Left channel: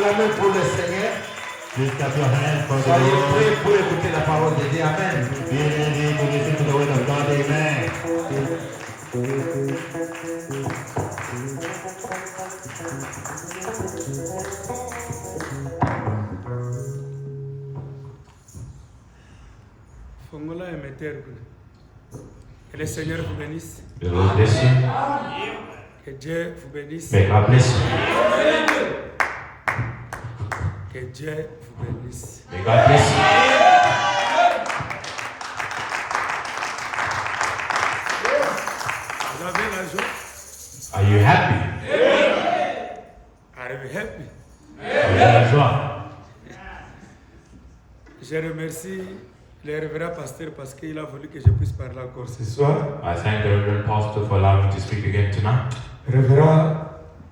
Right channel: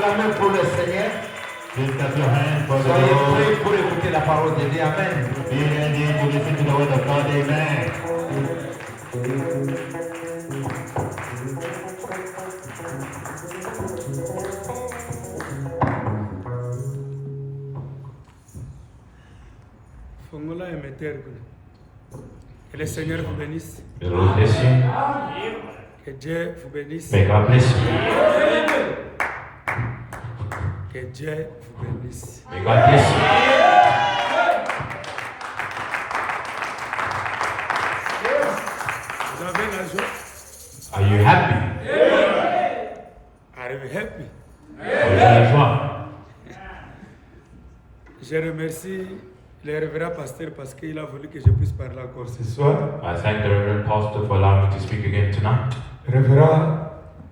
acclamez pour le Seigneur. Lift up your hands for the Soyez Lord. prêts pour écouter la parole de Dieu. Amen. Be ready to listen to the word of God. Amen. Fongola et Meter. Que le Seigneur vous bénisse. May the Lord bless you. Que Dieu vous bénisse. May God bless you. Que Dieu vous bénisse. May God bless you. Vous avez la joie? Are you happy? Are you happy? Vous avez la joie? Je remercie le révérend pasteur parce qu'il a voulu que je puisse parler encore ce soir. I thank the Reverend Pastor for allowing me to speak again tonight. Révérend,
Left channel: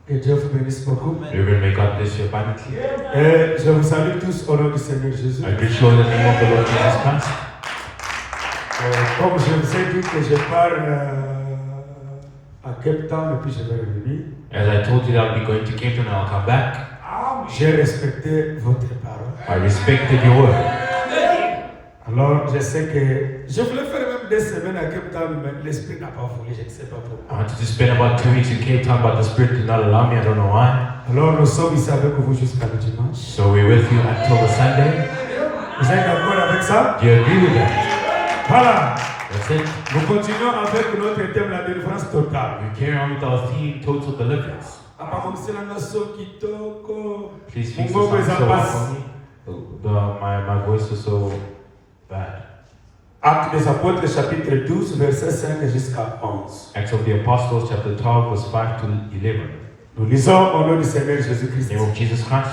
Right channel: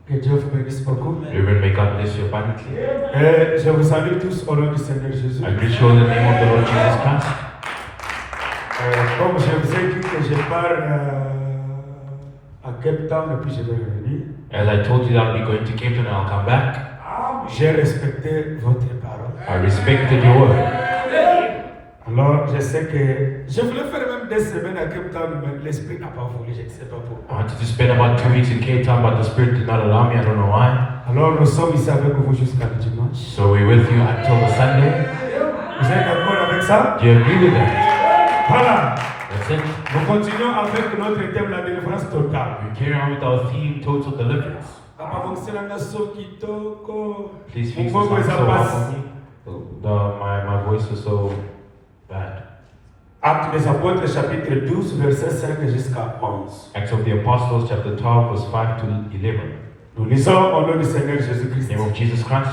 que Dieu vous bénisse beaucoup. Reverend, may God bless you abundantly. Et je vous salue tous au nom du Seigneur Jésus. I greet you in the name of the Lord Jesus Christ. Comme je vous ai dit que je pars à Cape Town et puis je vais revenir, As I told you that I'll be going to Cape Town and I'll come back, j'ai respecté votre parole. I respected your word. Alors, je sais que je voulais faire même des semaines à Cape Town, mais l'esprit n'a pas voulu, je ne sais pas I pourquoi. wanted to spend about 2 weeks in Cape Town, but the Spirit did not allow me. I don't know why. Alors, nous sommes ici avec vous jusqu'à le dimanche. So we're with you until the Sunday. Vous êtes d'accord avec ça? Do you agree with it? Voilà. That's it. Nous continuons avec notre thème, la délivrance totale. We carry on with our theme, total deliverance. Please fix Mungu this weza sound passe. for me. My voice is so bad. Actes des Apôtres, chapitre 12, verset 5 jusqu'à 11. Acts of the Apostles, chapter 12, verse 5 to 11. Nous lisons au nom du Seigneur In Jésus-Christ. the name of Jesus Christ.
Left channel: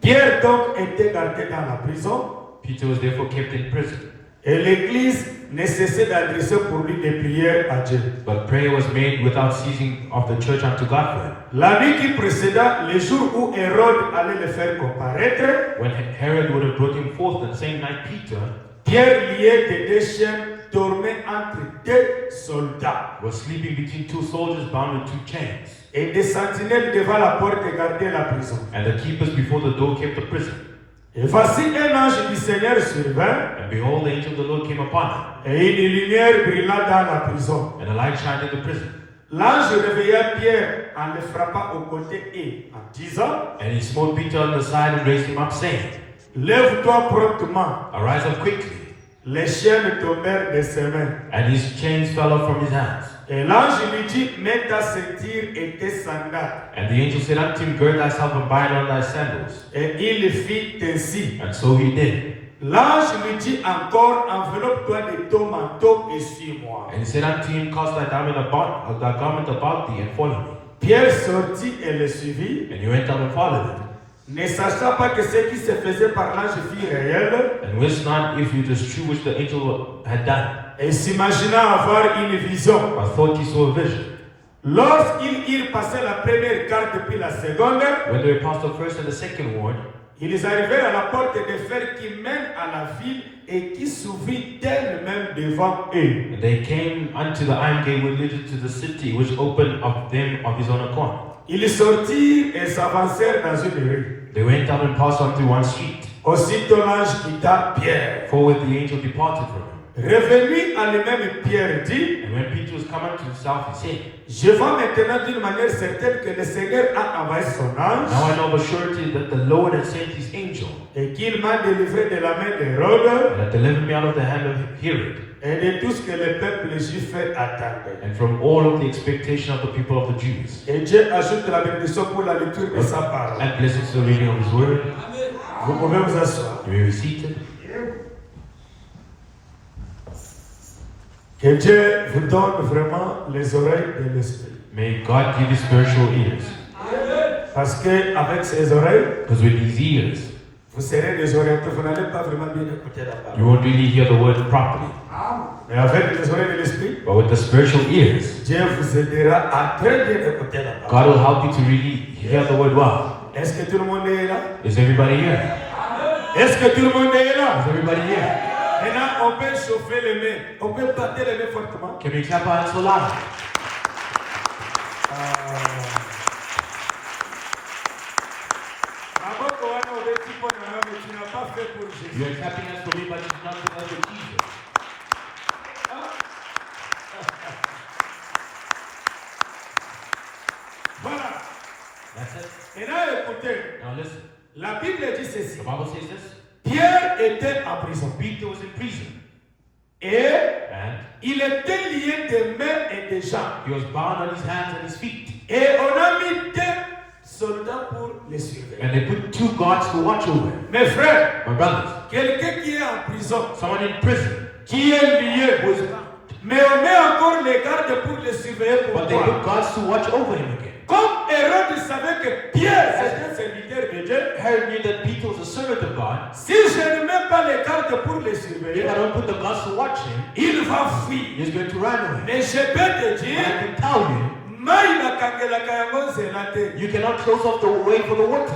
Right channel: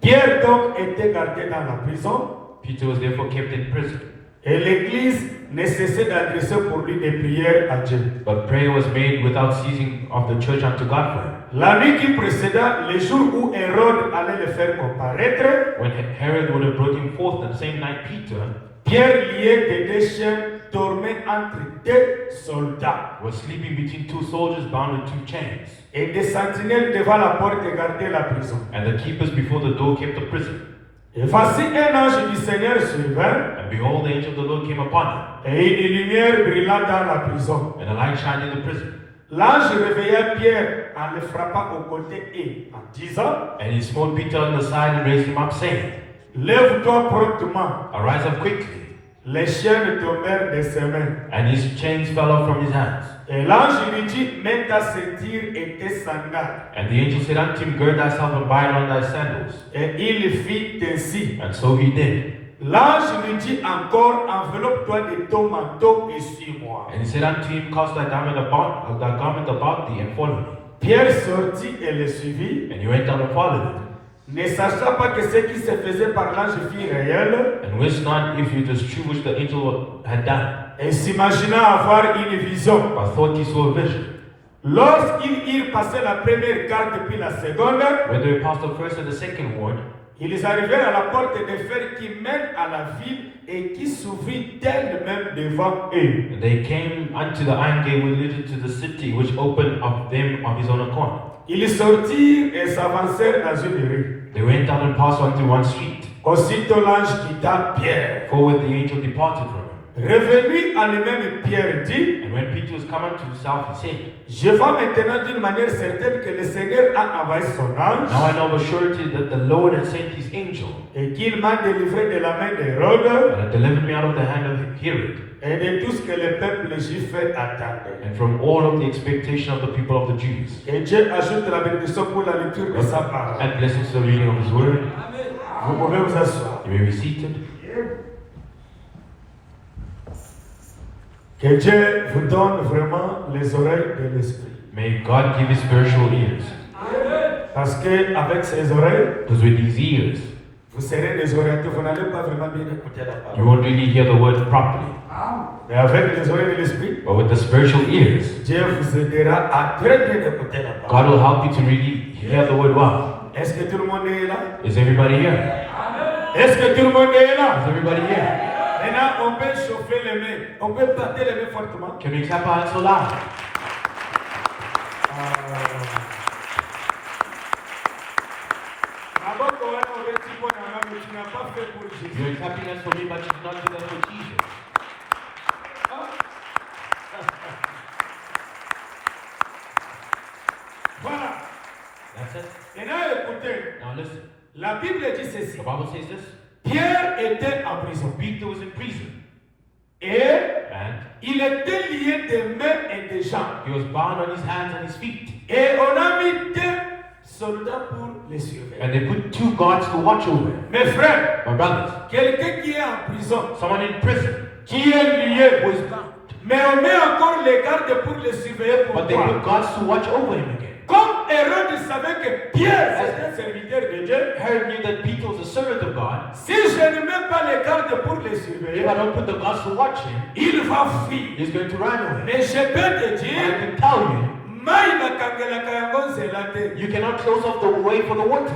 Pierre donc était gardé dans la prison Peter was therefore kept in prison. et l'Église ne cessait d'adresser pour lui des prières à Dieu. But prayer was made without ceasing of the church unto God for him. La nuit qui précéda, le jour où Hérode allait le faire comparaître, When Herod would have brought him forth the same night, Peter Pierre lié de deux chaînes dormait entre deux soldats. was sleeping between 2 soldiers bound with 2 chains. Et des sentinelles devant la porte gardaient la prison. And the keepers before the door kept the prison. Et voici un ange du Seigneur survint, And behold, the angel of the Lord came upon him, et une lumière brilla dans la prison. and a light shined in the prison. L'ange réveilla Pierre en le frappant au côté et en disant, And he smote Peter on the side and raised him up, saying, lève-toi promptement. Arise up quickly. Les chaînes tombèrent de ses mains. And his chains fell off from his hands. Et l'ange lui dit, mets ta ceinture et tes sandales. And the angel said unto him, Gird thyself and bind on thy sandals. Et il fit ainsi. And so he did. L'ange lui dit encore, enveloppe-toi de ton manteau et suis-moi. And he said unto him, Cast thy garment about thee, and follow me. Pierre sortit et le suivit, And he went out and followed him. ne sachant pas que ce qui se faisait par l'ange fut réel, And wist not if it was true which the angel had done. et s'imagina avoir une vision. I thought he saw a vision. Lorsqu'ils eurent passé la première carte puis la seconde, When they passed the first and the second ward, ils arrivèrent à la porte de fer qui mène à la ville et qui s'ouvrit d'elle-même devant eux. and they came unto the iron gate which leadeth to the city, which opened of them of his own accord. Ils sortirent et s'avancèrent dans une rue. They went out and passed on through one street. Aussitôt l'ange quitta Pierre. Forward the angel departed from him. Revenu à lui-même, Pierre dit, And when Peter was coming to himself, he said, je vois maintenant d'une manière certaine que le Seigneur a envoyé son ange Now I know of a surety that the Lord had sent his angel, et qu'il m'a délivré de la main d'Hérode and had delivered me out of the hand of Herod, et de tout ce que le peuple juif attendait. and from all of the expectation of the people of the Jews. Et Dieu ajoute la bénédiction pour la lecture de sa parole. And blessed is the reading of his word. Vous pouvez vous asseoir. You may be seated. Que Dieu vous donne vraiment les oreilles de l'esprit. May God give you spiritual ears. Parce qu'avec ces oreilles, Because with these ears, vous serez désorientés. Vous n'allez pas vraiment bien écouter la you parole. won't really hear the word properly. Mais avec les oreilles de l'esprit, But with the spiritual ears, Dieu vous aidera à très bien écouter la God parole. will help you to really hear the word well. Est-ce que tout le monde est là? Is everybody here? Est-ce que tout le monde est là? Is everybody here? Maintenant, on peut chauffer les mains. On peut battre les mains fortement. Can we clap our hands loud? écoutez, Now listen, la Bible dit ceci. the Bible says this. Pierre était en prison. Peter was in prison. Et And il était lié des mains et des jambes. he was bound on his hands and his feet. Et on a mis 2 soldats pour les surveiller. And they put 2 guards to watch over him. Mes frères, My brothers, quelqu'un qui est en prison, someone in prison, qui est lié, mais on met encore les gardes pour les surveiller pour but they toi. put guards to watch over him again. Comme Hérode savait que Pierre c'était un serviteur de Dieu, Herod knew that Peter was a servant of God. si je ne mets pas les gardes pour les If surveiller, I don't put the guards to watch him, il va fuir. he's going to run away. Mais je peux te I dire, can tell you, mai na kangelaka yango nzela te. you cannot close off the way for the water.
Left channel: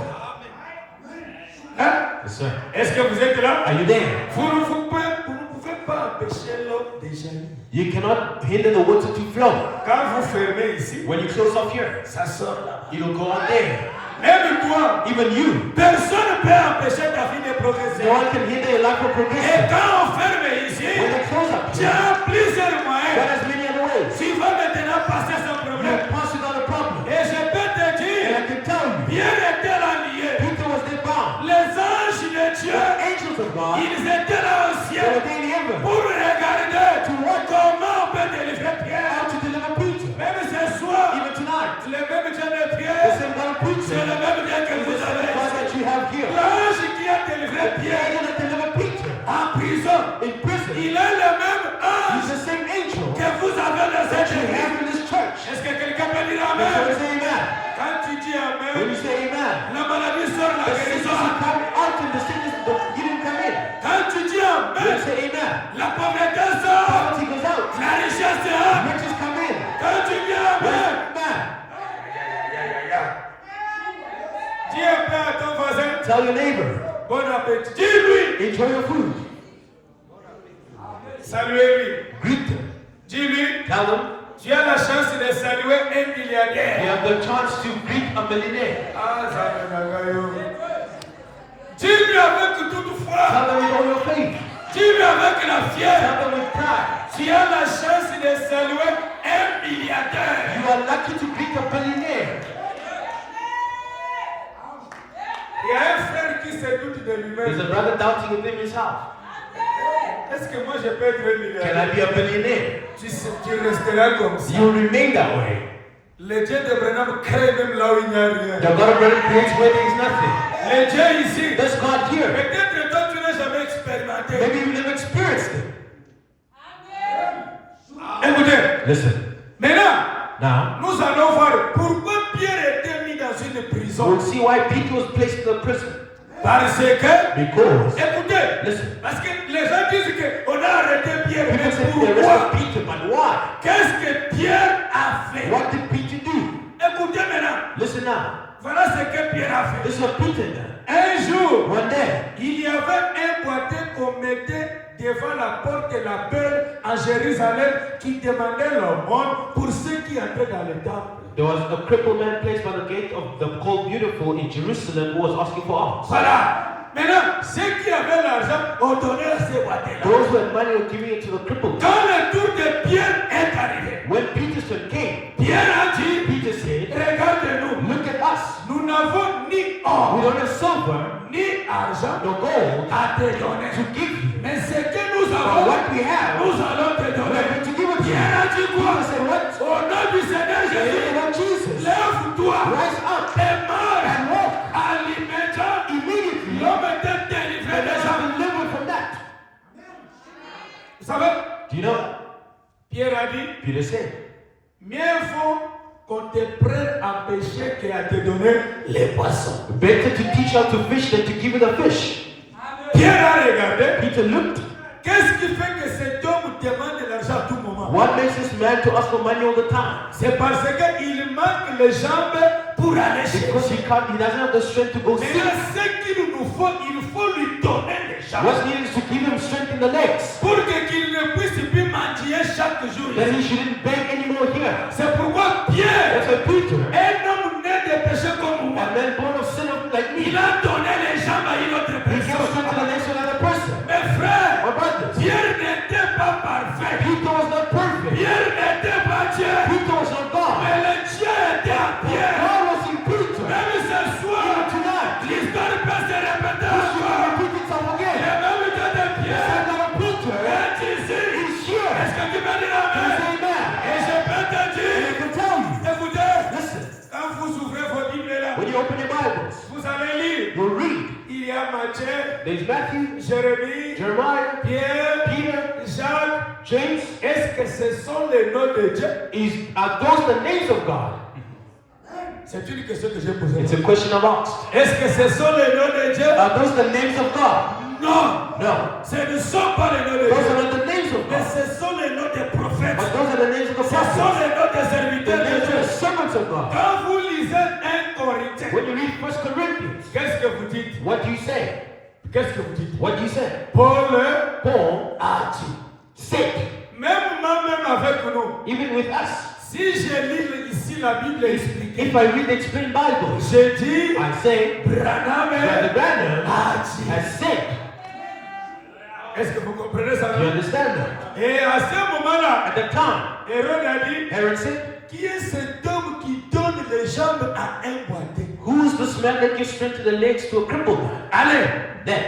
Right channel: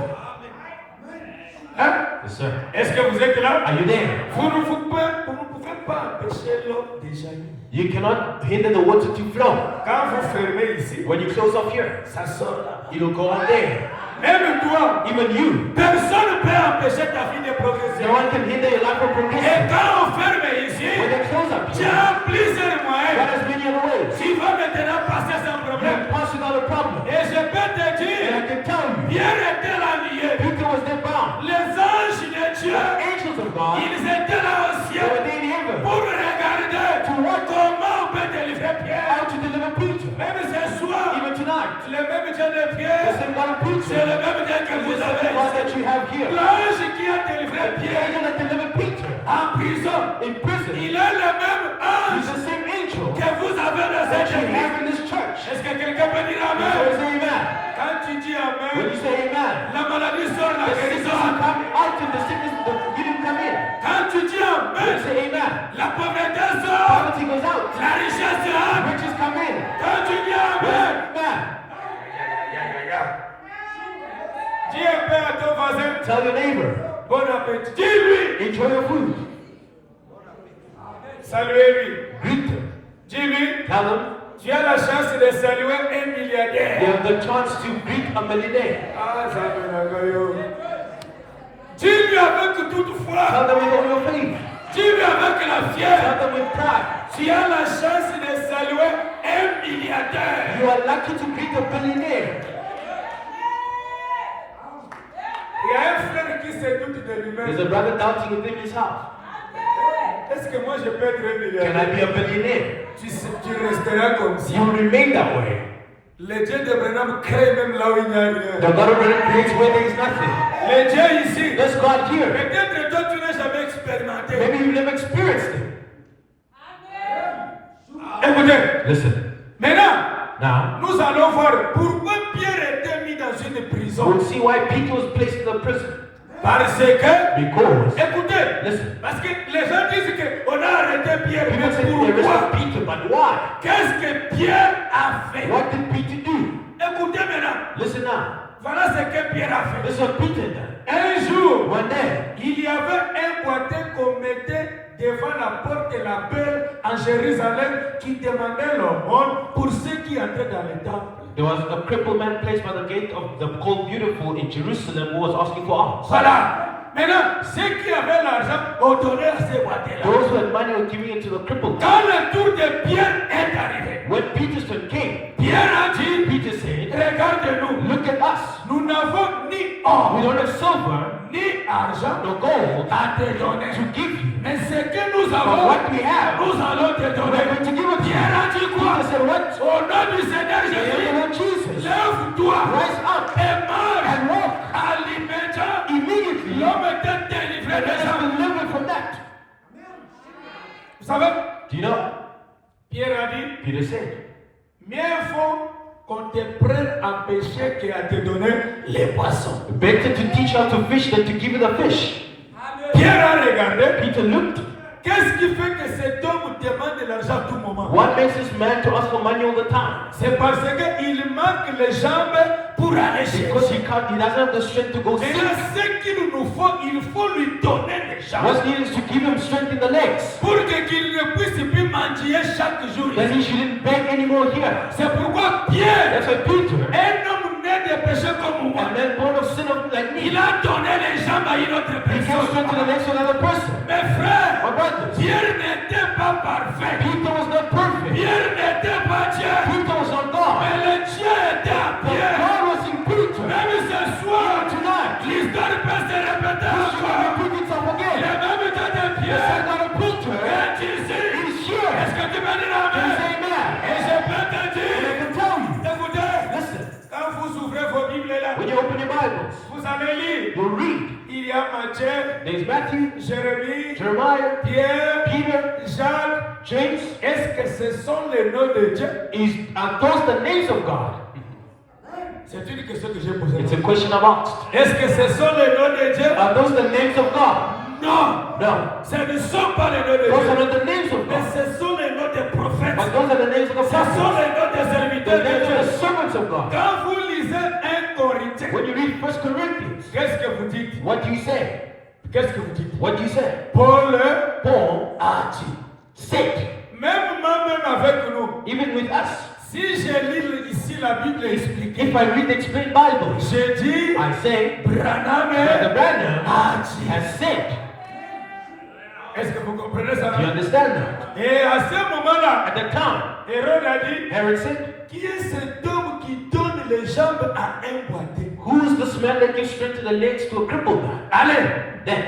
Hein? Yes, sir. Est-ce que vous êtes là? Are you there? Vous ne pouvez pas empêcher l'eau de jaillir. You cannot hinder the water to flow. Quand vous fermez ici, When you close off here, ça sort là. it will go on there. Même toi, Even you. personne ne peut empêcher ta vie de progresser. No one can hinder your life from Et progressing. quand on ferme ici, When they close up, tu as plusieurs moyens. there's many other ways. Tu vas maintenant passer sans You problème. can pass without a problem. Et je peux te And I dire, can tell you, Pierre était là lié. Peter was there bound. Les anges de Dieu, Angels of God, ils étaient là au they ciel were there in heaven pour regarder comment on peut délivrer Pierre. how to deliver Peter. Même ce soir, Even tonight, le même Dieu de the Pierre, same God of c'est Peter, le même Dieu que vous the avez. God that you have here. L'ange qui a délivré The Pierre angel that delivered Peter en prison, in prison, il est le même he's ange the same angel que vous avez dans that cette you église. have in this church. Est-ce que quelqu'un peut dire So Amen? say amen. Quand tu dis When you Amen, say amen, la maladie sort, la the sickness guérison. will come out and the sickness will didn't come in. Quand tu dis When you Amen, say amen, la pauvreté sort, poverty goes out, la richesse sort. riches come in. Quand tu dis Amen, Amen. dis un peu à ton voisin, Tell your neighbor, bon appétit. Dis-lui, enjoy your food. saluez-lui. Greet them. Dis-lui, Tell them tu as la chance de saluer un you milliardaire. have the chance to greet a millionaire. Ah, ça me magayo. Dis-lui avec toute foi. Tell them with all your faith. Dis-lui avec la Tell fièvre. them with pride. Tu as la chance de saluer un milliardaire. You are lucky to greet a billionaire. Il y a un frère qui se doute de There's a lui-même. brother doubting within his house. Est-ce que moi je peux être un Can I milliardaire? be a billionaire? Tu resteras comme ça. You will remain that way. Le Dieu de Branham crée même là où il n'y a The rien. God of Abraham creates where there is nothing. Le Dieu ici, This God here, peut-être toi tu n'as jamais expérimenté. maybe you never experienced it. Écoutez, Listen, maintenant, now, nous allons voir pourquoi Pierre était mis dans une prison. we'll see why Peter was placed in the prison. Parce que, Because, écoutez, listen, parce que les gens disent qu'on a arrêté Pierre, mais people say they pourquoi? arrested Peter, but why? Qu'est-ce que Pierre a fait? What did Peter do? Écoutez maintenant, Listen now. voilà ce que Pierre a fait. This is what Peter did. Un jour, One day, il y avait un boiteux qu'on mettait devant la porte de la peur à Jérusalem qui demandait l'aumône pour ceux qui entraient dans le temple. there was a crippled man placed by the gate of the called Beautiful in Jerusalem who was asking for alms. Voilà. Maintenant, ceux qui avaient l'argent ont donné à ces boiteux-là. Those who had money were giving it to the crippled man. Quand le tour de Pierre est arrivé, When Peter's turn came, Pierre a dit, Peter said, regardez-nous, look at us. nous n'avons ni We or, don't have silver ni argent nor gold à te donner. to give you. Mais ce que nous But avons, what we have, nous allons te we're donner. going to give it to you. Pierre a dit quoi? Peter said, what? Au nom du Seigneur In the Jésus, name of Jesus. lève-toi Rise up et marche. and walk. À l'immédiat, Immediately, l'homme était délivré and déjà. have been delivered from that. Vous savez, Do you know? Pierre a dit, Peter said, mieux vaut qu'on te prenne en péché qu'à te donner les poissons. better to teach how to fish than to give you the fish. Pierre a regardé. Peter looked. Qu'est-ce qui fait que cet homme demande de l'argent à tout moment? What makes this man to ask for money all the time? C'est parce qu'il manque les jambes pour aller Because chercher. he doesn't have the strength to go Mais seek. là, ce qu'il nous faut, il faut lui donner les jambes. What's needed is to give him strength in the legs. Pour qu'il ne puisse plus mendier chaque jour. Then he shouldn't beg anymore here. C'est pourquoi Pierre, That's why Peter, un homme né de péché comme moi, a man born of sin like me, il a donné les jambes à une autre he gave personne. strength to the legs of another person. Mes frères, My brothers, Pierre n'était pas parfait. Peter was not perfect. Pierre n'était pas Dieu. Peter was not God. Mais le Dieu était en Pierre. God was in Peter. Même ce soir, de Dieu? Are those the names of God? C'est une question que j'ai posée. It's a question about. Est-ce que ce sont les noms de Dieu? Are those the names of God? Non. No. Ce ne sont pas les noms de Those Dieu. are not the names of Mais God. ce sont les noms des prophètes. But those are the names of the Ce sont prophets. les noms des The serviteurs de names of the Dieu. servants of God. Quand vous lisez 1 Corinthiens, When you read 1 Corinthians, qu'est-ce que vous dites? what do you say? Qu'est-ce que vous dites? What do you say? Paul, Paul a dit, said, même moi-même avec nous, even with us, si je lis ici la Bible expliquée, if I read the explained Bible, je dis, I say, Branham Brother Branham a dit. has said. Est-ce que vous comprenez ça? Do you understand that? Et à ce moment-là, At the time, Hérode a dit, Herod said, qui est cet homme qui donne les jambes à un boité? who's the man that gives strength to the legs to a crippled man? Allez, Then,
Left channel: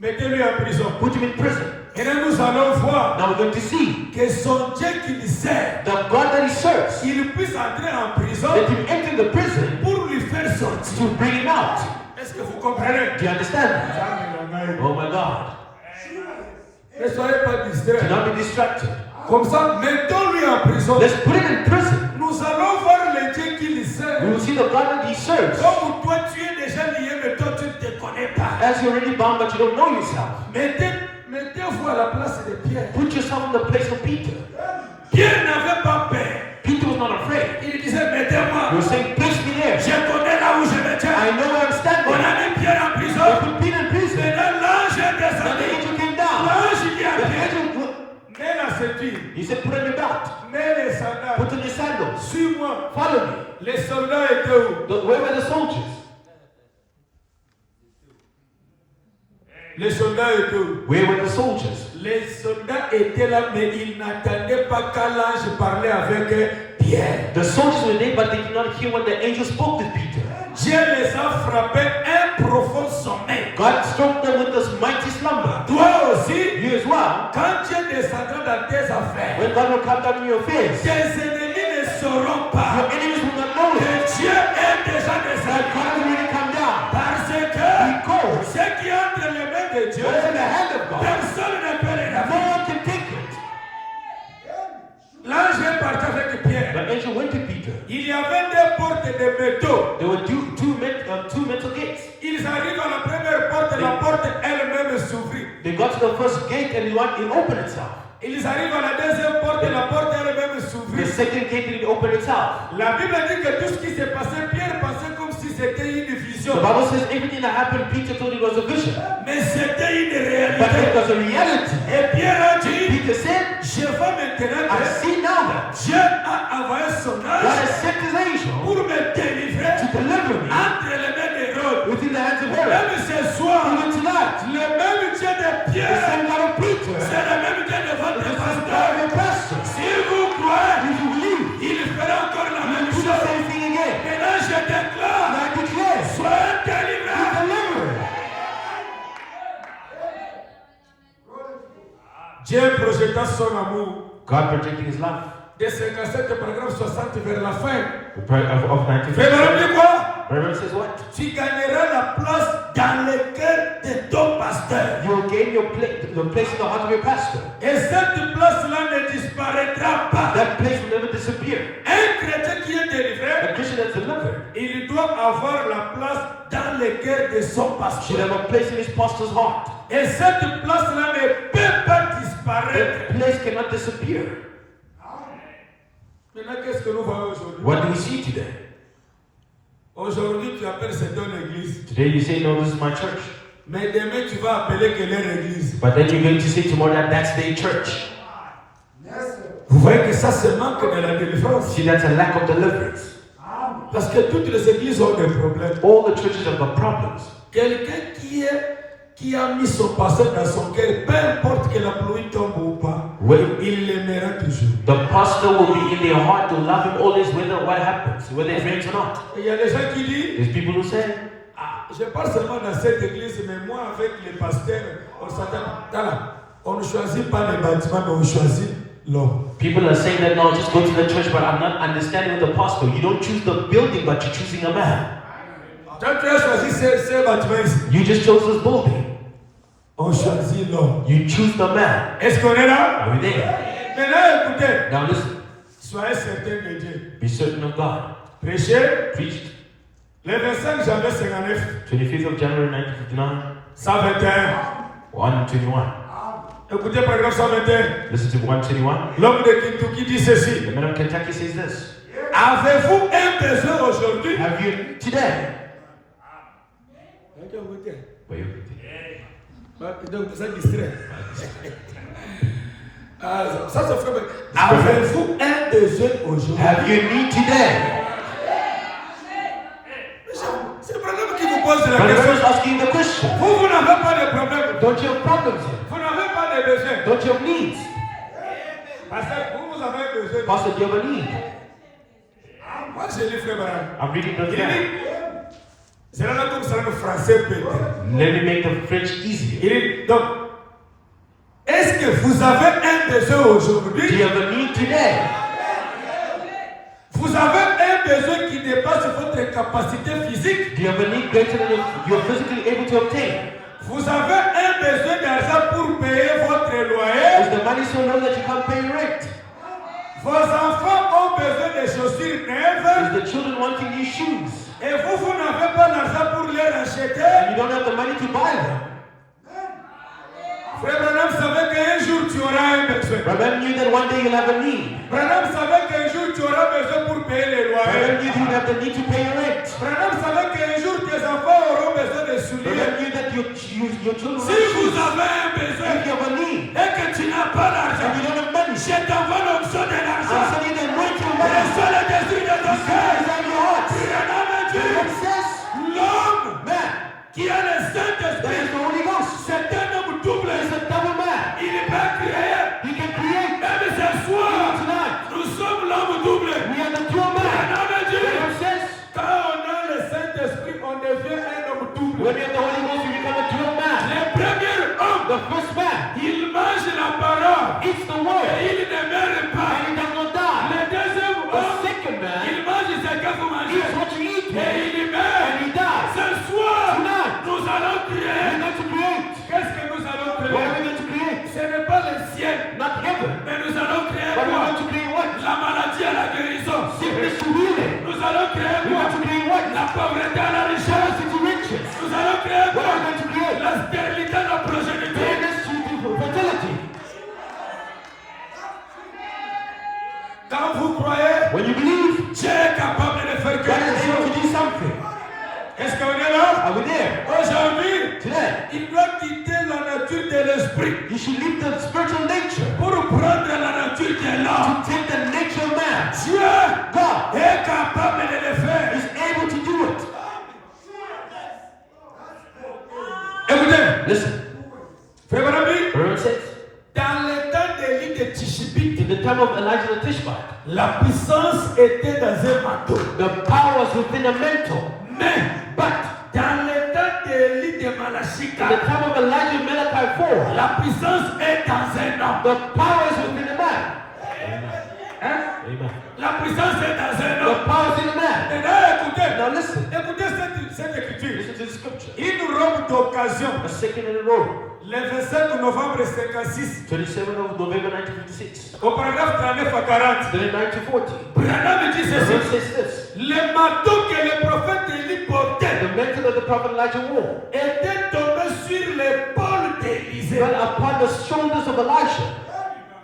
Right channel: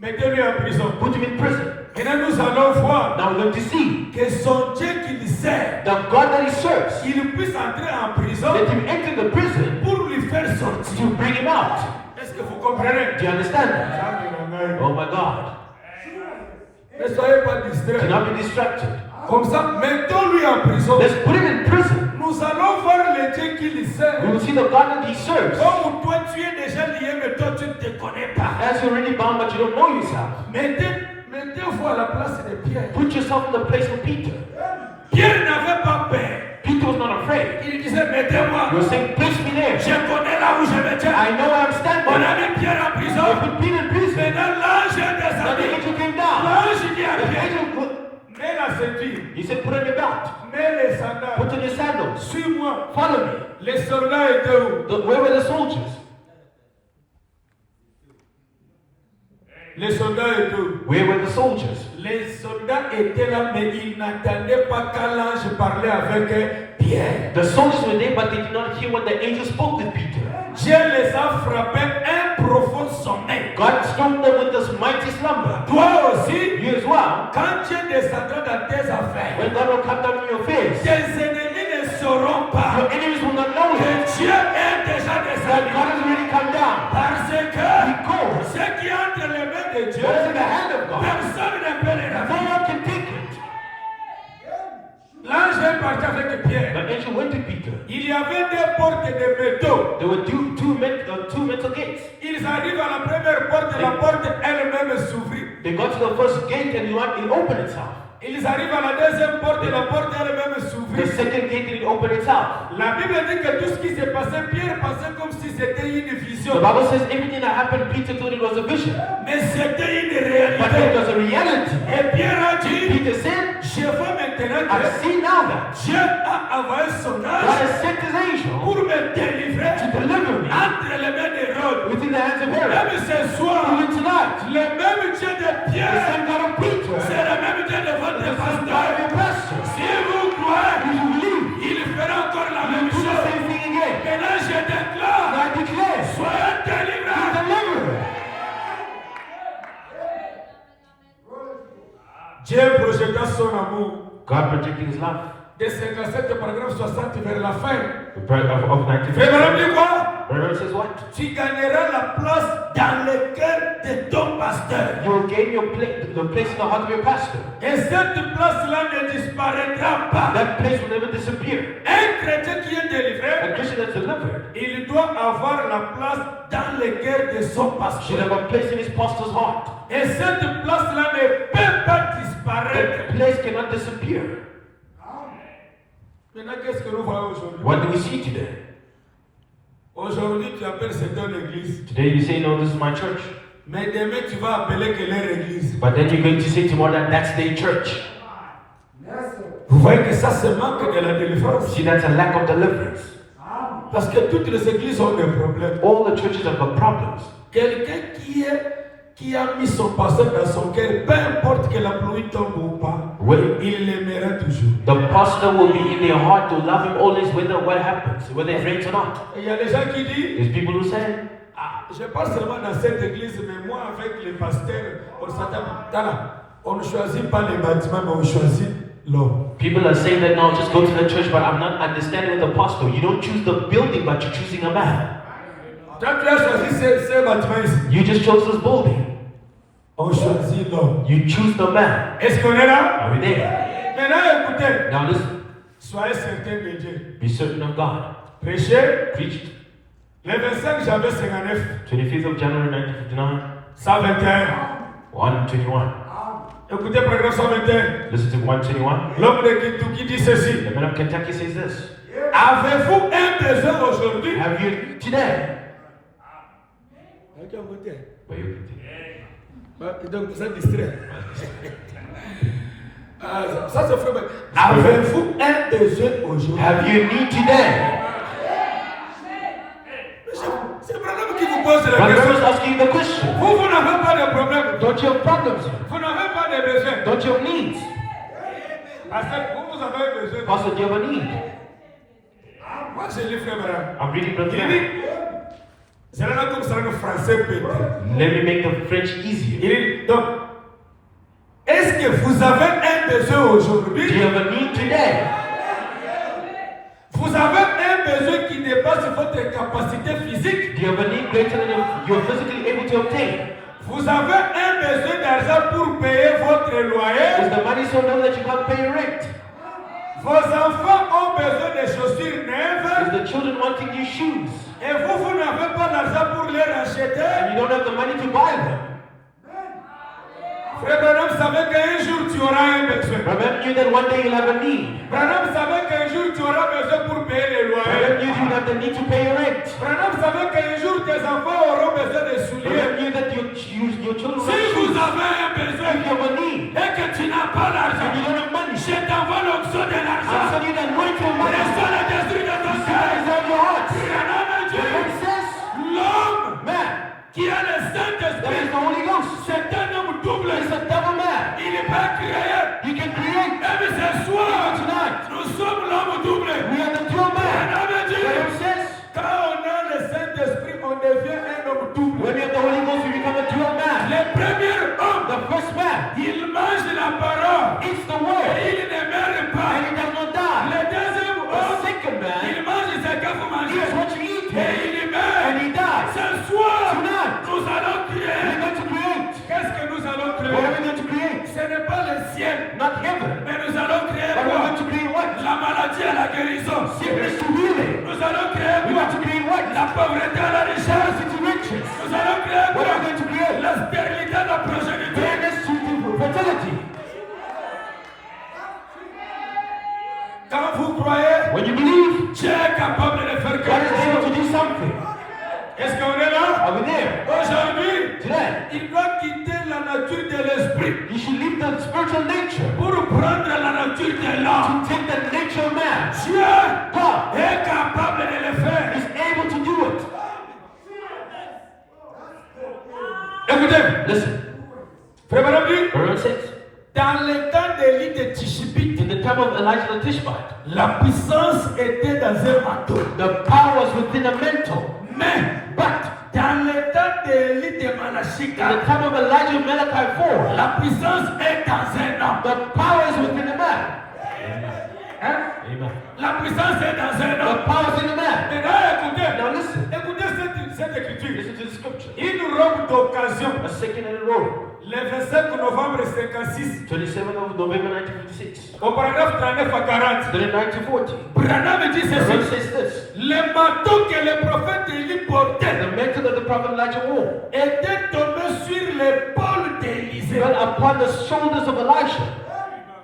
mettez-lui en prison. put him in prison. Et là, nous allons voir Now we're going to see que son Dieu qu'il sert, the God that he serves, il puisse entrer en prison let him enter the prison pour lui faire sortir. to bring him out. Est-ce que vous comprenez? Do you understand that? Oh my God. Ne soyez pas Do distraits. not be distracted. Comme ça, mettons-lui en prison. Let's put him in prison. Nous allons voir le Dieu qu'il sert. We will see the God that he serves. Comme toi, tu es déjà lié, mais toi, tu ne te connais pas. As you're already bound, but you don't know yourself. Mettez-vous à la place de Pierre. Put yourself in the place of Peter. Pierre n'avait pas peur. Peter was not afraid. Il disait, mettez-moi. You're saying, place me there. Je connais là où je me tiens. I know I'm On standing. a mis Pierre en I prison. put Peter in prison. Maintenant, l'ange est And the descendu. angel came down. L'ange dit à The Pierre, angel, mets la ceinture, he said, put on your belt. mets les sandales. Put on your sandals. Suis-moi. Follow me. Les soldats étaient où? Where were the soldiers? Les soldats étaient où? Where were the soldiers? Les soldats étaient là, mais ils n'attendaient pas qu'un ange parlait avec Pierre. The soldiers were there, but they did not hear when the angel spoke with Peter. Dieu les a frappés un profond sommeil. God struck them with this mighty slumber. Toi aussi, You as well. quand Dieu descendra dans tes affaires, When God will come down in your face, tes ennemis ne sauront pas your enemies will not know que it. Dieu est déjà That descendu. God will really come down. Parce que Because ce qui est entre les mains de Dieu, what is in the hand of God, personne ne peut les no rater. one can take it. L'ange est parti avec Pierre. The angel went to Peter. Il y avait des portes de métaux. There were two metal gates. Ils arrivent à la première porte, la porte elle-même s'ouvrit. They got to the first gate and it opened itself. Ils arrivent à la deuxième porte, la porte elle-même The s'ouvrit. second gate it opened itself. La Bible dit que tout ce qui s'est passé, Pierre pensait comme si c'était une vision. The Bible says everything that happened, Peter thought it was a vision. Mais c'était une But it réalité. was a reality. Et Pierre a dit, Peter said, je vois maintenant I que see now that Dieu a envoyé son God ange has sent his angel pour me délivrer to deliver me entre les mains d'Hérode. within the hands of Herod. Même ce soir, Even tonight, le même Dieu de the Pierre, same God of Peter, c'est le même Dieu de votre the same God pasteur. of your pastor. Si vous croyez, If you believe, il fera encore la you même will do the chose. same thing again. Et là, je déclare, And I declare, soyez be délivrés. delivered. Dieu projeta son amour. God projected his love. De 57 paragraphe 60 vers la fin. The prayer of 19. Frère, dit quoi? Reverend says what? Tu gagneras la place dans le cœur de ton pasteur. You will gain your place, the place in the heart of your pastor. Et cette place-là ne disparaîtra pas. That place will never disappear. Un chrétien qui est A délivré, Christian that's delivered il doit avoir la place dans le cœur de son should pasteur. have a place in his pastor's heart. Et cette place-là ne peut pas disparaître. That place cannot disappear. Maintenant, qu'est-ce que nous voyons aujourd'hui? What do we see today? Aujourd'hui, tu appelles cette ton église. Today you say, no, this is my church. Mais demain, tu vas appeler que leur église. But then you're going to say tomorrow that that's their church. Vous voyez que ça, c'est manque de la délivrance. See, that's a lack of deliverance. Parce que toutes les églises ont des problèmes. All the churches have got problems. Quelqu'un qui a mis son passé dans son cœur, peu importe que la pluie tombe ou pas, Well, il l'aimera toujours. the pastor will be in their heart to love him always, whether what happens, whether they're friends or not. Et il y a des gens qui disent, There's people who say, ah, je parle seulement dans cette église, mais moi avec les pasteurs, on ne choisit pas les bâtiments, mais on choisit l'homme. people are saying that no, just go to the church, but I'm not understanding the pastor. You don't choose the building, but you're choosing a man. Quand tu as choisi ce bâtiment ici, You just chose this building. on choisit l'homme. You choose the man. Est-ce qu'on est là? Are we there? Maintenant, écoutez, Now listen. Soyez certain de Dieu. Be certain of God. Prêchez. Preached Le 25 janvier 59. 25th of January 1959. 121. 121. Écoutez paragraphe 121. Listen to 121. L'homme de Kentucky dit ceci. The man of Kentucky says this. Avez-vous un besoin aujourd'hui? Have you today? Ok, on goûte. Well, you- Donc vous êtes distrait. Ça se fait. Avez-vous un besoin aujourd'hui? Have you need today? C'est le problème qui vous pose la I'm question. just asking the question. Vous n'avez pas de problème. Don't you have problems? Vous n'avez pas de besoin. Don't you have needs? Parce que vous avez besoin. Pastor, do you have a need? Moi, je lis Frère Branham. I'm reading from Il there. dit, c'est là comme ça le français peut-être. Let me make the French easier. Il dit, donc, est-ce que vous avez un besoin Do aujourd'hui? you have a need today? Vous avez un besoin qui dépasse votre capacité physique? Do you have a need greater than you are physically able to obtain? Vous avez un besoin d'argent pour payer votre loyer? Is the money so low that you can't pay your rent? Vos enfants ont besoin de chaussures neuves? Is the children wanting new shoes? Et vous n'avez pas l'argent pour les racheter? And you don't have the money to buy them? Frère Branham savait qu'un jour tu auras un besoin. Remember you that one day you'll have a need. Branham savait qu'un jour tu auras besoin pour payer les loyers. Remember you have the need to pay your rent. Branham savait qu'un jour tes enfants auront besoin de souliers. Remember you that your children Si vous avez un besoin if you have a need et que tu n'as pas l'argent, and you don't have money, je t'envoie l'option de l'argent. so you can wait your money. Reçois le désir de ton cœur. Desires of your heart. Branham a dit, l'homme Man, qui a le there Saint-Esprit, is the Holy Ghost. c'est un homme double. He's a double man. Il n'est pas créé. He can create. Même ce soir, Tonight, nous sommes l'homme double. we are the dual man. Branham a dit, Bible says, quand on a le Saint-Esprit, on devient un homme double. when you have the Holy Ghost, you become a dual man. Le premier homme, The first man il mange la parole eats the et word il ne meurt pas. and he does not die. Le deuxième The homme, second man il mange ce que vous mangez eats what you eat et il meurt. and he dies. Ce soir, Tonight, nous allons we're créer. going to create. Qu'est-ce que nous allons What are créer? we going to create? Ce n'est pas le ciel, Not heaven, mais nous allons créer but we're quoi? going to create what? La maladie à la guérison. Sickness to healing. Nous allons créer We're quoi? going to create what? La pauvreté à la richesse. Poverty to riches. Nous allons créer What quoi? are we going to create? La stérilité à la progéniture. Fairness to fertility. Quand vous croyez, When you believe, Dieu est capable de faire God quelque is chose. able to do something. Est-ce qu'on est là? Are we there? Aujourd'hui, Today, il doit quitter la nature de l'esprit you should leave the spiritual nature pour prendre la nature de l'homme. to take the nature of man. Dieu God est capable de le faire. is able to do it. Écoutez, Listen, Frère Branham dit, Proverbs says, dans le temps d'Élie de Tishbite, in the time of Elijah the Tishbite, la puissance était dans un manteau. the power was within a mantle. Mais, But dans le temps d'Élie de in the Malachika, time of Elijah Malachi 4, la puissance est dans un homme. the power is within a man. Hein? Amen. La puissance est dans un The homme. power is in a man. Maintenant, écoutez, Now listen, écoutez cette écriture. listen to the scripture. Une robe d'occasion. A second in a row, Le 27 novembre 56, 27th of November 1956, au paragraphe 39 à 40, 39 to 40. Branham dit The verse ceci. says this, Le manteau que le prophète Élie portait the mantle that the prophet Elijah wore était tombé sur l'épaule d'Élisée. fell upon the shoulders of Elisha.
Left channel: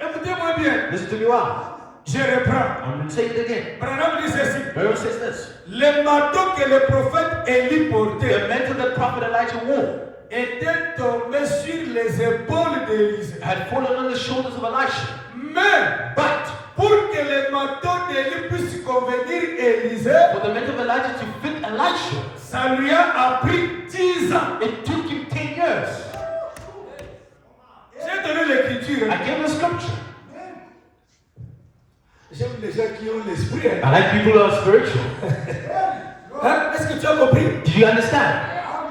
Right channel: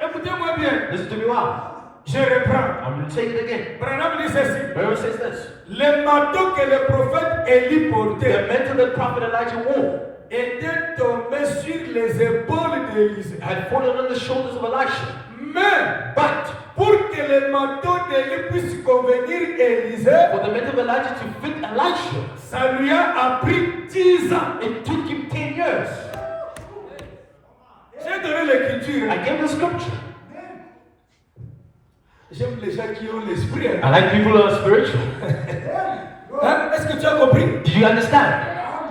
Écoutez-moi bien, Listen to me well. je reprends. I'm going to say it again. Branham dit ceci. The verse says this, Le manteau que le prophète Élie the portait mantle that prophet Elijah wore était tombé sur les épaules d'Élisée. had fallen on the shoulders of Elisha. Mais, But pour que le manteau d'Élie puisse convenir Élisée, for the mantle of Elijah to fit Elisha, ça lui a pris 10 ans. it took him 10 years. J'ai donné l'écriture. I gave the scripture. J'aime les gens qui ont l'esprit. I like people who are spiritual. Hein? Est-ce que tu as compris? Do you understand?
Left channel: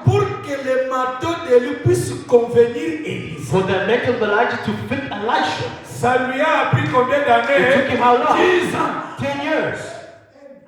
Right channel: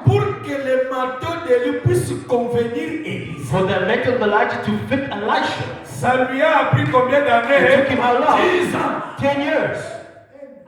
Pour que le manteau d'Élie puisse convenir Élisée, For the mantle of Elijah to fit Elisha, ça lui a pris combien it took d'années? him how long? 10 ans. 10 years.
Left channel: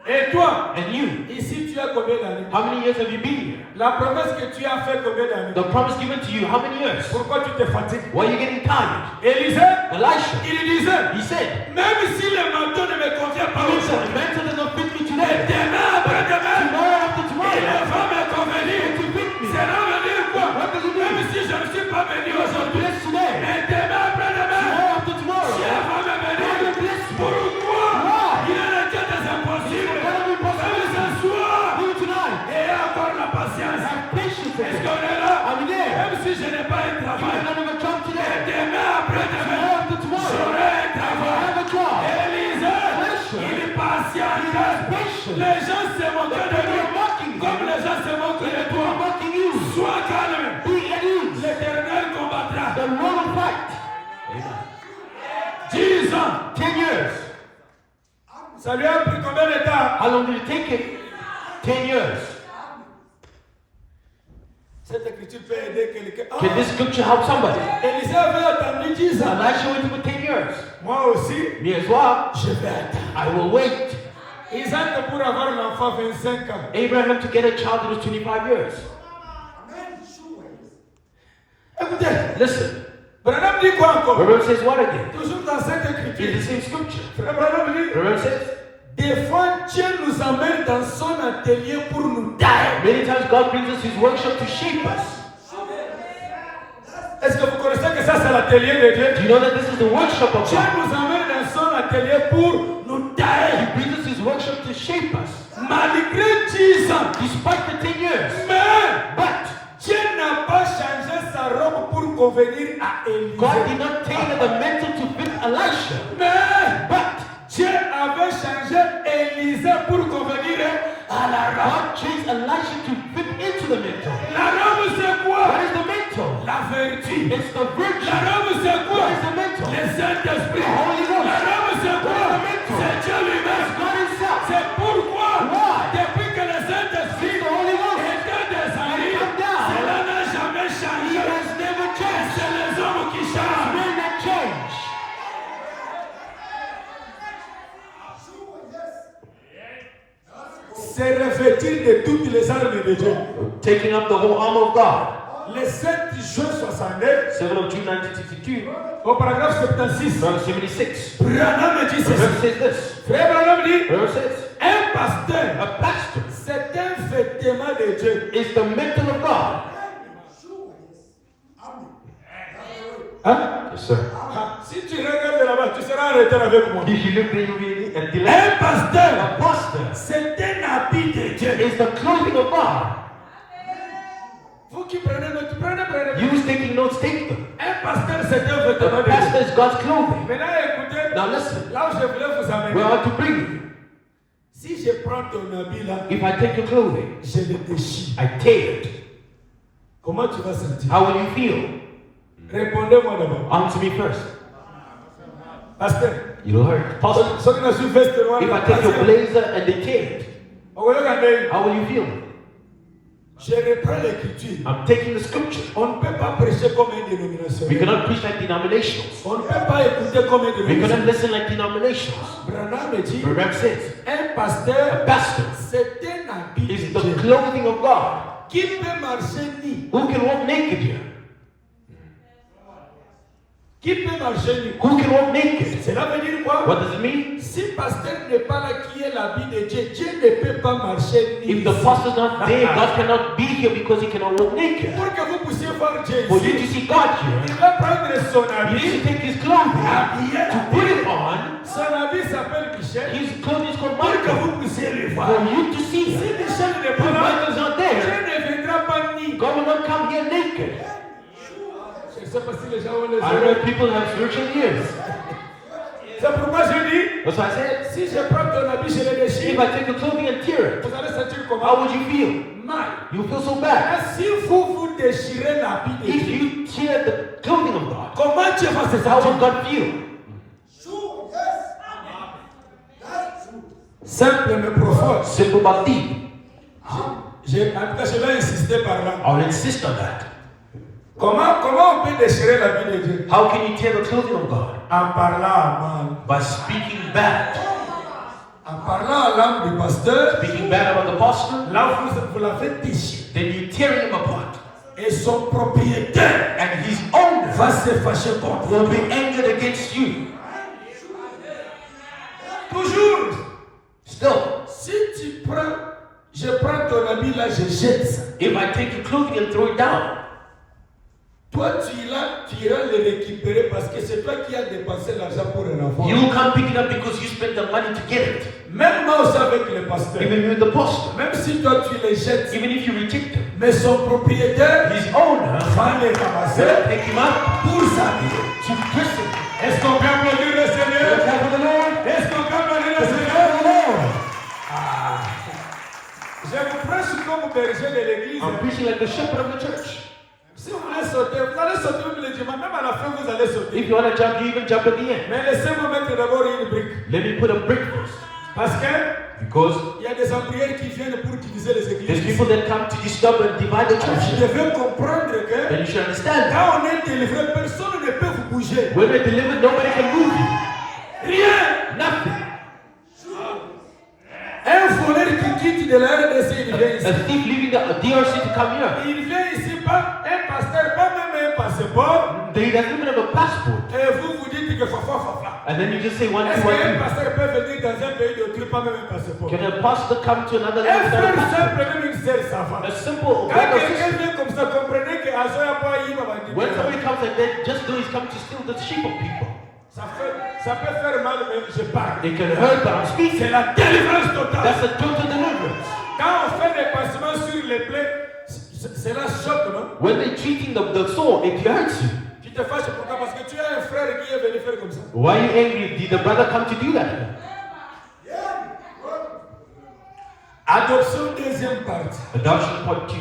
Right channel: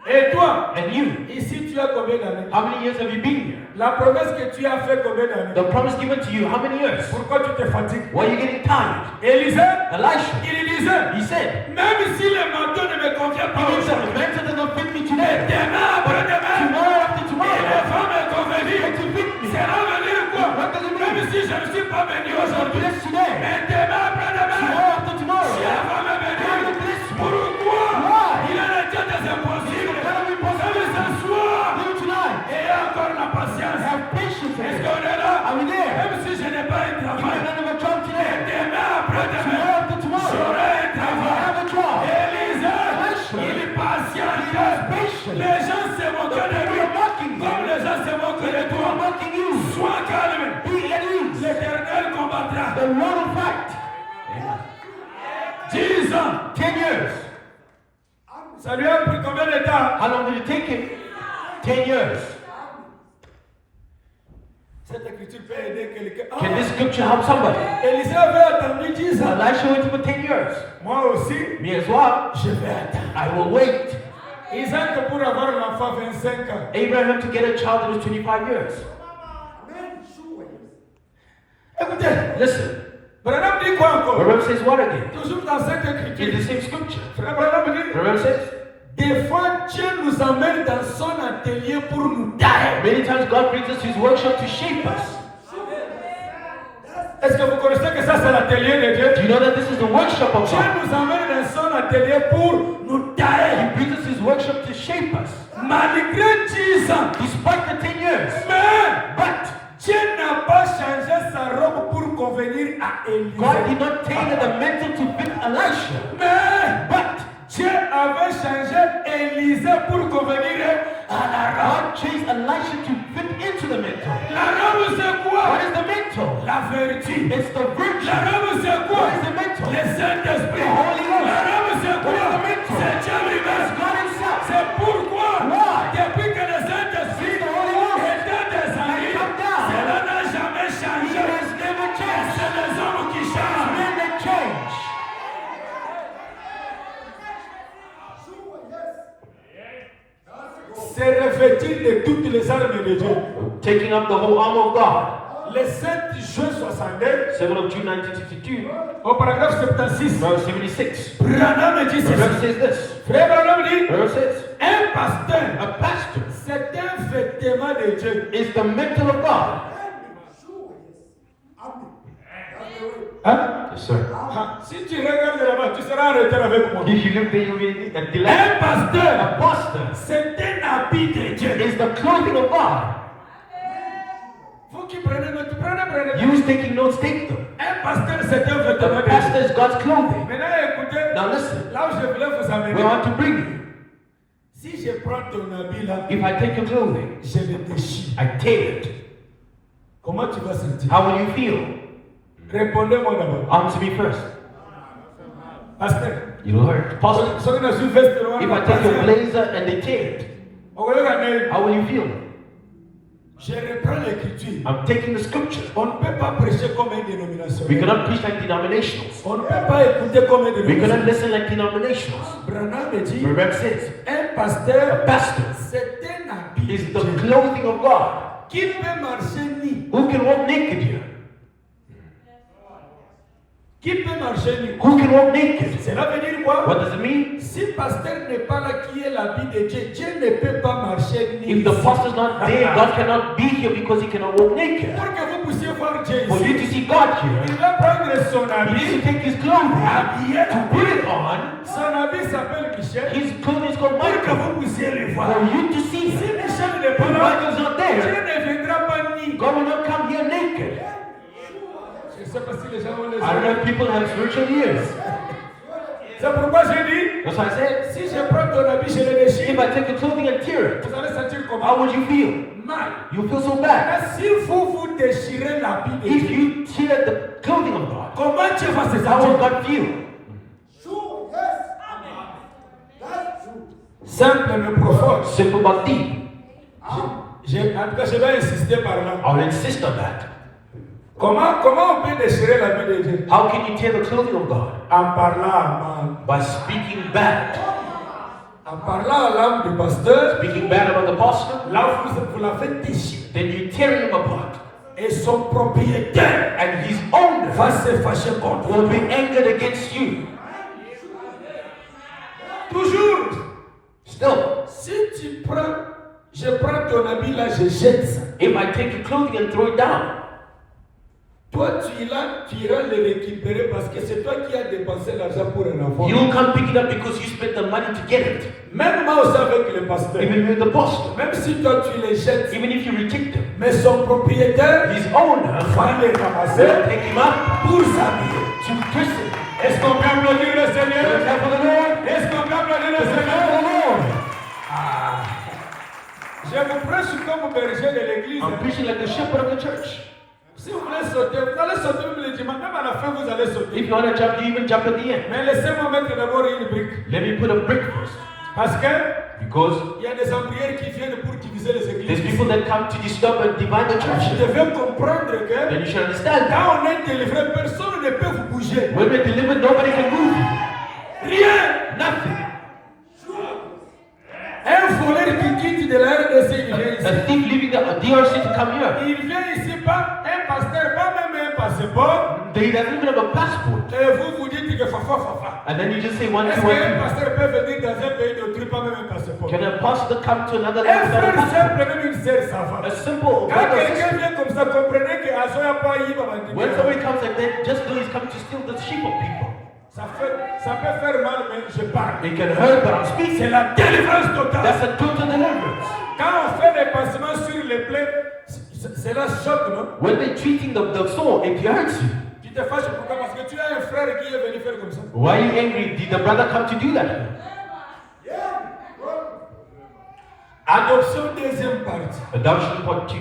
Et toi, And you, ici tu as combien d'années? how many years have you been here? La promesse que tu as fait combien d'années? The promise given to you, how many years? Pourquoi tu te fatigues? Why are you getting tired? Élisée, Elisha, il disait, he said, même si le manteau ne me convient pas "Even if the aujourd'hui, mantle does not fit me today, demain après-demain, tomorrow after il tomorrow, va me convenir. it will fit me." C'est là veut dire quoi? What does it mean? Même si je ne suis pas venu Because I'm aujourd'hui, blessed today, mais demain après-demain, tomorrow after tomorrow, Dieu va me God bénir. will bless me. Pourquoi? Why? Il est le Dieu des impossibles. What are we Même possible? ce soir, Even tonight, et encore la patience. have patience with Est-ce me. qu'on est là? Are we there? Même si je n'ai pas un Even travail, if I never job today, demain après-demain, tomorrow after tomorrow, j'aurai un I travail. have a job. Élisée, il est patient. Les gens se moquent de lui. Comme les gens se moquent de toi. Mocking you. Sois calme. Be at ease. L'Éternel combattra. The Lord will fight. 10 ans. 10 years. Ça lui a pris combien de temps? How long did it take him? 10 years. Cette écriture peut aider quelqu'un. Can this scripture help somebody? Élisée avait attendu 10 ans. Elisha waited for 10 years. Moi aussi, Me as well. je vais attendre. I will wait. Isaac pour avoir un enfant 25 ans. Abraham to get a child that was 25 years. Écoutez, Listen. Branham dit quoi encore? Remember says what again? Toujours dans cette In écriture. the same scripture. Frère Branham dit, Remember says? des fois Dieu nous emmène dans son atelier pour nous tailler. Many times God brings us his workshop to shape us. Est-ce que vous connaissez que ça c'est l'atelier de Dieu? Do you know that this is the workshop of Dieu God? nous emmène dans son atelier pour nous tailler. He brings us his workshop to shape us. Malgré 10 ans. Despite the 10 years. But Dieu n'a pas changé sa robe pour convenir à Élisée. God did not tailor the mantle to fit Elisha. But Dieu avait changé Élisée pour convenir à la robe. God changed Elisha to fit into the mantle. La robe c'est quoi? What is the mantle? La vertu. It's the virtue. La robe c'est quoi? What is the mantle? Le Saint-Esprit. The Holy Ghost. La robe c'est quoi? What is the mantle? C'est Dieu lui-même. God himself. C'est pourquoi, Why? depuis que le Saint-Esprit The Holy Ghost était descendu, come down. cela n'a jamais He changé. has never changed. C'est les hommes qui changent. Men that change. Se revêtir de toutes les armes de Dieu. Taking up the whole armor of God. Le 7 juin 69, 7 of June 1962. au paragraphe 76, Verse 76. Branham dit Remember ceci. says this. Frère Branham dit, Remember says, un pasteur, a pastor c'est un vêtement de Dieu. is the mantle of God. Hein? Yes, sir. Ah, si tu regardes là-bas, tu seras en retard avec moi. If you look there, you'll be at the Un pasteur, pastor c'est un habit de Dieu. is the clothing of God. Vous qui prenez note, prenez. You who's taking notes, take them. Un pasteur, c'est un vêtement The de pastor Dieu. is God's clothing. Maintenant, écoutez, Now listen, là où je voulais vous amener. where I want to bring you. Si je prends ton habit là, If I take your clothing, je le déchire. I tear it. Comment tu vas sentir? How will you feel? Répondez-moi d'abord. Answer me first. Pasteur, You'll hurt. Pastor, ceux qui ne sont veste noire, if I take your blazer and they tear it, regardez, how will you feel? je reprends l'écriture. I'm taking the scripture. On ne peut pas prêcher comme une dénomination. We cannot preach like denominationals. On ne peut pas écouter comme une We dénomination. cannot listen like denominationals. Branham dit, Remember says, un a pasteur, pastor c'est un habit is de the Dieu. clothing of God. Qui peut marcher nu? Who can walk naked here? Qui peut marcher nu? Who can walk naked? Cela veut dire quoi? What does it mean? Si pasteur n'est pas là qui est l'habit de Dieu, Dieu ne peut pas marcher nu. If the pastor is not there, God cannot be here because he cannot walk naked. Pour que vous puissiez voir Dieu For you to ici, see God here, il va prendre son he needs habit, to take his clothing, habiller, to put it on. son habit s'appelle Michel, His clothing is called pour que Michael. vous puissiez le voir. For you to see Si him. Michel n'est If pas là, Michael's not Dieu there, ne viendra pas nu. God will not come here naked. Je ne sais pas si les gens ont les I don't know yeux. if people have spiritual ears. C'est pourquoi je dis, That's why I said, si je prends ton habit, je le déchire, if I take your clothing and tear it, vous allez sentir how comment? would you feel? Mal. You feel so bad. Mais si vous déchirez l'habit de If Dieu, you tear the clothing of God, comment Dieu va se how will sentir? God feel? Simple mais profond. Simple but deep. En tout cas, je vais insister par là. I'll insist on that. Comment on peut déchirer l'habit de Dieu? How can you tear the clothing of God? En parlant à mal, By speaking bad, en parlant à l'âme de pasteur, speaking bad about the pastor, là vous la faites déchirer. then you tear him apart. Et son propriétaire And his owner va se fâcher contre will vous. be angered against you. Toujours, Still, si tu prends, je prends ton habit là, je jette ça. if I take your clothing and throw it down, Toi, tu iras le récupérer parce que c'est toi qui as dépensé l'argent pour un enfant. you will come pick it up because you spent the money to get it. Même moi aussi avec le pasteur. Even with the pastor, Même si toi tu les jettes, even if you reject them, mais son propriétaire his owner va les ramasser will take him up pour s'habiller. to prison. Est-ce qu'on peut applaudir le Seigneur? Est-ce qu'on peut applaudir le Seigneur? Ah. Je vous prêche comme berger de l'église. I'm preaching like the shepherd of the church. Si vous voulez sauter, vous allez sauter même le dimanche. Même à la fin, vous allez sauter. If you want to jump, you even jump at the end. Mais laissez-moi mettre d'abord une brique. Let me put a brick first. Parce que Because il y a des ouvriers qui viennent pour diviser les there's églises. people that come to disturb and divide the Vous church. devez comprendre que Then you should understand that. quand on est délivré, personne ne peut vous bouger. When we're delivered, nobody can move you. Rien. Nothing. Un voleur qui quitte de la RDC, il vient ici. A thief leaving the DRC to come here. Il vient ici pas un pasteur, pas même un passeport. He doesn't even have a passport. Et vous vous dites que fafa. And then you just say one, Est-ce two, qu'un one, pasteur peut venir dans un pays d'autrui, pas même un passeport? two. Can a pastor come to another Un land without a frère passport? simple, même une sœur, ça va. A simple Quand brother or quelqu'un sister. vient comme ça, comprenez que Azoya pas y va. When somebody comes like that, just know he's coming to steal the sheep of people. Ça peut faire mal, mais je parle. It can hurt, but I'm speaking. C'est la délivrance totale. That's a total deliverance. Quand on fait des pansements sur les plaies, cela choque, non? When they're treating the soul, it hurts you. Tu te fâches pourquoi? Parce que tu as un frère qui est venu faire comme ça. Why are you angry? Did the brother come to do that? Adoption deuxième partie. Adoption part 2.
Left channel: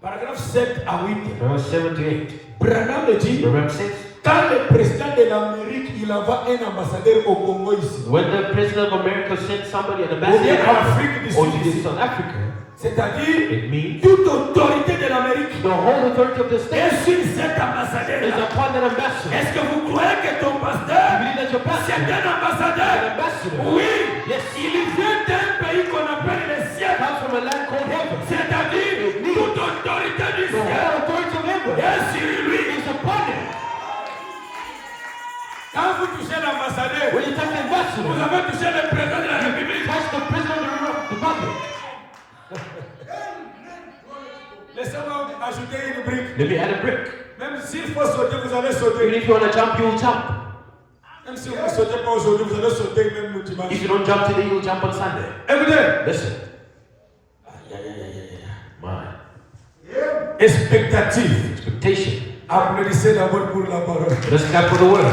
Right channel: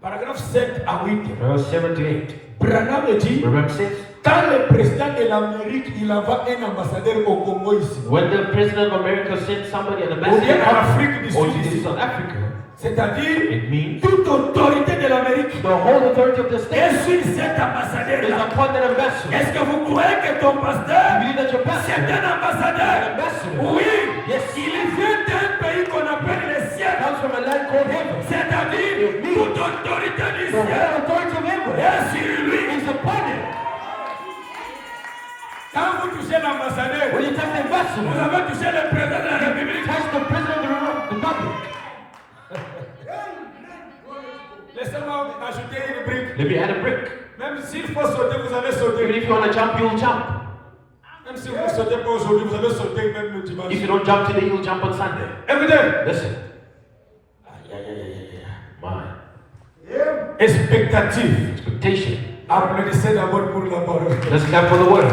Paragraphe 7 à 8. Verse 7 to 8. Branham le dit, Remember 6? quand le président de l'Amérique, il envoie un ambassadeur au Congo ici. When the president of America sent somebody an Ou bien en ambassador Afrique du or Sud to ici. South Africa, C'est-à-dire, it means toute autorité de l'Amérique the whole authority of the state est sur cet is ambassadeur-là. upon that ambassador. Est-ce que vous croyez que ton pasteur, You believe that your c'est pastor, un ambassadeur? an ambassador, Oui. Yes. Il vient d'un pays qu'on appelle le ciel. comes from a land called heaven. C'est-à-dire, toute autorité du The whole ciel authority of heaven est sur lui. is upon him. Quand vous touchez l'ambassadeur, When you touch the vous ambassador, avez touché le président de la you République. touch the president of the republic. Laissez-moi ajouter une brique. Let me add a brick. Même s'il faut sauter, vous allez Even sauter. if you want to jump, you will jump. Même si vous ne sautez pas aujourd'hui, vous allez sauter même le dimanche. If you don't jump today, you'll jump on Sunday. Écoutez, Listen. My expectative. expectation. Applaudissez d'abord pour la parole. Let's clap for the word.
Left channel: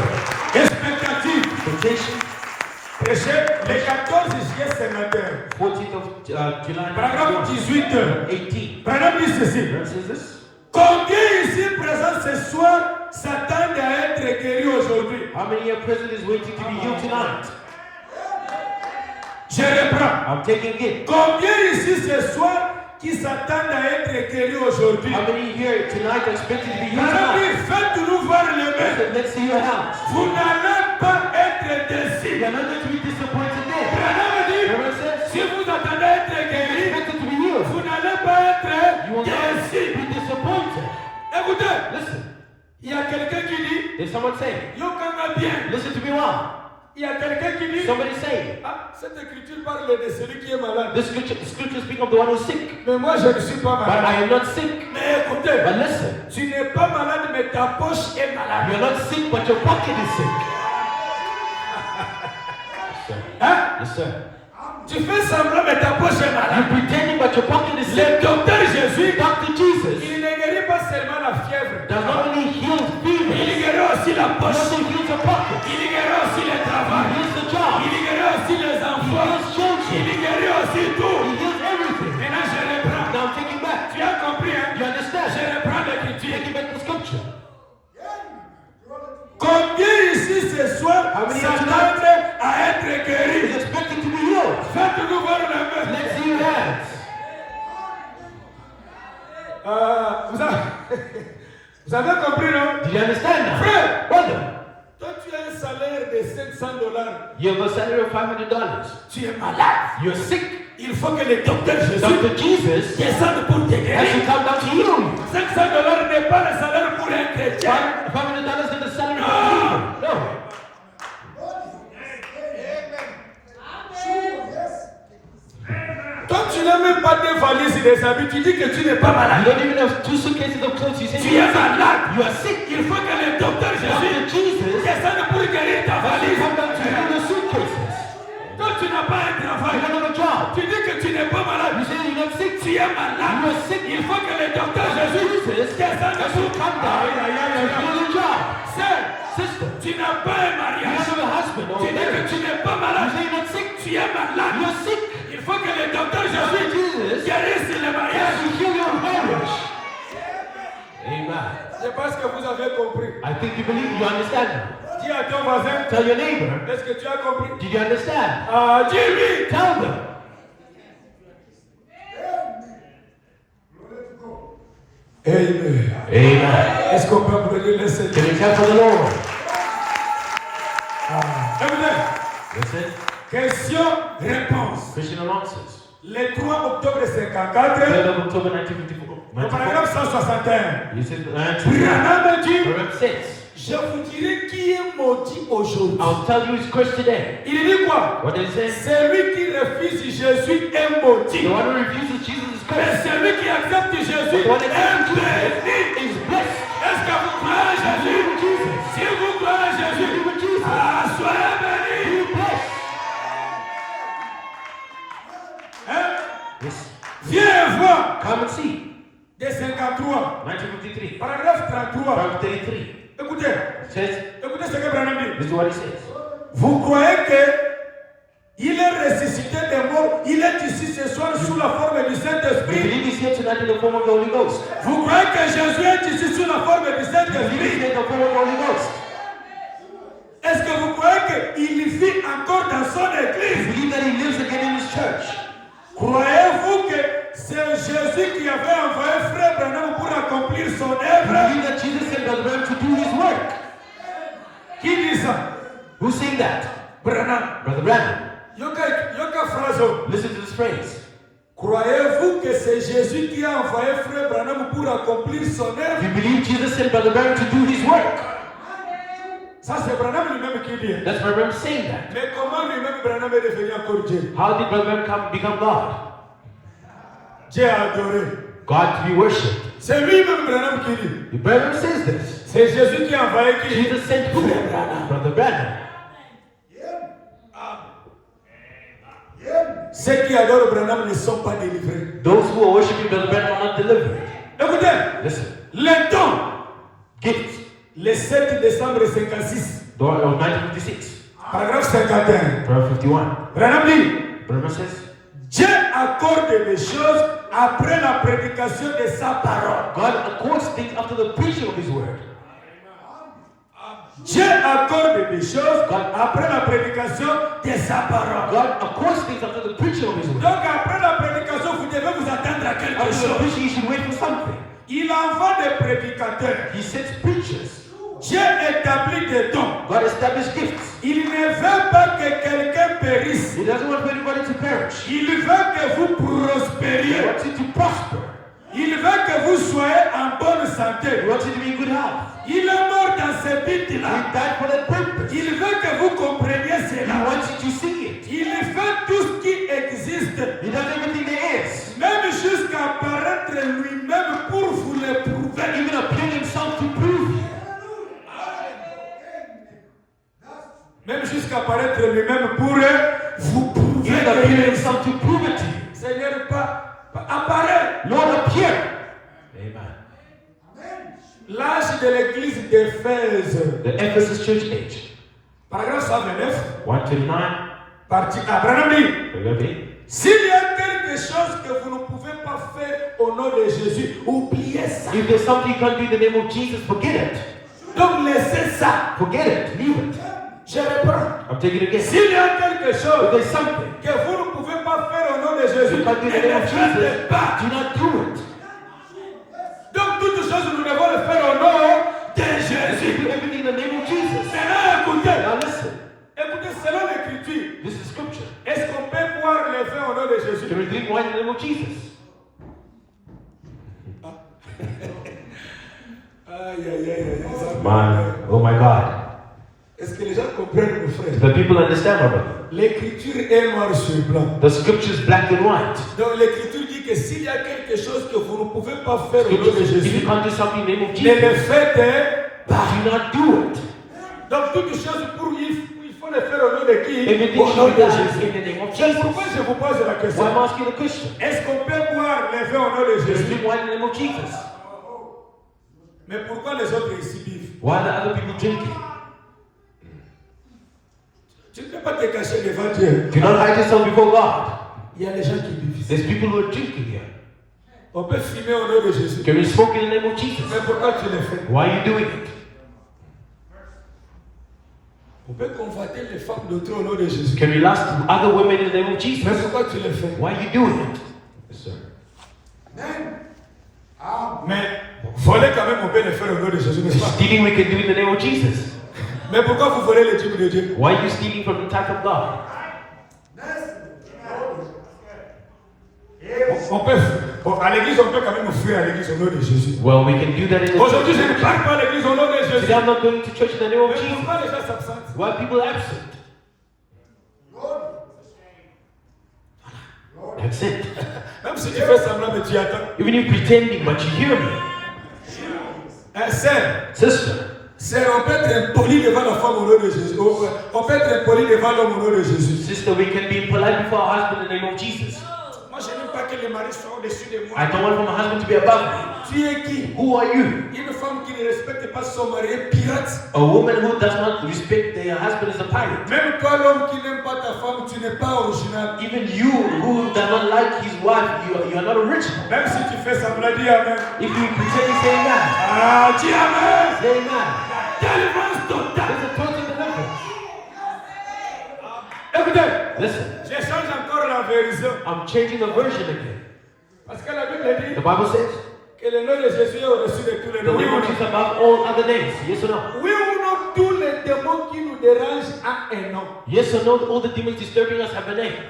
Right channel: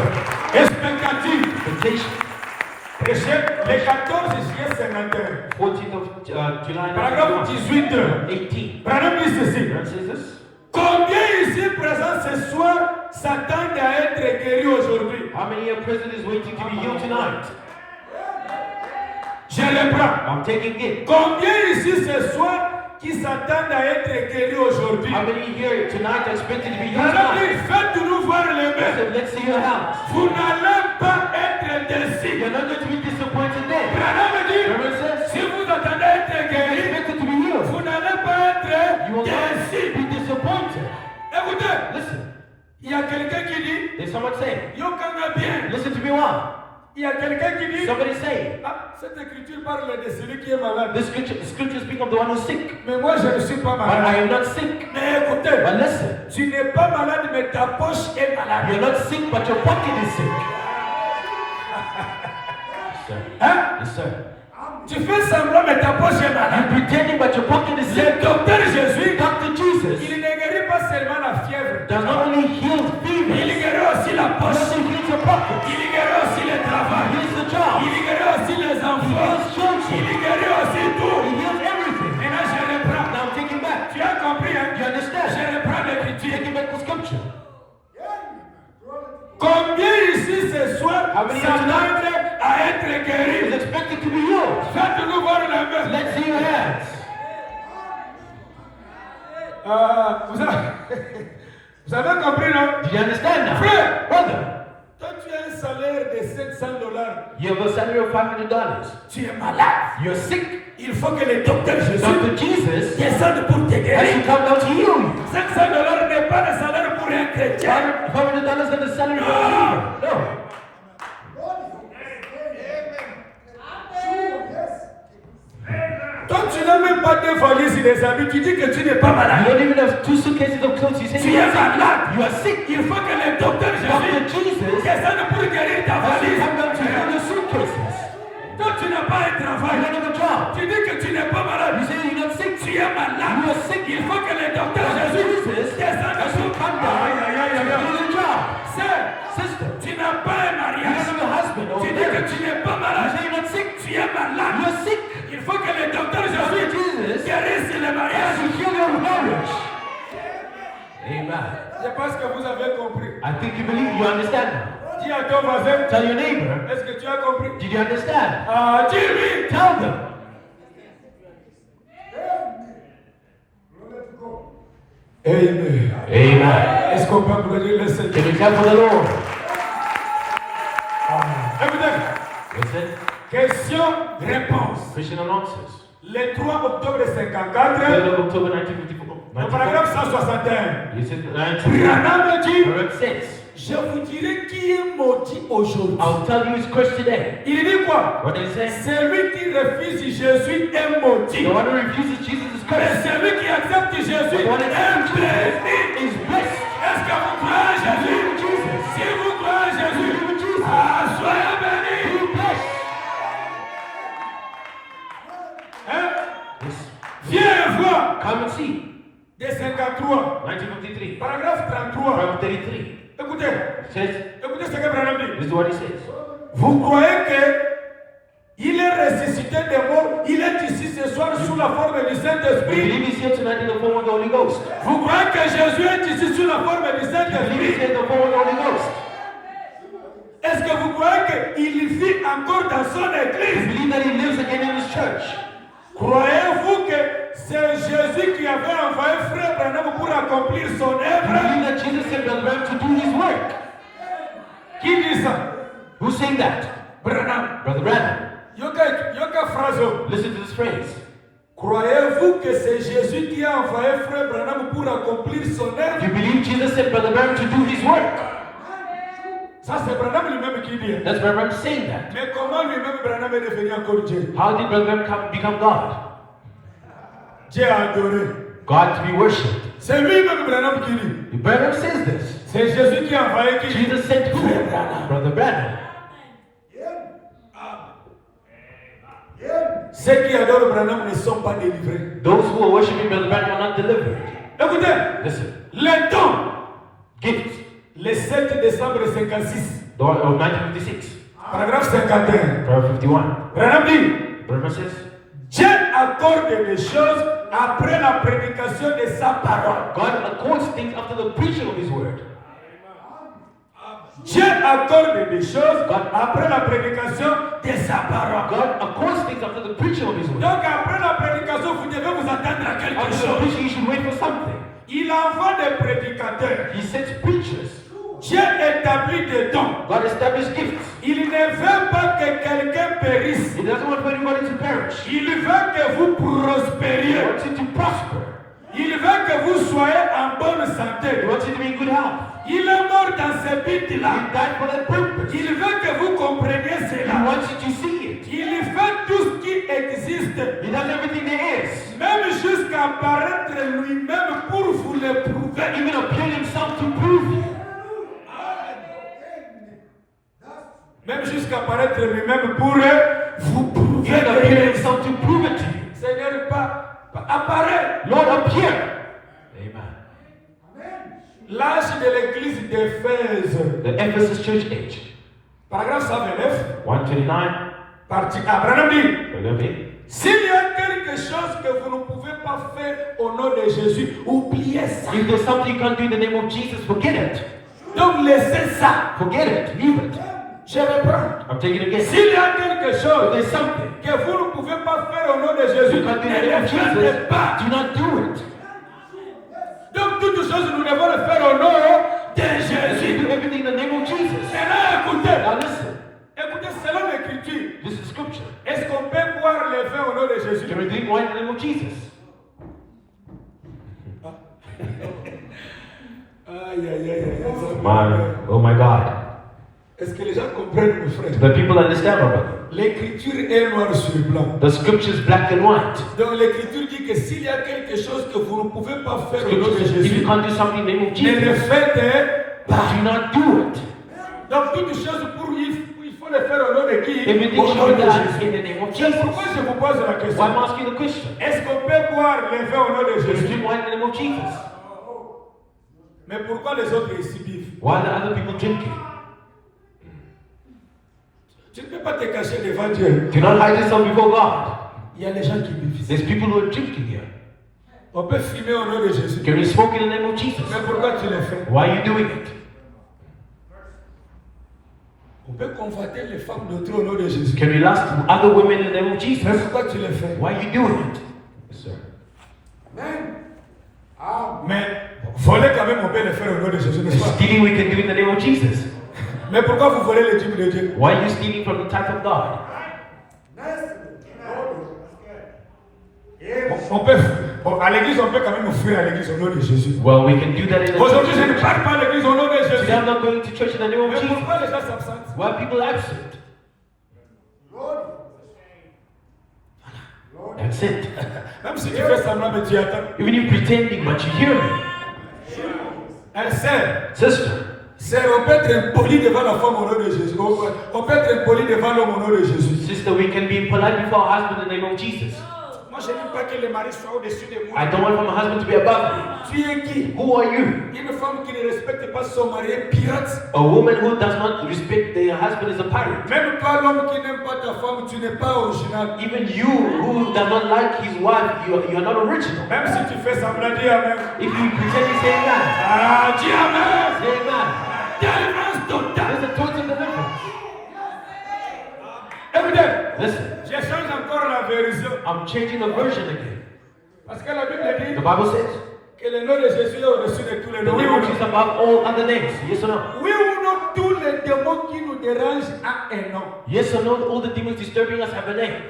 Expectative. Expectation. Prêché le 14 juillet 51. 14th of July Paragraphe 18. 18. Paragraphe dit ceci. What says this? Combien ici présents ce soir s'attendent à être guéris aujourd'hui? How many of prison is waiting to be healed tonight? Je reprends. I'm taking it. Combien ici ce soir qui s'attendent à être guéris aujourd'hui? How many here tonight are expected to be healed Paragraphe tonight? dit, faites-nous voir les mains. Listen, let's see your hands. Vous n'allez pas être déçus. You're not going to be disappointed there. Paragraphe dit, Remember it says, si vous attendez à être guéris, expected to be healed. vous n'allez pas You être will not déçus. be disappointed. Écoutez, Listen, il y a quelqu'un qui dit, there's someone saying, yo kanga bien. listen to me well. Il y a quelqu'un qui dit, Somebody say, ah, cette écriture parle de celui qui est malade. the scripture speak of the one who's sick. Mais moi, je ne suis pas But malade. I am not sick. Mais écoutez, But listen, tu n'es pas malade, mais ta poche est malade. you're not sick, but your pocket is sick. Hein? Yes, sir. Tu fais semblant, mais ta poche est malade. You're pretending, but your pocket is Le sick. docteur Jésus, Dr. Jesus il ne guérit pas seulement la fièvre. does not only heal Il fever, guérit aussi la he poche. also heals your pocket. Il guérit aussi le He travail. heals the job. Il guérit aussi les He enfants. heals children. Il guérit aussi He tout. heals everything. Maintenant, je reprends. Now I'm taking back. Tu as compris, hein? You understand? Je reprends l'écriture. Taking back the scripture. Combien ici ce soir How many s'attendent à être He's guéris? expected to be healed. Faites-nous voir la main. Let's see your hands. Vous avez, vous avez compris, non? Do you understand now? Frère, Brother, toi tu es un salaire de $700. You have a salary of $500. Tu es malade. You're sick. Il faut que le docteur Jésus Dr. Jesus descende pour te has to guérir. come down to heal you. $500 n'est pas le salaire pour un chrétien. $500 is the salary of a No. believer. No. Toi, tu n'as même pas deux valises et des habits. Tu dis que tu n'es pas You malade. don't even have 2 suitcases of clothes. You say Tu you're es sick. malade. You are sick. Il faut que le docteur Dr. Jésus Jesus descende pour guérir ta has to valise. come down to heal your suitcases. Toi, tu n'as pas un You travail. don't have a job. Tu dis que tu n'es pas malade. You say you're not sick. Tu es malade. You are sick. Il faut que le docteur Jésus descende Has to pour come down to heal your job. Sœur, Sister, tu n'as pas un you mariage. don't have a husband or Tu a dis que marriage. tu n'es pas You malade. say you're not sick. Tu es malade. You are sick. Il faut que le docteur Dr. Jésus Jesus guérisse le has mariage. to heal your marriage. Amen. Je pense que vous avez compris. I think you believe, you understand now. Dis à ton voisin, Tell your neighbor, est-ce que tu as compris? did you understand? Ah, dis-lui. Tell them. Amen. Amen. Est-ce qu'on peut applaudir le Seigneur? Give yourself for the Lord. Écoutez, Listen. question-réponse. Question and answers. Le 3 octobre 54, 3rd of October 1954. le paragraphe 161. You said 19. Branham dit, Proverbs 6. je vous dirai qui est maudit aujourd'hui. I'll tell you his curse today. Il dit quoi? What does it say? Celui qui refuse Jésus est maudit. The one who refuses Jesus is Mais cursed. celui qui accepte Jésus The one who est accepts béni. Jesus is blessed. Est-ce que vous croyez à Jésus? Si vous croyez à Jésus, ah, soyez bénis. Hein? Yes. Viens voir. Come and see. Des 53. 1953. Paragraphe 33. Proverbs 33. Écoutez. It says, Écoutez ce que Branham dit. this is what it says. Vous croyez que il est ressuscité des morts, il est ici ce soir sous la forme du You Saint-Esprit. believe he's here tonight in the form of the Holy Ghost. Vous croyez que Jésus est ici sous la forme du You believe he's Saint-Esprit. here in the form of the Holy Ghost. Est-ce que vous croyez qu'il vit encore dans son You église? believe that he lives again in his church. Croyez-vous que c'est Jésus qui avait envoyé Frère Branham pour accomplir son You œuvre? believe that Jesus sent the Lord to do his work. Qui dit ça? Who's saying that? Branham. Brother Branham. Yoka phrase. Listen to this phrase. Croyez-vous que c'est Jésus qui a envoyé Frère Branham pour accomplir son œuvre? You believe Jesus sent Brother Branham to do his work. Ça c'est Branham lui-même qui dit. That's Brother Branham saying that. Mais comment lui-même Branham est devenu encore Dieu? How did Brother Branham become God? Dieu a adoré. God to be worshipped. C'est lui-même Branham qui dit. The Branham says this. C'est Jésus qui a envoyé qui? Jesus sent who? Brother Branham. Ceux qui adorent Branham ne sont pas délivrés. Those who are worshiping Brother Branham are not delivered. Écoutez, Listen. le don, Gifts. le 7 décembre 56, Of 1956. paragraphe 51. Paragraph 51. Branham dit, Branham says, Dieu accorde les choses après la prédication de sa parole. God accords things after the preaching of his word. Dieu accorde les choses après la prédication de sa parole. God accords things after the preaching of his word. Donc après la prédication, vous devez vous attendre à quelque After the chose. preaching, you should wait for something. Il envoie des prédicateurs. He sends preachers. Dieu établit des dons. God established gifts. Il ne veut pas que quelqu'un périsse. He doesn't want anybody to perish. Il veut que vous He prospériez. wants you to prosper. Il veut que vous soyez en bonne He santé. wants you to be in good health. Il est mort dans ce but-là. He died for that purpose. Il veut que vous compreniez He cela. wants you to see it. Il fait tout ce qui existe, He does everything there is. même jusqu'à apparaître lui-même pour vous le prouver. Even appeared himself to prove you. Même jusqu'à apparaître lui-même pour vous prouver. Even appeared himself to prove it to you. Seigneur, pas apparaît. Lord, appear. Amen. L'âge de l'église d'Éphèse, The Ephesus church age. paragraphe 129, 129. partie Abraham dit, Ready? s'il y a quelque chose que vous ne pouvez pas faire au nom de Jésus, oubliez ça. If there's something you can't do in the name of Jesus, forget it. Donc laissez ça. Forget it. Leave it. Je reprends. I'm taking it again. S'il y a quelque If chose there's something que vous ne pouvez pas faire au nom de Jésus, you can't do in the ne name le of Jesus, faites pas. do not do it. Donc toutes choses nous devons le faire au nom de If you Jésus. do everything in the name of Jesus. Maintenant écoutez, Now Jésus. Can we drink wine in the name of Jesus? Aïe, aïe, aïe, aïe. Man, oh my God. Est-ce que les gens comprennent, mon frère? The people understand, my brother. L'écriture est noire sur blanc. The scripture is black and white. Donc l'écriture dit que s'il y a quelque chose que vous ne pouvez pas faire au nom Scripture de says, if Jésus, you can't do something in the name of ne le Jesus, faites pas. do not do it. Donc toutes choses pour il faut le faire au nom de qui? Everything Au should nom be de done Jésus. in the name of C'est Jesus. pourquoi je vous pose la question. So I'm asking the question. Est-ce qu'on peut boire les vins au nom de Can we Jésus? drink wine in the name of Jesus? Mais pourquoi les autres ici vivent? Why are other people drinking? Tu ne peux pas te cacher devant Dieu. Do not hide yourself before God. Il y a des gens qui vivent ici. There's people who are drinking here. On peut fumer au nom de Jésus. Can we smoke in the name of Jesus? Mais pourquoi tu le fais? Why are you doing it? On peut convoiter les femmes d'autres au nom de Jésus. Can we lust other women in the name of Jesus? Mais pourquoi tu le fais? Why are you doing it? Yes, sir. Mais voler quand même, on peut le faire au nom de Jésus, n'est-ce pas? Stealing we can do in the name of Jesus. Mais pourquoi vous volez les dîmes de Dieu? Why are you stealing from the tithe of God? On peut, à l'église, on peut quand même offrir à l'église au nom de Jésus. Well, we can do that in the Aujourd'hui, je ne church. parle pas à l'église au nom de Today Jésus. I'm not going to church in the name of Mais Jesus. pourquoi les gens s'absentent? Why are people absent? That's it. Même si tu fais semblant, mais tu attends. Even you pretending, but you hear me. Sœur, Sister, on peut être impoli devant la femme au nom de Jésus. On peut être impoli devant l'homme au nom de Jésus. sister, we can be polite before our husband in the name of Jesus. Moi, je n'aime pas que le mari soit au-dessus de moi. I don't want my husband to be above me. Tu es qui? Who are you? Une femme qui ne respecte pas son mari est pirate. A woman who does not respect their husband is a pirate. Même toi, l'homme qui n'aime pas ta femme, tu n'es pas original. Even you who does not like his wife, you're not original. Même si tu fais semblant, dis Amen. If you pretend to say amen, Ah, dis Amen. say amen. Délivrance totale. There's a total deliverance. Écoutez, Listen, je change encore la version. I'm changing the version again. Parce que la Bible dit The Bible says, que le nom de Jésus est au-dessus de tous les the noms. name of Jesus above all other names. Yes or no? Oui ou non, tous les démons qui nous dérangent ont un nom. Yes or no? All the demons disturbing us have a name.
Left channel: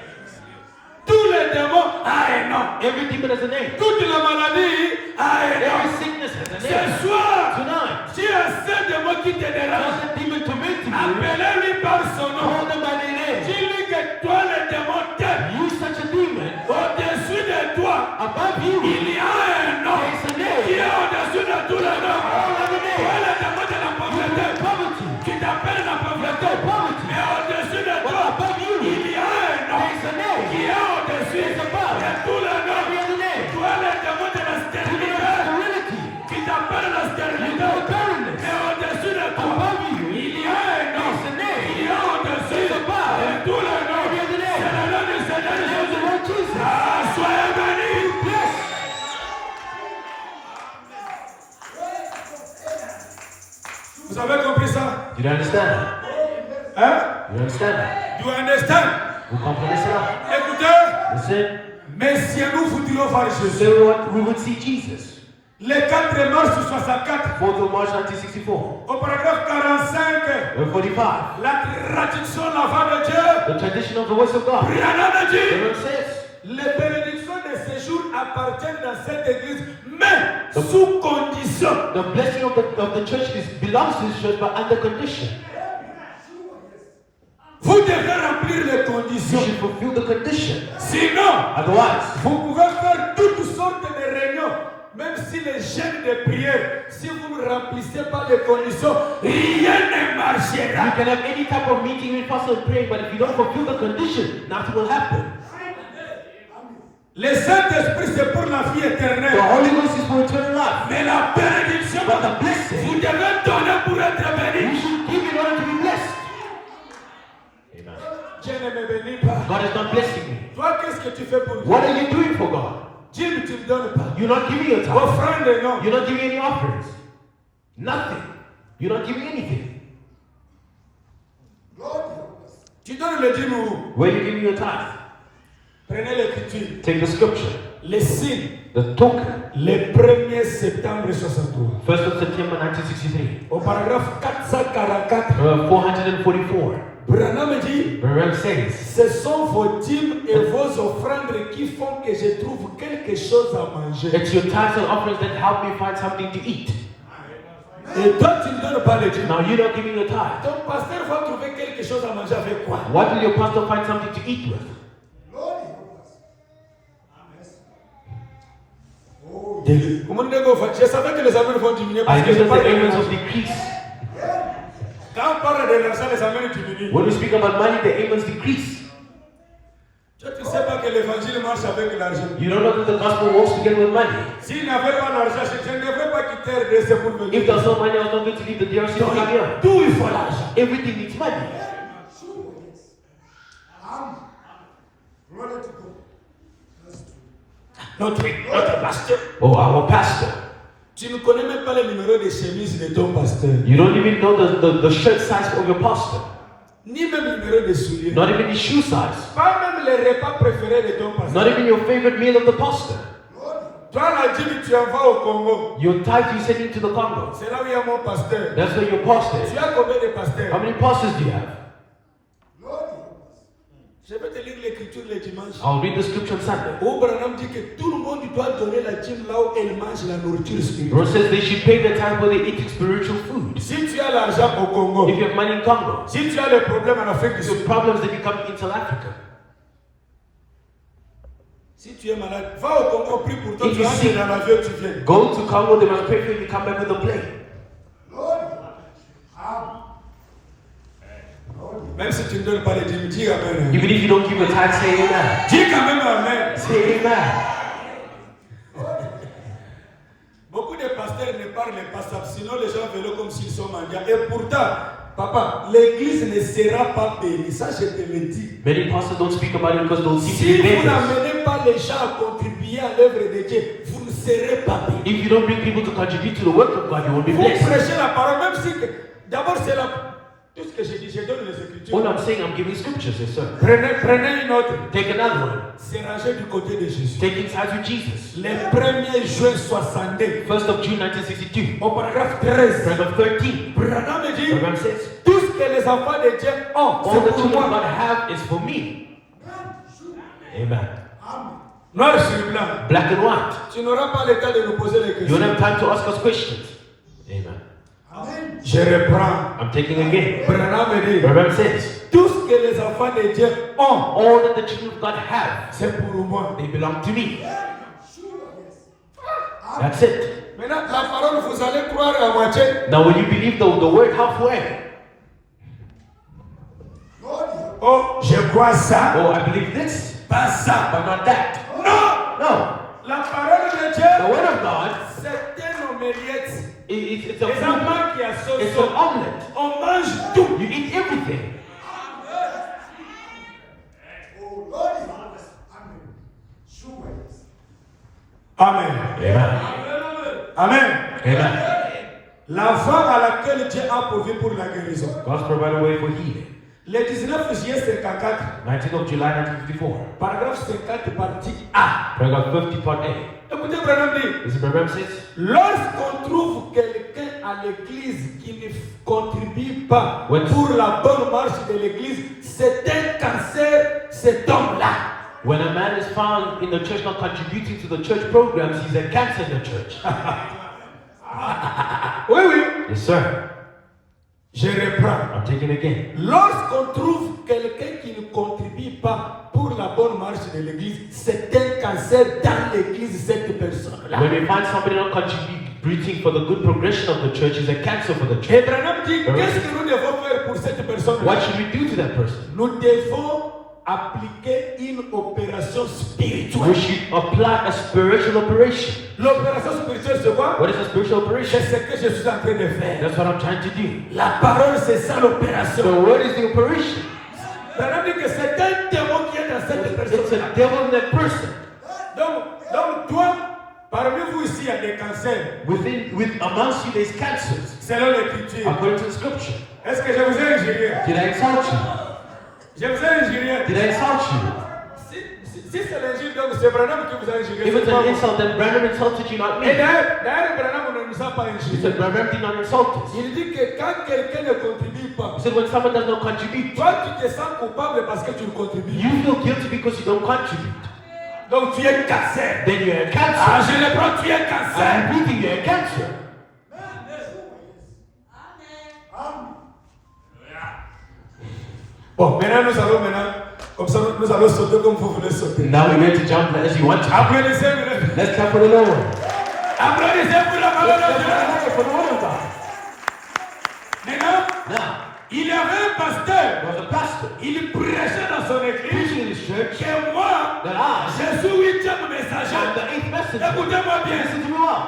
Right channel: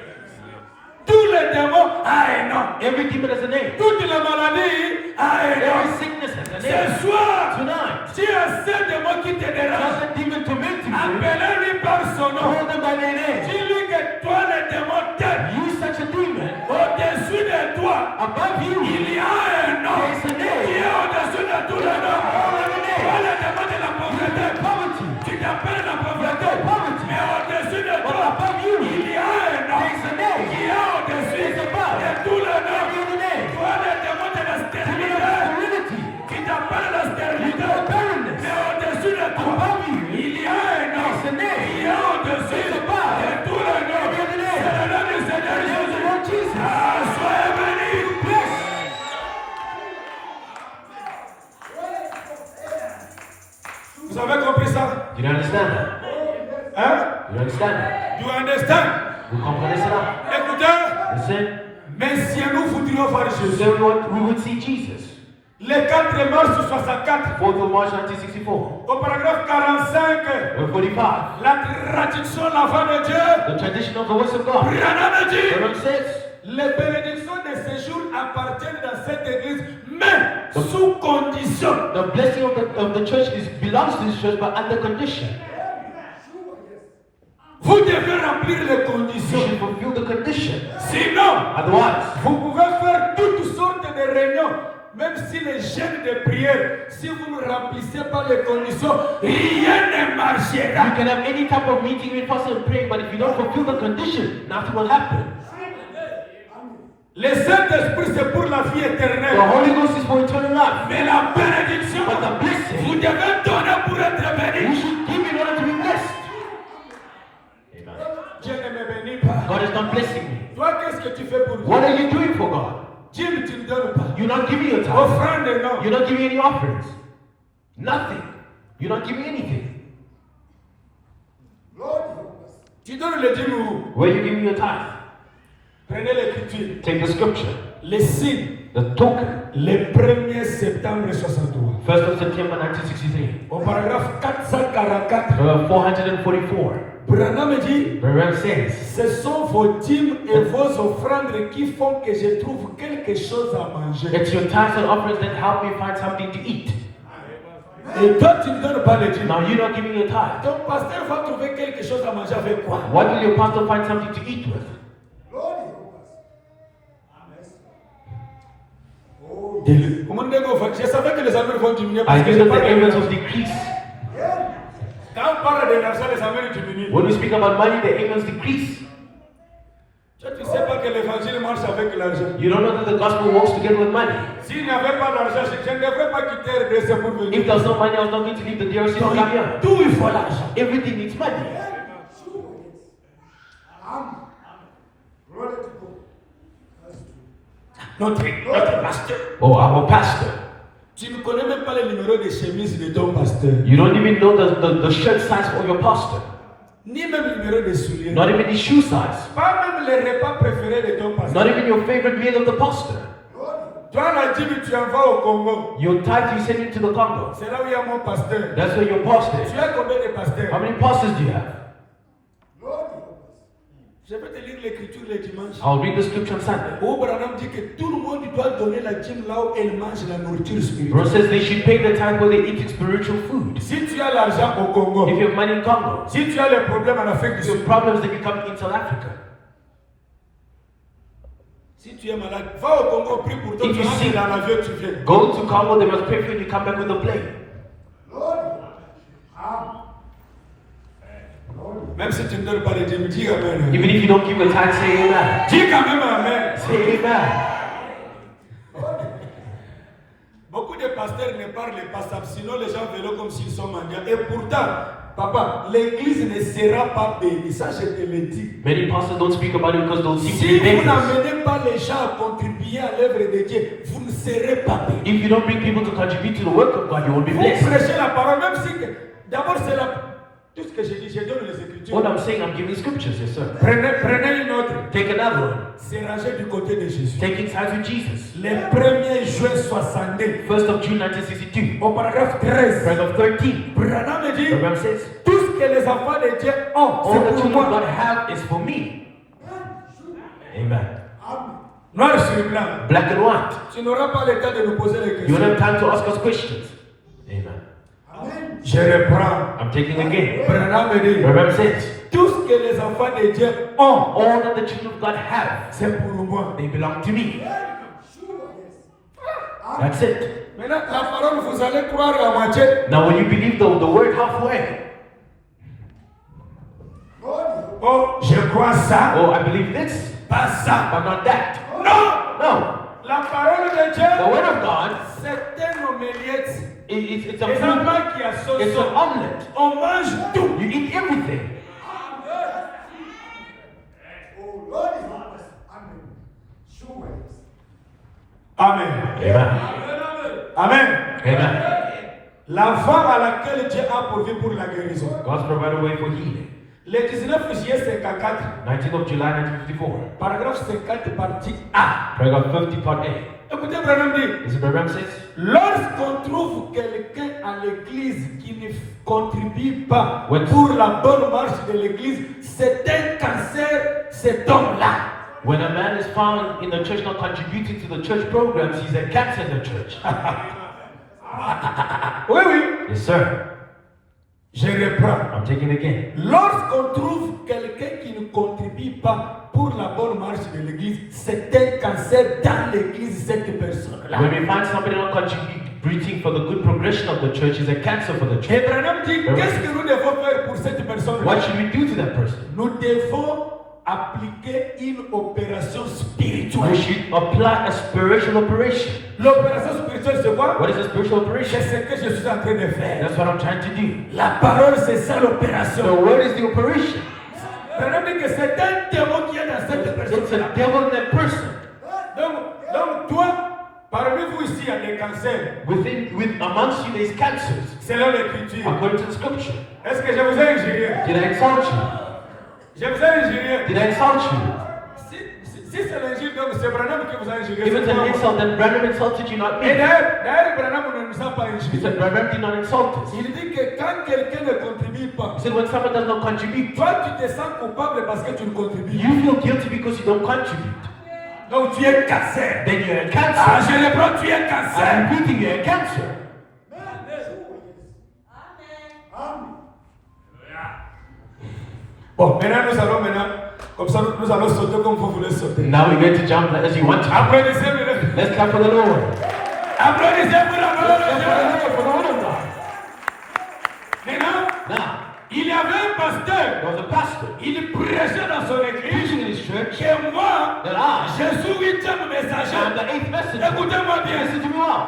Tous les démons ont un nom. Every demon has a name. Toute la maladie a un Every nom. sickness has a Ce name. soir, Tonight, si un seul démon qui te dérange, tell the demon to make you. appelez-lui par son nom. Call them by their name. Dis-lui que toi, le démon t'aime. You such a demon. Au-dessus de toi, Above you, il y a un nom there is a qui name. est au-dessus de tous les noms. Toi, le démon de la pauvreté, Poverty. tu t'appelles la pauvreté. Poverty. Mais au-dessus de But toi, above you, il y a un nom there is a name. qui est au-dessus It's above. de tous les noms. Every other name. Toi, le démon de la Demon of stérilité, sterility. qui t'appelle la stérilité. Demon of barrenness. Mais au-dessus de toi, Above you, il y a un nom there is a name. qui est au-dessus It's above. de tous les noms. Every other name. C'est le nom du Seigneur The name of the Jésus. Lord Jesus. Ah, soyez bénis. Yes. Vous avez compris ça? You understand that? Hein? You understand that? You understand? You comprends ça? Écoutez, Listen. mais si nous voudrions voir Jésus, So what we would see Jesus. le 4 mars 64, 4th of March 1964. au paragraphe 45, Verse 45. la traduction de la voix de Dieu, The tradition of the words of God. Brianna dit, The Lord says, les bénédictions de séjour appartiennent dans cette église, mais sous condition. the blessing of the church belongs to the church, but under condition. Vous devez remplir les You conditions. should fulfill the condition. Sinon, Otherwise, vous pouvez faire toutes sortes de réunions, même si les jeûnes de prière, si vous ne remplissez pas les conditions, rien ne marchera. you can have any type of meeting with pastor and pray, but if you don't fulfill the condition, nothing will happen. Le Saint-Esprit, c'est pour la vie The éternelle. Holy Ghost is for eternal life. Mais la bénédiction, But the blessing, vous devez donner pour être we béni. should give in order to be blessed. Dieu ne me bénit pas. God is not blessing me. Toi, qu'est-ce que tu fais pour Dieu? What are you doing for God? Dieu ne te le donne pas. You're not giving your time. Offrande, non. You're not giving any offerings. Nothing. You're not giving anything. Tu donnes le 10 nous. Where are you giving your time? Prenez l'écriture. Take the scripture. Les signes the token. Le 1er septembre 63. 1st of September 1963. Au paragraphe 444, 444. Branham dit, Branham says, ce sont vos dîmes et vos offrandes qui font que je trouve quelque chose à manger. it's your tithes and offerings that help me find something to eat. Et toi, tu ne donnes pas le dîme. Now you're not giving your tithe. Ton pasteur va trouver quelque chose à manger avec quoi? What will your pastor find something to eat with? Je savais que les amens vont diminuer I parce que knew je that parle the de amounts l'argent. of decrease. Quand on parle de l'argent, les amens diminuent. When we speak about money, the amounts decrease. Toi, tu ne sais pas que l'évangile marche avec l'argent. You don't know that the gospel works together with money. S'il n'y avait pas d'argent, je ne devrais pas quitter RDC pour venir. If there's no money, I was not going to leave the DRC to come here. Tout, il faut l'argent. Everything needs money. Notre pasteur. Oh, our pastor. Tu ne connais même pas le numéro de chemise de ton pasteur. You don't even know the shirt size of your pastor. Ni même le numéro de souliers. Not even the shoe size. Pas même les repas préférés de ton pasteur. Not even your favorite meal of the pastor. Toi, la dîme, tu envoies au Congo. Your tithe you send into the Congo. C'est là où il y a mon pasteur. That's where your pastor is. Tu as combien de pasteurs? How many pastors do you have? Je vais te lire l'écriture le dimanche. I'll read the scripture on Sunday. Où Branham dit que tout le monde doit donner la dîme là où elle mange la nourriture Bro spirituelle. says they should pay the tithe where they're eating spiritual food. Si tu as l'argent au Congo, If you have money in Congo, si tu as des problèmes en Afrique du the Sud, problems that you come in South Africa. si tu es malade, va au Congo, prie pour toi, If tu you rentres see- dans l'avion, tu viens. Go to Congo, they must pray for you to come back with a plane. Même si tu ne donnes pas les dîmes, dis Amen. Even if you don't give a tithe, say amen. Dis quand même Amen. Say amen. Beaucoup de pasteurs ne parlent pas ça, sinon les gens verront comme s'ils sont mendiants. Et pourtant, papa, l'église ne sera pas bénie. Ça, je te le dis. Many pastors don't speak about it because they'll seem to Si be vous beggars. n'amenez pas les gens à contribuer à l'œuvre de Dieu, vous ne serez pas bénis. If you don't bring people to contribute to the work of God, you won't be Vous blessed. prêchez la parole, même si d'abord c'est la. Tout ce que je dis, je donne les écritures. What I'm saying, I'm giving scriptures, yes, sir. Prenez une autre. Take another one. C'est rangé du côté de Jésus. Taking tithes with Jesus. Le 1er juin 62, 1st of June 1962. au paragraphe 13, Paragraph 13. Branham dit Branham says, tout ce que les enfants de Dieu ont, all the c'est pour children moi. God have is for me. Amen. Noir sur blanc. Black and white. Tu n'auras pas le temps de nous poser les You don't questions. have time to ask us questions. Amen. Je reprends. I'm taking again. Branham dit Branham says, tout ce que les enfants de Dieu ont, all that the children of God have, c'est pour moi. they belong to me. That's it. Maintenant, la parole, vous allez croire à moitié. Now, will you believe the word halfway? Oh, je crois ça. Oh, I believe this, Pas ça. but not that. Non. No. La parole de The Dieu, word of God, c'est un omelette. it's a Les food. enfants qui a It's sauce. an omelette. On mange tout. You eat everything. Amen. Amen. Amen. Amen. La femme à laquelle Dieu a pourvu pour la guérison. God's provided a way for healing. Le 19 juillet 54, 19th of July 1954. paragraphe 50, partie A. Paragraph 50, part A. Écoutez, Branham dit, This is Branham says, lorsqu'on trouve quelqu'un à l'église qui ne contribue pas When- pour la bonne marche de l'église, c'est un cancer, cet homme-là. when a man is found in the church not contributing to the church programs, he's a cancer in the church. Oui, oui. Yes, sir. Je reprends. I'm taking it again. Lorsqu'on trouve quelqu'un qui ne contribue pas pour la bonne marche de l'église, c'est un cancer dans l'église, cette personne-là. When we find somebody not contributing for the good progression of the church, is a cancer for the Et church. Branham dit, qu'est-ce que nous devons faire pour cette personne-là? What should we do to that person? Nous devons appliquer une opération We spirituelle. should apply a spiritual operation. L'opération spirituelle, c'est quoi? What is a spiritual C'est operation? ce que je suis en train de faire. That's what I'm trying to do. La parole, c'est ça The l'opération. word is the operation. Branham dit que c'est un démon qui est dans cette It's personne-là. a devil in that person. Donc, toi, parmi vous ici, il y a des cancers. Amongst you, there's cancers. Selon l'écriture. According to the scripture. Est-ce que je vous ai injurié? Did I insult you? Je vous ai injurié. Did I insult you? Si c'est l'injure, donc c'est Branham qui vous a injuré. If it's an insult, then Branham insulted you, not Et me. d'ailleurs, Branham ne nous a pas He injuré. said Branham did not insult us. Il dit que quand quelqu'un ne contribue pas, He said when someone does not contribute, toi tu te sens coupable parce que tu ne contribues. you feel guilty because you don't contribute. Donc tu es cassé. Then you're a Ah, cancer. je le prends, tu es cassé. I'm repeating, you're a cancer. Bon, maintenant, comme ça, nous allons sauter comme vous voulez sauter. Now we're going to jump as you want to. Applaudissez-le. Let's clap for the Lord. Applaudissez pour la parole de Dieu. Maintenant, Now, il y avait un pasteur. there was a pastor Il prêchait dans son église. preaching in his church Et moi, that I je suis 8e am messager. the 8th messenger. Écoutez-moi bien. Listen to me well.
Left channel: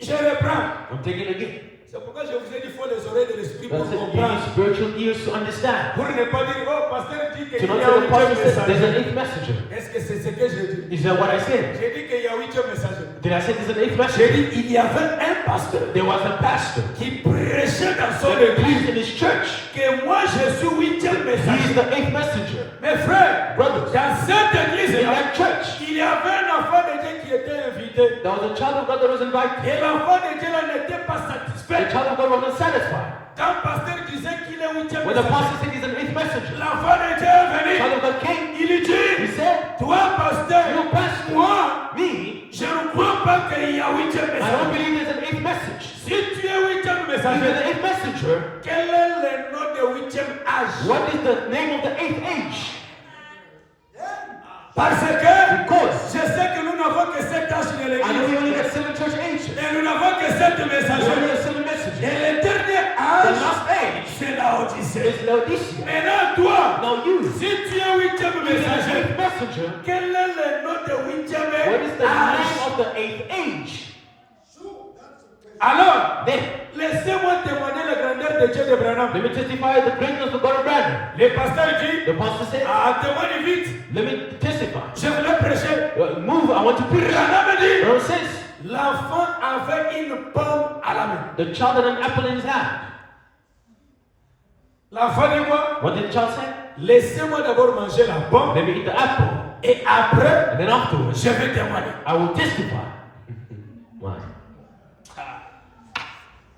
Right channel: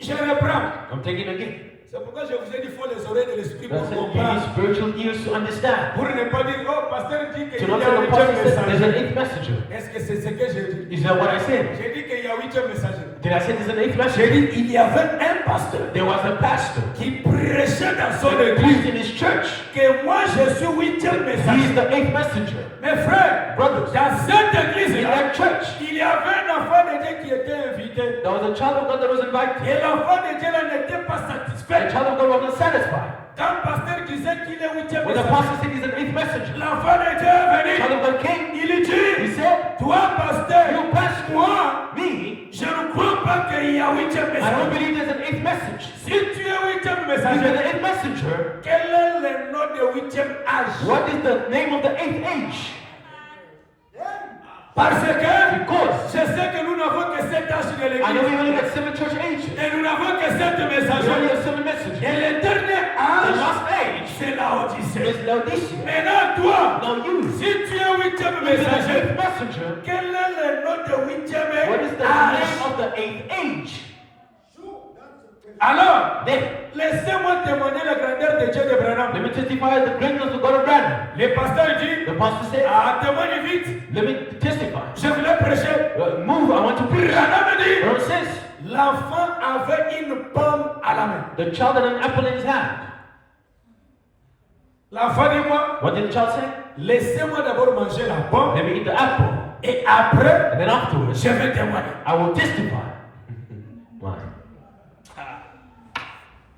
Je reprends. I'm taking it again. C'est pourquoi je vous ai dit qu'il faut les oreilles de l'esprit pour That's it. You comprendre. need spiritual ears to understand. Pour ne pas dire, oh, pasteur dit qu'il y To a not un say the pastor 8e said there's an messager. 8th messenger. Est-ce que c'est ce que j'ai dit? Is that what I said? J'ai dit qu'il y a 8e messager. Did I say there's an 8th J'ai messenger? dit il y avait un pasteur There was a pastor qui prêchait dans son that église preached in his church. que moi je suis 8e He is messager. the 8th messenger. Mes frères, Brothers, dans cette in église-là, that church, il y avait un enfant de Dieu qui était invité. there was a child of God that was invited. Et l'enfant de Dieu là n'était pas The satisfait. child of God wasn't satisfied. Quand le pasteur disait qu'il est 8e When the messager, pastor said he's an 8th messenger, l'enfant de Dieu est the venu. child of God came. Il dit, He said, toi pasteur, you pastor, moi, me, je ne crois pas qu'il y a 8e I don't messager. believe there's an 8th message. Si tu es 8e If you're messager, the 8th messenger, quel est le nom de 8e âge? what is the name of the 8th age? Parce que je sais que nous n'avons que 7 âges de I know we l'église. only got 7 church ages. Et nous n'avons que 7 There's only messagers. a 7 messengers. Et le dernier The âge, last age c'est la Odyssée. is Laodicea. Maintenant, toi, Now you, si tu es 8e the messager, 8th messenger, quel est le nom de 8e what is the âge? name of the 8th age? Alors, Then, laissez-moi témoigner la grandeur de Dieu de Branham. let me testify the greatness of God of Branham. Le pasteur dit, The pastor said, témoigne vite. let me testify. Je voulais prêcher. Move, I want to preach. Branham dit, Branham says, l'enfant avait une pomme à la main. the child had an apple in his hand. L'enfant dit quoi? What did the child say? Laissez-moi d'abord manger la pomme Let me eat the apple. et après, And then afterwards, je vais témoigner. I will testify. Why?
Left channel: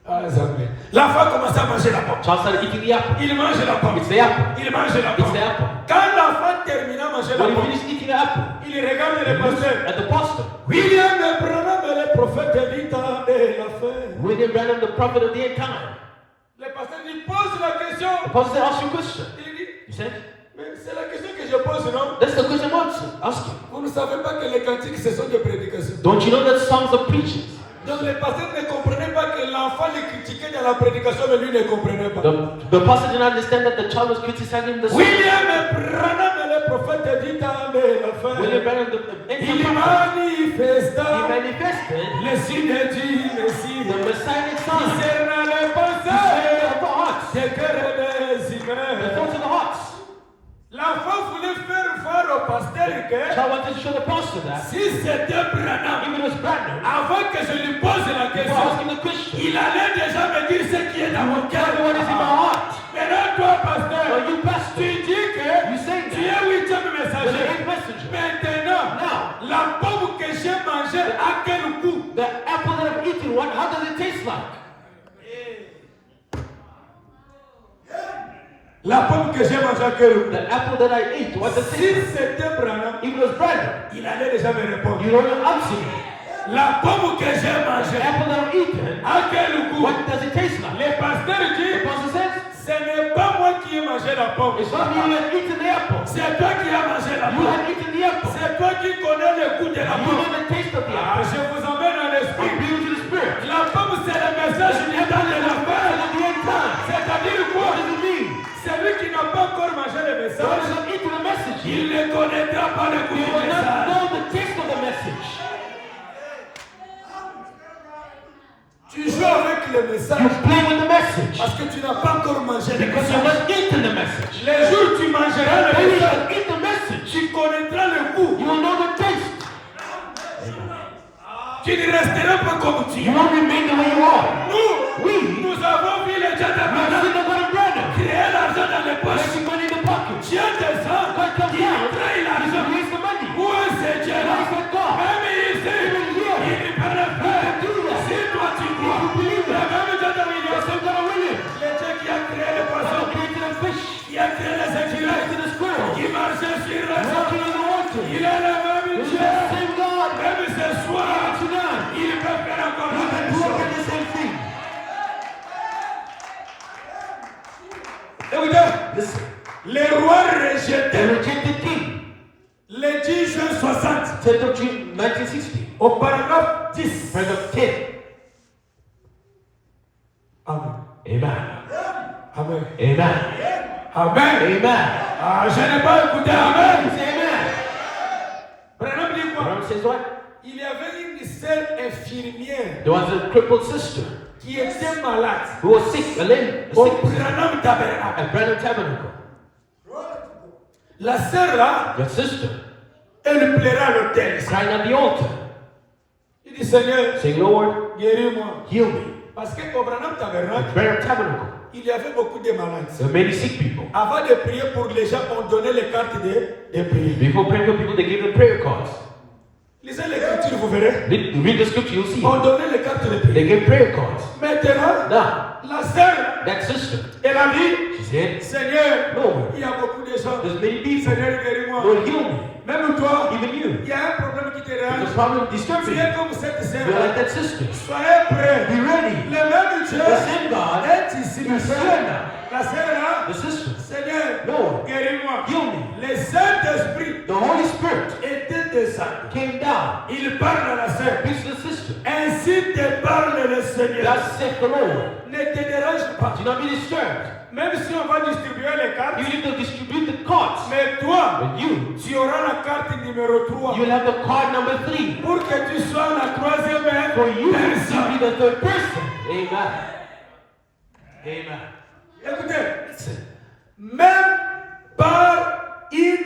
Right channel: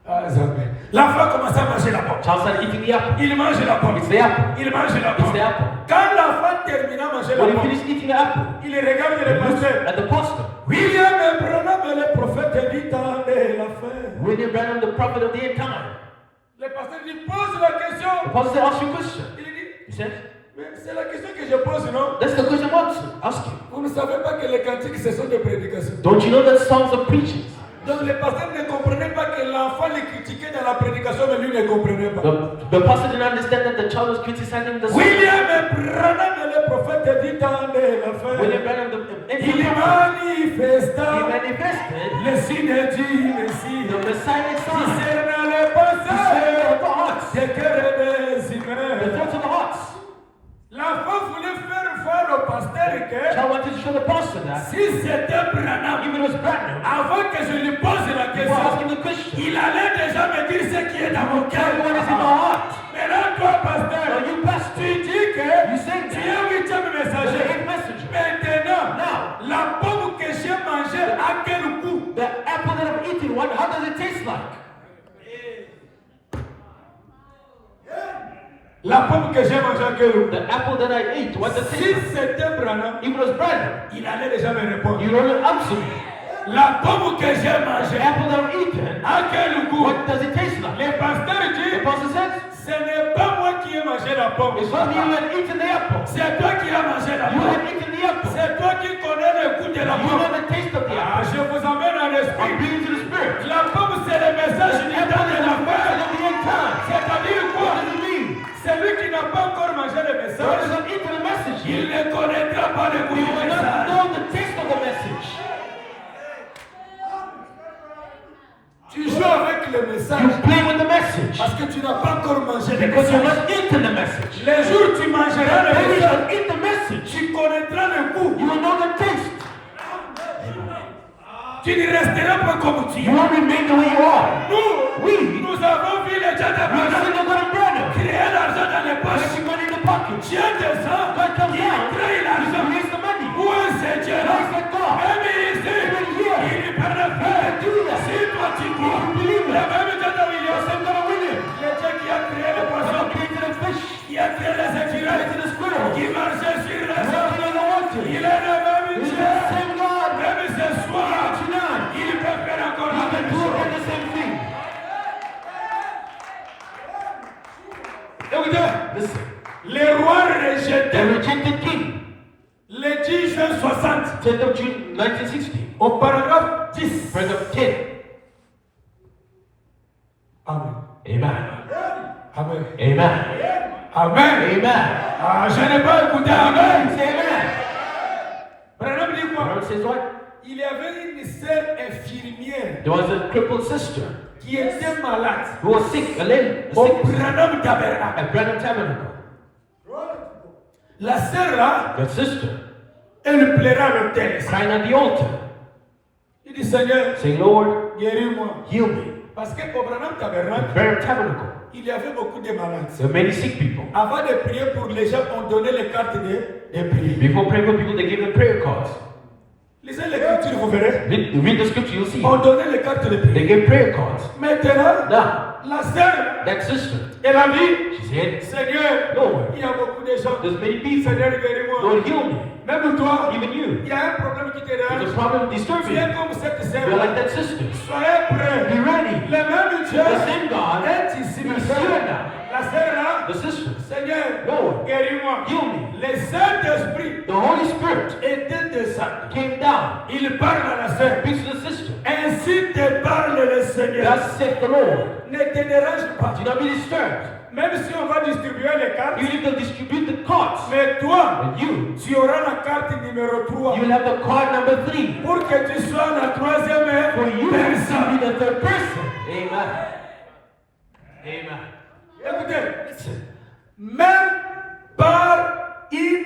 Ah, les amis. L'enfant commence à manger la pomme. Child started eating the apple. Il mange la pomme. It's the apple. Il mange la It's pomme. the apple. Quand l'enfant termine à manger la When he pomme, finished eating the apple, il regarde le pasteur. at the pastor, William Branham, le prophète du temps de la fin. William Branham, the prophet of the end time. Le pasteur lui pose la question. The pastor said, ask your question. Il dit, He said, mais c'est la question que je pose, non? that's the question I'm asking. Vous ne savez pas que les cantiques, ce sont des prédications. Don't you know that songs are preaching? Donc le pasteur ne comprenait pas que l'enfant le critiquait dans la prédication, mais lui ne comprenait pas. The pastor didn't understand that the child was criticizing the song. William Branham, le prophète du temps de la fin. William Branham, the Il prophet, manifesta he manifested le signe du Messie. the messianic sign. Discernant les He pensées said of the hearts, des cœurs et des the secrets. thoughts of the hearts. L'enfant voulait faire voir au pasteur que Child wanted to show the pastor that si c'était Branham, even it was Branham, avant que je lui pose la before question, asking the question, il allait déjà me dire ce qui est dans mon cœur. tell me what is in my heart. Maintenant, toi, pasteur, Now you pastor, tu dis que you say tu es 8e the messager. 8th messenger. Maintenant, Now, la pomme que j'ai mangée, à quel goût? the apple that I'm eating, how does it taste like? La pomme que j'ai mangée, à quel goût? The apple that I eat, what does it Si taste like? c'était Branham, If it was Branham, il allait déjà me répondre. you know your answer. La pomme que j'ai The mangée, apple that I'm eating, à quel goût? what does it taste like? Le pasteur The dit, pastor says, ce n'est pas moi qui ai mangé la pomme. it's not you that eaten the apple. C'est toi qui as mangé la You pomme. have eaten the apple. C'est toi qui connais le goût de la You know pomme. the taste of the Ah, apple. je vous emmène dans I'm l'esprit. bringing you to the spirit. La pomme, c'est le message du temps de la fin. At the end time. C'est-à-dire quoi? What does it mean? Celui qui n'a pas encore mangé le God message, has not eaten the message. il ne connaîtra pas le goût You du will not message. know the taste of the message. Tu joues avec le You message play with the message parce que tu n'as pas encore mangé le because you message. have not eaten the message. Les jours où tu mangeras le When you message, shall eat the message, tu connaîtras le goût. you will know the taste. Tu ne resteras pas comme tu You es. won't remain the way you are. Nous, nous avons vu les gens de We've Branham seen the God of Branham. créer l'argent dans les poches. Making money in the pocket. Dieu descend, God comes il down. crée back to the squirrel. qui marchait sur la Walking terre. on the water. Il est le même He's Dieu. the same God. Même ce soir, Tonight. il peut faire encore He la can même do chose. the same thing. Écoutez, Listen. les rois The rejetés, rejected king. les 10 juin 60, 10th of June 1960. au paragraphe 10. Paragraph 10. Amen. Amen. Amen. Amen. Amen. Amen. Ah, je n'ai pas écouté Amen. Say amen. Branham dit quoi? Abraham says what? Il y avait une sœur infirmière There was a crippled sister qui était malade who was sick, a lady, a au sick sister, Branham Tabernacle. at Brenham Tabernacle. La sœur là, That sister elle plairait à l'autel. crying at the altar, Il dit Seigneur, saying, Lord, guéris-moi. heal me. Parce qu'au Branham Tabernacle, At Brenham Tabernacle, il y avait beaucoup de malades. there were many sick people. Avant de prier pour les gens, on donnait les cartes de prière. Before praying for people, they gave them prayer cards. Lisez l'écriture, vous verrez. Read the scripture, you'll see. On donnait les cartes de prière. They gave prayer cards. Maintenant, Now, la sœur, that sister, elle a dit, she said, Seigneur, Lord, il y a beaucoup de gens. there's many people. Seigneur, guéris-moi. Lord, heal me. Même toi, Even you. il y a un problème qui te There's a dérange. problem disturbing Tu you. es comme cette You're sœur. like that sister. Soyez prêts. Be ready. Le même Dieu The same God est ici, is monsieur. here now. La sœur là, The sister, Seigneur, Lord, guéris-moi. heal me. Le Saint-Esprit The Holy Spirit était descendu. came down. Il parle à la sœur. Speaks to the sister. Ainsi te parle le Seigneur. Thus saith the Lord. Ne te dérange pas. Do not be disturbed. Même si on va distribuer les cartes, You need to distribute the cards. mais toi, And you, tu auras la carte numéro 3. you'll have the card number 3. Pour que tu sois la troisième For you to personne. be the third person. Amen. Amen. Écoutez, même par une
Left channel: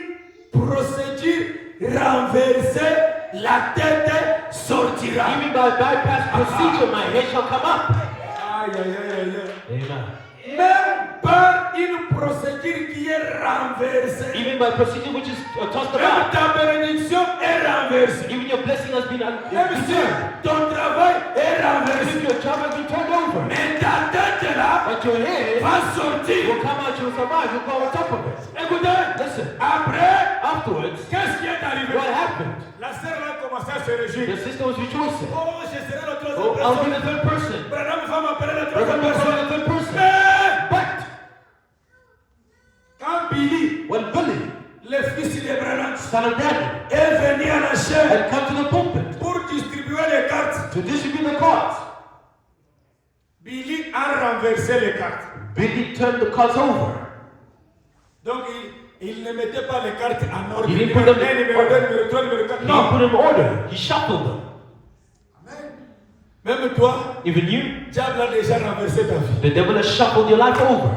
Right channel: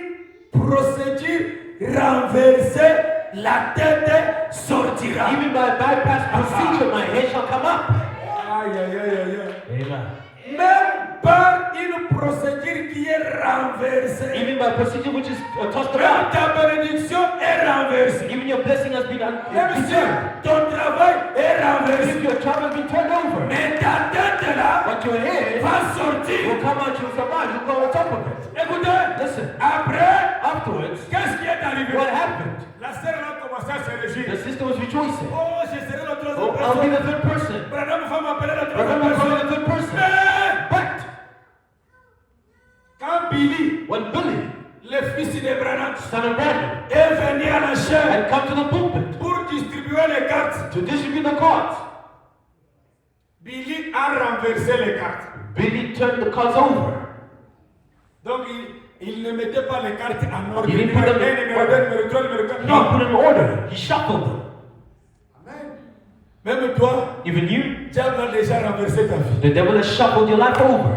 procédure renversée, la tête sortira. Even by bypass procedure, my head shall come up. Aïe, aïe, aïe, aïe. Amen. Même par une procédure qui est renversée. Even by procedure which is tossed Même about. ta bénédiction est renversée. Even your blessing has been Même si returned. ton travail est If renversé. your child has been turned over. Mais ta tête là But your head va sortir. will come out, you will survive, you'll go on top of it. Écoutez, Listen, après, afterwards, qu'est-ce qui est arrivé? what happened? La sœur là commençait à se réjouir. The sister was rejoicing. Oh, je serai la Oh, troisième I'll be personne. the third person. Branham va m'appeler la Brother, troisième I'm personne. the third person. Mais But quand Billy, when Billy, le fils de Branham, son of Branham, est venu à la chaîne had come to the pulpit pour distribuer les cartes, to distribute the cards, Billy a renversé les cartes. Billy turned the cards over. Donc il ne mettait pas les cartes en ordre. Il didn't Numéro put them 1, numéro 2, numéro 3, numéro 4. He Non. put them in order. He shuffled them. Même toi, Even you, diable a déjà renversé ta vie. the devil has shuffled your life over.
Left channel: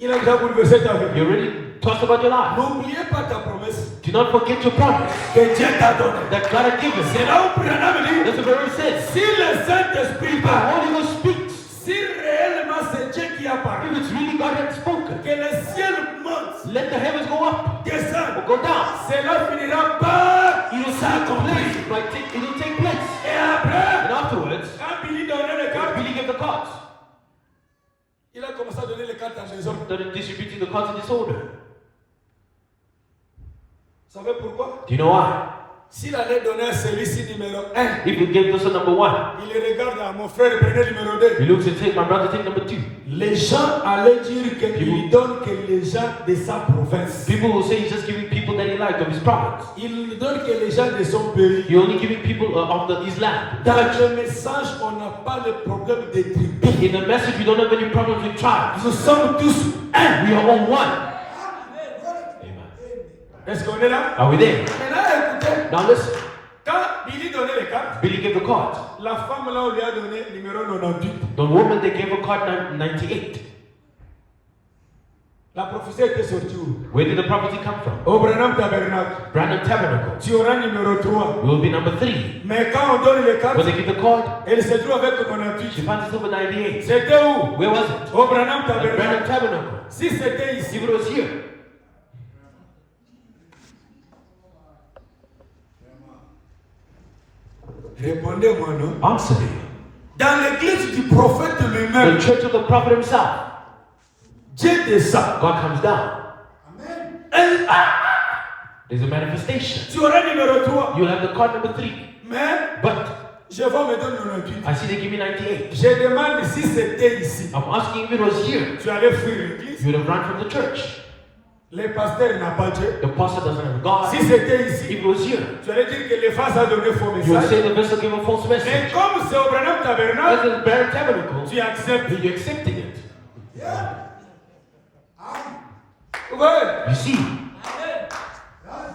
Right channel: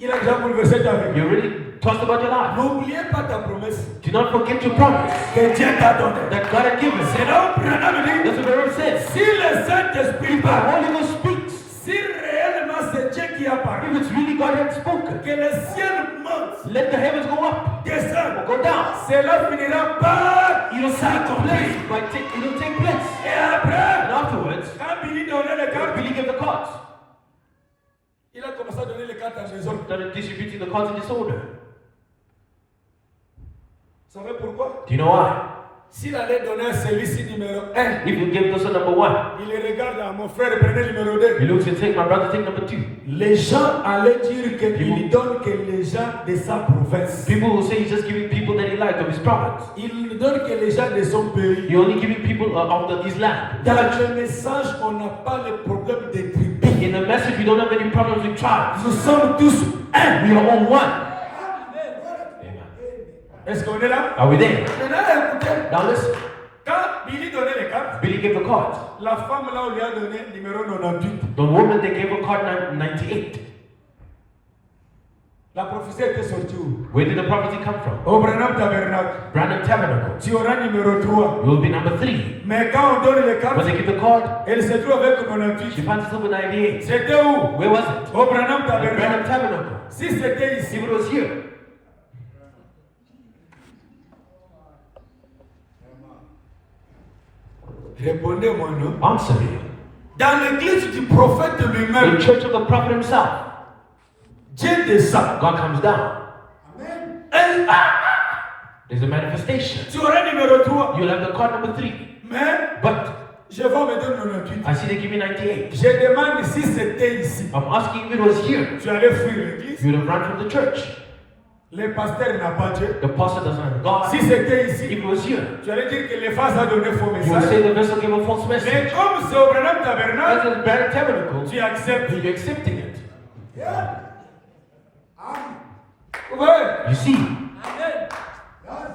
Il a déjà bouleversé ta vie. You already tossed about your life. N'oubliez pas ta promesse Do not forget your promise que Dieu t'a donnée. that God had given. C'est là où Branham dit, That's what the Lord says. si le Saint-Esprit If the parle, Holy Ghost speaks, si réellement c'est Dieu qui a parlé, if it's really God had spoken, que le ciel monte, let the heavens go up descend, or go down. cela finira par It'll s'accomplir. it'll take place. Et après, And afterwards, quand Billy donnait les cartes, Billy gave the cards. il a commencé à donner les cartes à désordre. Started distributing the cards in disorder. Vous savez pourquoi? Do you know why? S'il allait donner à celui-ci numéro 1, If you give this one number 1, il regarde à mon frère, prenez numéro 2. he looks and take my brother, take number 2. Les gens allaient dire qu'il donne que les gens de sa province. People will say he's just giving people that he liked of his province. Il ne donne que les gens de son pays. You're only giving people his land. Dans le message, on n'a pas le problème des tribus. In the message, we don't have any problems with tribes. Nous sommes tous un. We are all one. Est-ce qu'on est là? Are we there? Maintenant, écoutez. Now listen. Quand Billy donnait les cartes, Billy gave the cards. la femme là, on lui a donné numéro 98. The woman, they gave a card 98. La prophétie était sortie où? Where did the prophecy come from? Au Branham Tabernacle. Branham Tabernacle. Tu auras numéro 3. You will be number 3. Mais quand on donne les cartes, When they give the card, elle se trouve avec she 98. finds herself with 98. C'était où? Where was it? Au Branham At Branham Tabernacle. Tabernacle. Si c'était If ici, it was here, répondez-moi non. answer me. Dans l'église du prophète The lui-même, church of the prophet himself, Dieu descend. God comes down. There's a manifestation. Tu auras numéro 3. You'll have the card number 3. Mais But je vais me donner 98. I see they give me 98. Je demande si c'était ici. I'm asking if it was here. Tu allais fuir l'église. You would have run from the church. Le pasteur n'a pas Dieu. The pastor doesn't have God. Si c'était If ici, it was here, tu allais dire que l'Éphase a donné faux you would message. say the vessel gave a false Mais message. comme c'est au Branham As Tabernacle, a bare tabernacle, tu acceptes. you're accepting it. Ouais. You see,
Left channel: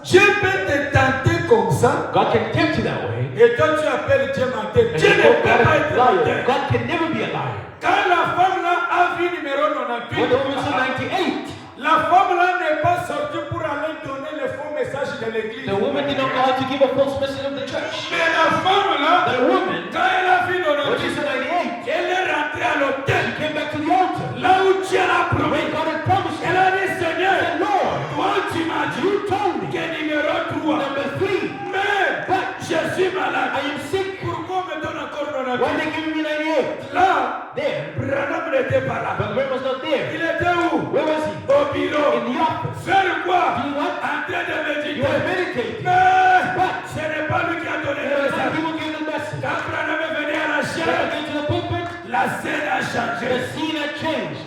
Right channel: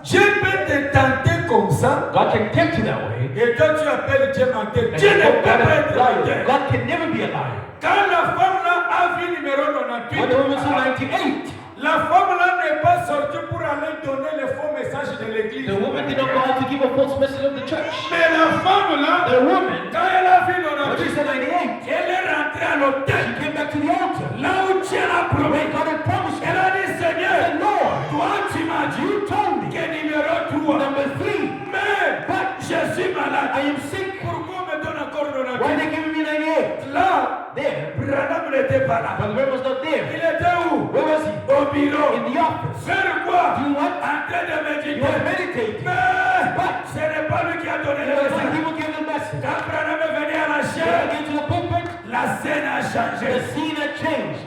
Dieu peut te tenter comme ça. God can tempt you that way. Et toi, tu appelles Dieu menteur. And Dieu you ne call peut God pas a être liar. menteur. God can never be a liar. Quand la femme là a vu numéro When the woman saw 98, 98, la femme là n'est pas sortie pour aller donner le faux message de l'église. the woman did not go out to give a false message of the church. Mais la femme là, The woman, quand elle a vu when she 98, saw 98, elle est rentrée à l'hôtel. she came back to the altar. Là où Dieu l'a promis. When God had promised Elle her, a dit, Seigneur, said, Lord, toi tu m'as dit, you told me, que numéro 3. number 3, Mais je suis malade. I am sick. Pourquoi on me donne encore Why 98? they giving me 98? Là, There. Branham n'était pas là. But where was not Il there? était où? Where was he? Au bureau. In the office. Faire quoi? Do you what? En train de You méditer. were meditating. Mais ce n'est pas lui qui a donné le There were some message. people gave the message. Quand Branham est venu à la When I chair, came to the pulpit, la scène a the changé. scene had changed.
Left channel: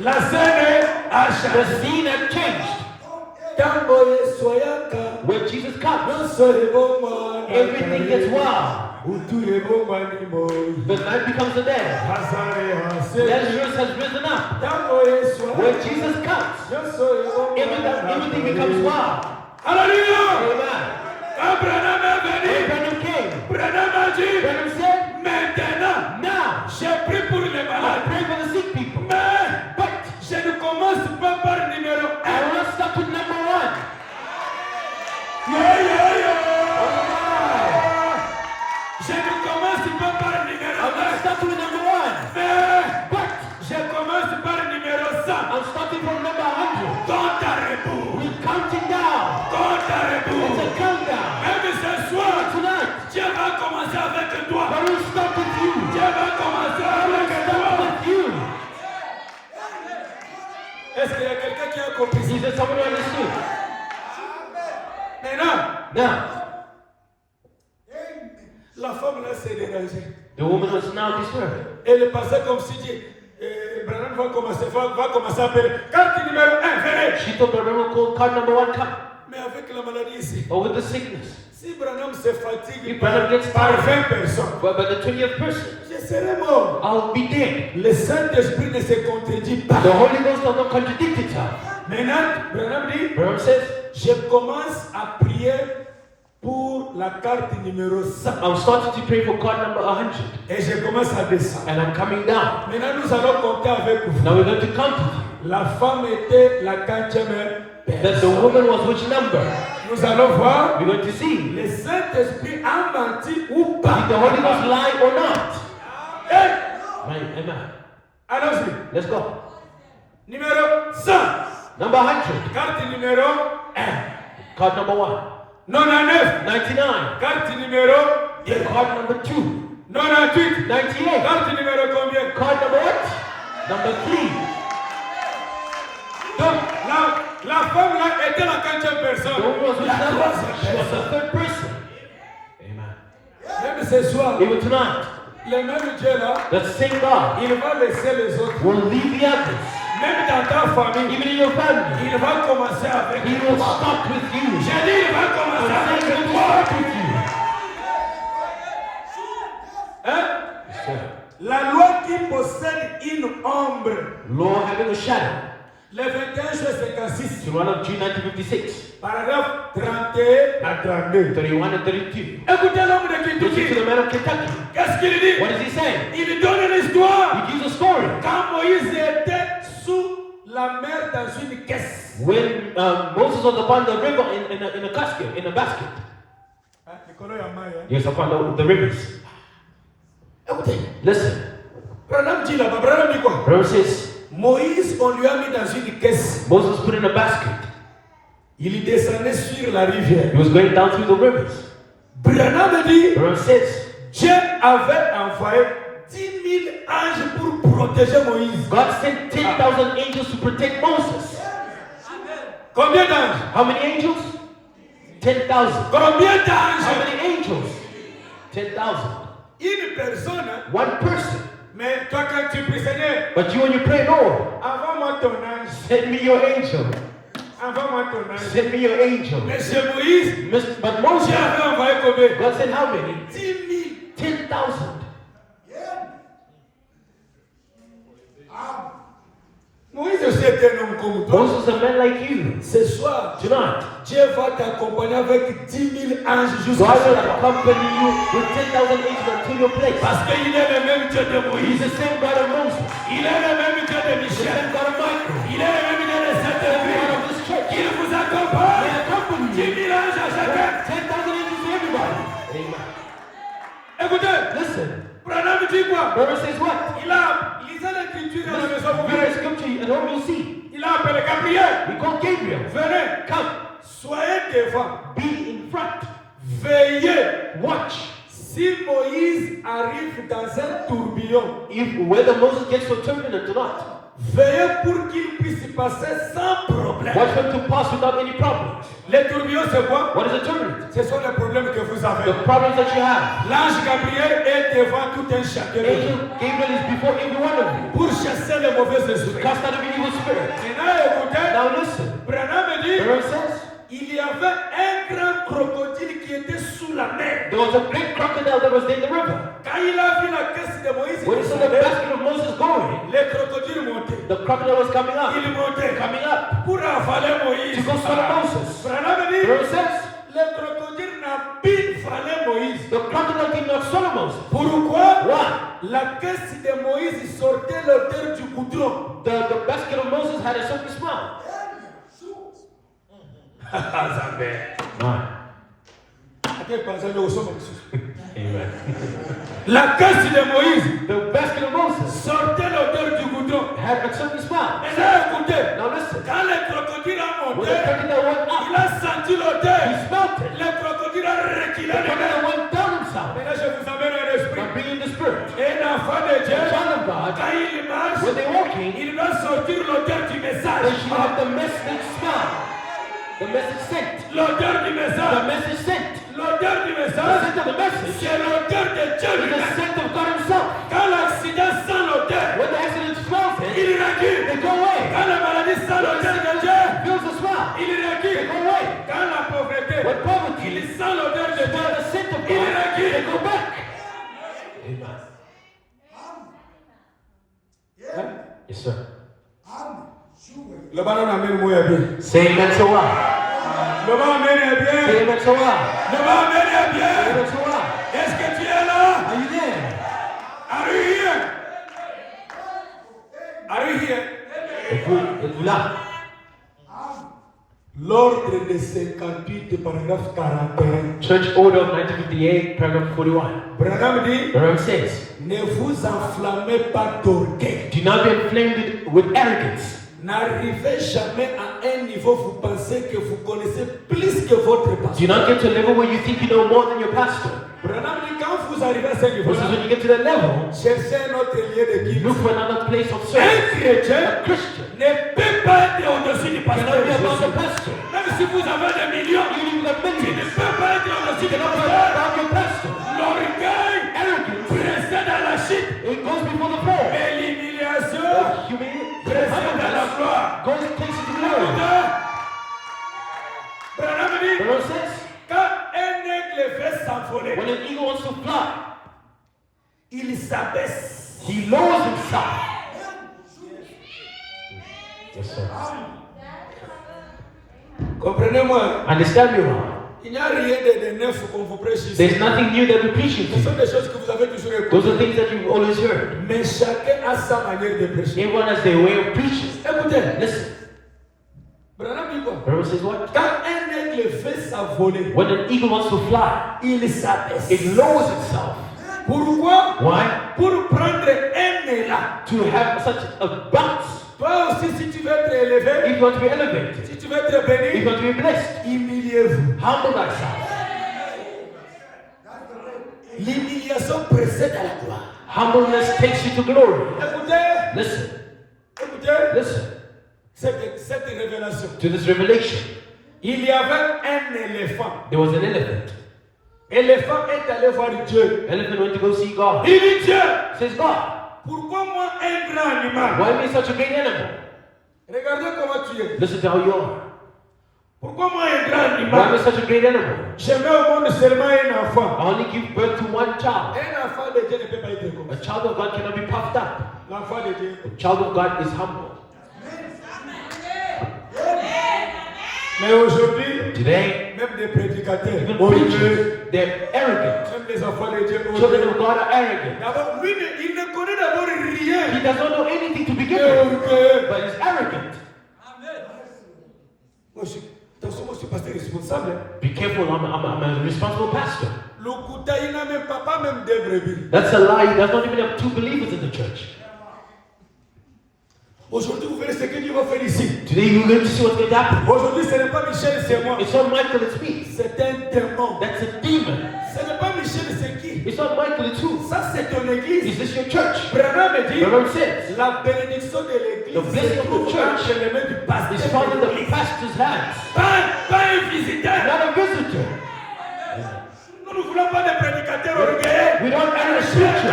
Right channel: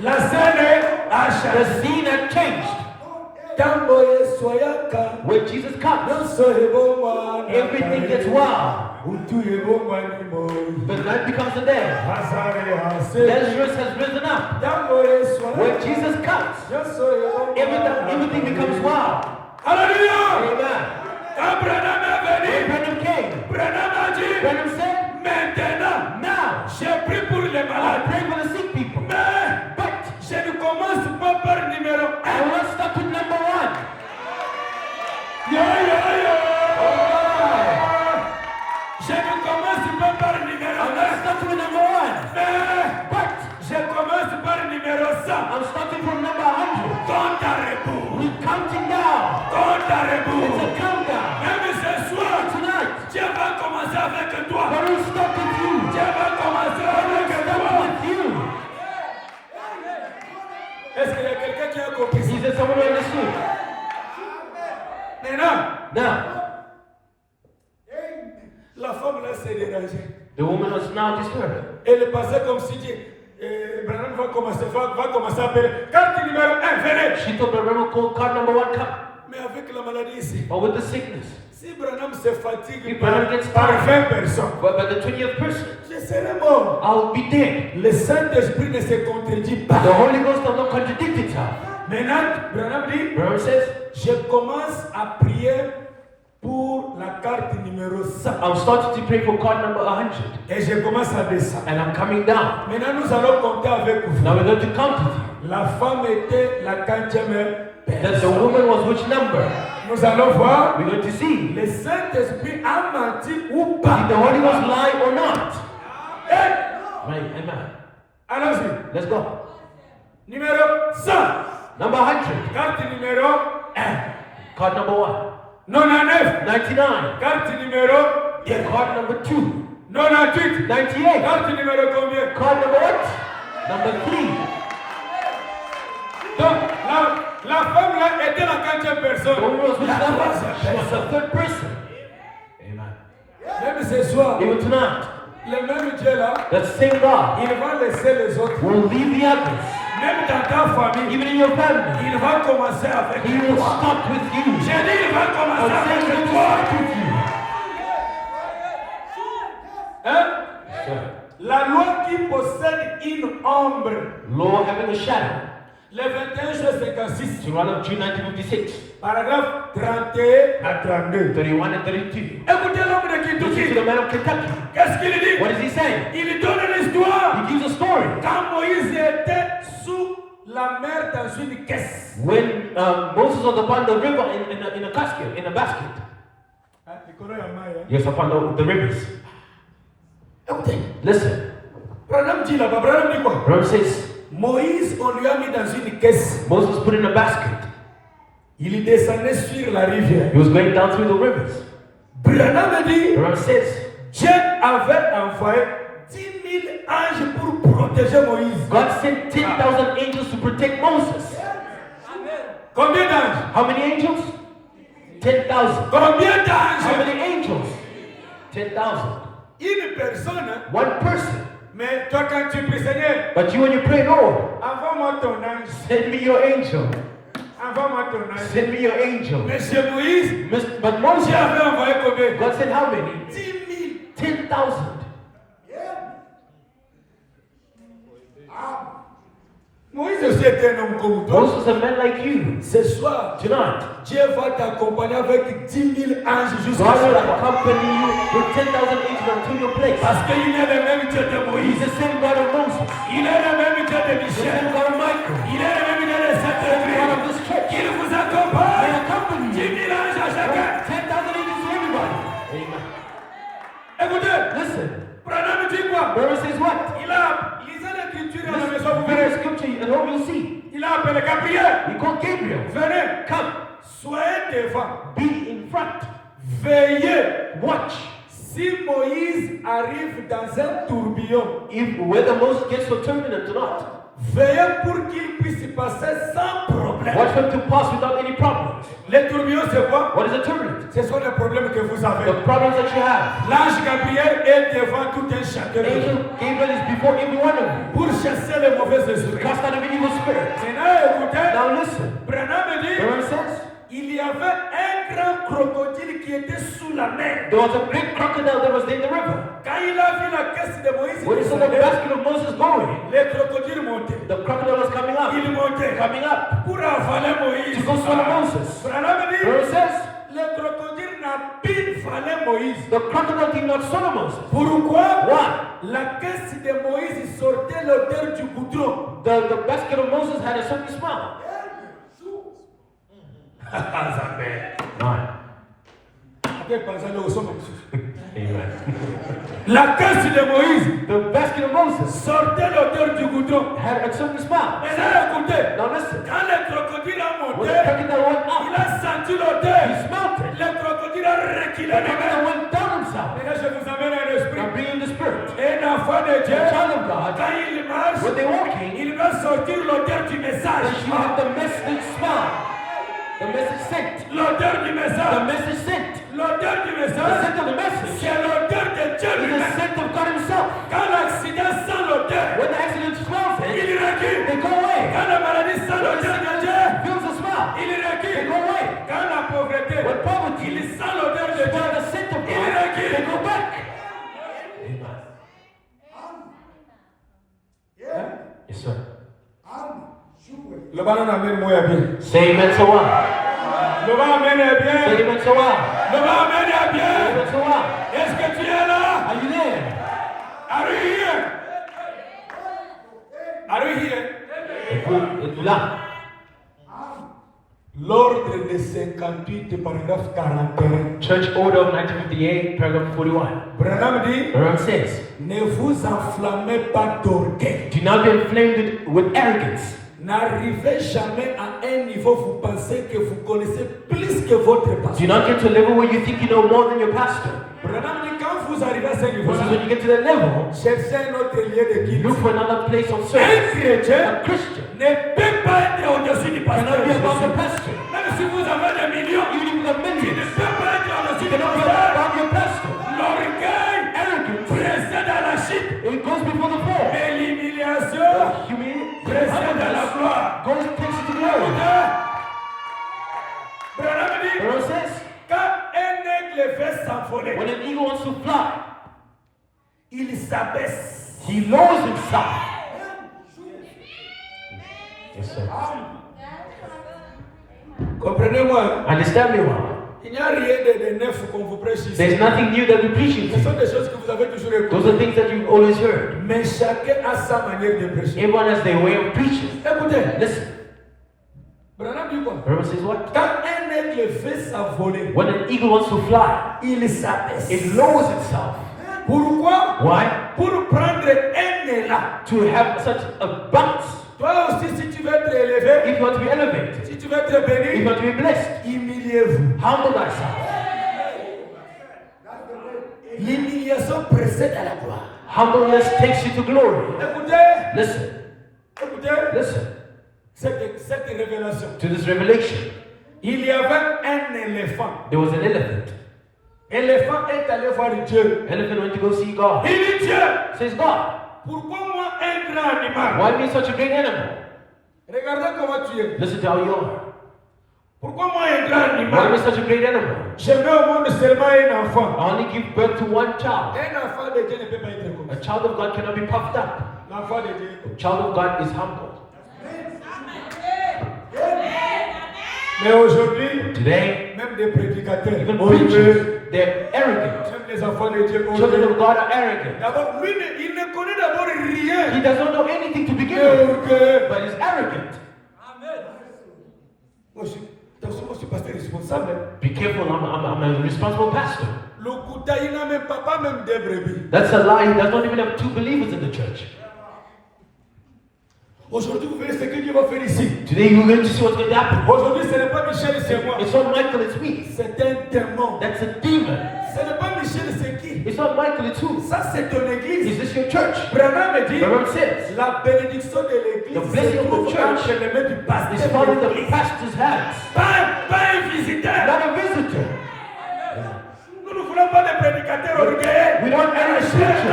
La scène a The changé. scene had changed. Tamboye soyaka. When Jesus comes, everything Everything gets wild. The night becomes the day. Lazarus has risen up. When Jesus comes, everything becomes wild. Alléluia! Amen. Quand Branham est When venu, Branham came, Branham a dit, Branham said, maintenant, now, j'ai pris pour les I malades. pray for the sick people. Mais But je ne commence pas par numéro 1. I will not stop with number 1. Je ne commence pas par numéro I'm not 1. starting with number 1. Mais But je commence par numéro 100. I'm starting from number 100. Compte à rebours. We're counting down. Compte à It's rebours. a countdown. Même ce soir, Tonight, Dieu va commencer avec toi. I will stop with you. Dieu va commencer I will avec stop toi. with you. Est-ce qu'il y a quelqu'un qui a compris ça? Is there someone who understood? Maintenant, Now, la femme là s'est dérangée. the woman was now disturbed. Elle passait comme si Branham va commencer à appeler. Carte numéro 1, venez. She told the Reverend called card number 1 come. Mais avec la maladie ici, But with the sickness, si Branham se fatigue If par, Branham gets par tired. 20 personnes, but by the 20th person, je serai mort. I'll be dead. Le Saint-Esprit ne se contredit pas. The Holy Ghost does not contradict itself. Maintenant, Branham dit, Branham says, je commence à prier pour la carte numéro 100. I'm starting to pray for card number 100. Et je commence à descendre. And I'm coming down. Maintenant, nous allons compter avec vous. Now we're going to count it. La femme était la 4e That the woman was which number? Nous allons voir. We're going to see. Le Saint-Esprit a menti ou Did pas. the Holy Ghost lie or not? Hey, Right, amen. allons-y. Let's go. Numéro 100. Number 100. Carte numéro 1. Card number 1. 99. 99. Carte numéro 2. Card number 2. 98. 98. Carte numéro combien? Card number what? Number 3. Donc, la femme là était la 4e personne. The woman was which La number? 3e She was personne. the 3rd person. Amen. Même ce soir, Even tonight, le même Dieu là, that same God il va laisser les autres. will leave the others. Même dans ta famille, Even in your family, il va commencer avec He will toi. stop with you. J'ai dit, il va I'm commencer saying He avec will toi. stop with you. Hein? La loi qui possède une ombre. Law of having a shadow. Le 21 juillet 56. So, of June 1956, Paragraphe 31 à 32. 31 and 32. Écoutez l'homme de Listen to Kentucky. the man of Kentucky. Qu'est-ce qu'il dit? What does he say? Il donne une histoire. He gives a story. Quand Moïse était sous la mer dans une caisse. When Moses was upon the river in a casket, in a basket. Yes, upon the rivers. Écoutez. Listen. Branham dit là-bas, Branham dit quoi? Branham says, Moïse, on lui a mis dans une caisse. Moses put in a basket. Il descendait sur la rivière. He was going down through the rivers. Branham dit, Branham says, Dieu avait envoyé 10 000 anges pour protéger Moïse. God sent 10,000 angels to protect Moses. Combien d'anges? How many angels? 10,000. Combien d'anges? How many angels? 10,000. Une personne. One person. Mais toi quand tu pries, Seigneur, But you when you pray, Lord, envoie-moi ton ange. send me your angel. Envoie-moi ton ange. Send me your angel. Mais chez Moïse, But Moses, Dieu avait envoyé combien? God said how many? 10 000. 10,000. Moïse aussi était un homme comme toi. Moses a man like you. Ce soir, Tonight, Dieu va t'accompagner avec 10 000 anges jusqu'à God will là-bas. accompany you with 10,000 angels unto your place. Parce qu'il est le même Dieu de He's Moïse. the same God of Moses. Il est le même Dieu de The Michel. same God of Michael. Il est le même Dieu de God Saint-Esprit. of this church. Il vous They accompagne. accompany 10 you. 000 anges à chacun. 10,000 angels to everybody. Amen. Écoutez, Listen, Branham dit quoi? Mary says what? Lisez l'écriture à la maison, vous Read the verrez. scripture and home you'll see. Il a appelé Gabriel. He called Gabriel. Venez, Come, soyez devant. be in front. Veillez. Watch. Si Moïse arrive dans un tourbillon, If whether Moses gets so turbulent or not, veillez pour qu'il puisse passer sans problème. watch him to pass without any problems. Les tourbillons, c'est quoi? What is a turbulent? Ce sont les problèmes que vous avez. The problems that you have. L'ange Gabriel est devant tout un château Angel Gabriel is before every one of you. pour chasser les mauvais esprits. Cast out every evil spirit. Maintenant, écoutez, Now listen. Branham dit, Mary says, il y avait un grand crocodile qui était sous la mer. there was a big crocodile that was in the river. Quand il a vu la caisse de Moïse, When he saw the basket of Moses going, les crocodiles montaient. the crocodile was coming up. Ils montaient Coming up. pour avaler Moïse. To go swallow Moses. Branham dit, Mary says, le crocodile n'a pu avaler Moïse. the crocodile did not swallow Moses. Pourquoi? Why? La caisse de Moïse sortait l'odeur du goudron. The basket of Moses had a certain smell. Nine. Amen. La caisse de Moïse The basket of Moses sortait l'odeur du goudron. had a certain smell. Maintenant, écoutez, Now listen. quand le crocodile a When monté, the crocodile went il up, a senti l'odeur. he smelled it. Le crocodile a reculé The les mains. crocodile went down himself. Maintenant, je vous amène un esprit. Now bring in the spirit. Un enfant de Dieu, A child of God, quand il marche, when they're walking, il doit sortir l'odeur du message. they should have the message smell. The message sent. L'odeur du The message. message sent. L'odeur du The message, scent of the message c'est l'odeur de Dieu is the lui-même. scent of God himself. Quand l'accident sent l'odeur, When the accident smells il it, recule. they go away. Quand la maladie sent l'odeur de Dieu, Feels the smell. il They recule. go away. Quand la pauvreté, When poverty il sent l'odeur de Dieu, smells the scent of il God, they recule. go back. Amen. Yes, sir. Le ballon amène moi bien. Say amen to what? Le ballon amène Say bien. amen to what? Le ballon amène bien. Amen to what? Est-ce que tu es là? Are you there? Are you here? Are you here? Es là. L'ordre de 58, paragraphe 41. Church Order of 1958, paragraph 41. Branham dit, Branham says, ne vous enflammez pas d'orgueil. do not be inflamed with arrogance. N'arrivez jamais à un niveau où vous pensez que vous connaissez plus que votre Do pasteur. not get to a level where you think you know more than your pastor. Branham dit, quand vous arrivez à ce niveau, Because when you get to that level, cherchez un autre lieu de guide. look for another place of Un service. chrétien A Christian ne peut pas être au-dessus du pasteur. cannot be above the Jésus. pastor. Même si vous avez des millions, Even if you have tu ne millions, peux pas être au-dessus you du cannot be pasteur. above your pastor. L'orgueil Arrogance, précède à la chute. it goes before the fall. Mais l'humiliation Humility précède à la gloire. goes takes you to glory. Branham dit, Branham says, quand un aigle veut s'envoler, when an eagle wants to fly, il s'abaisse. he lowers himself. Yes, sir. Comprenez-moi, Understand me well. il n'y a rien de neuf qu'on vous prêche ici. There's nothing new that we preach Ce to sont you. des choses que vous avez toujours Those are écoutées. things that you've always heard. Mais chacun a sa manière de prêcher. Everyone has their way of preaching. Écoutez, Listen, Branham dit quoi? Branham says what? Quand un aigle veut s'envoler, When an eagle wants to fly, il s'abaisse. it lowers itself. Pourquoi? Why? Pour prendre un élan. To have such a bounce. Toi aussi, si tu veux être élevé, If you want to be elevated, si tu veux être if you béni, want to be blessed, humiliez-vous. humble thyself. L'humiliation précède à la gloire. Humbleness takes you to glory. Écoutez, Listen, écoutez, listen. c'est cette révélation. To this revelation. Il y avait un éléphant. There was an elephant. L'éléphant est allé voir Dieu. Elephant went to go see God. Il dit Dieu, Says God, pourquoi moi un grand animal? why me such a great animal? Regardez comment tu es. Listen to how you are. Pourquoi moi un grand Why animal? me such a great animal? Je mets au monde seulement un enfant. I only give birth to one child. Un enfant de Dieu ne peut pas être comme A ça. child of God cannot be puffed up. L'enfant de Dieu. A child of God is humble. Mais aujourd'hui, Today, même des prédicateurs, even orgueilleux, preachers, they're arrogant. même les enfants de Dieu, Children orgueilleux. of God are arrogant. D'abord, lui, il ne connaît d'abord rien. He does not know anything to begin Mais with, orgueilleux. but he's arrogant. Attention, moi je suis pasteur responsable. Be careful, I'm a responsible pastor. Le Kouta, il n'a même pas même deux brebis. That's a lie. He does not even have 2 believers in the church. Aujourd'hui, vous verrez ce que Dieu va faire ici. Today, you're going to see what's going to happen. Aujourd'hui, ce n'est pas Michel, c'est moi. It's not Michael, it's me. C'est un démon. That's a demon. Ce n'est pas Michel, c'est qui? It's not Michael, it's who? Ça, c'est ton église. Is this your church? Branham me dit, Branham says, la bénédiction de l'église The blessing of the se trouve church entre les mains du it's pasteur. found in de the l'église. pastor's hands, Pas un visiteur. not a visitor. Nous ne voulons pas de prédicateurs orgueilleux. We don't have preachers.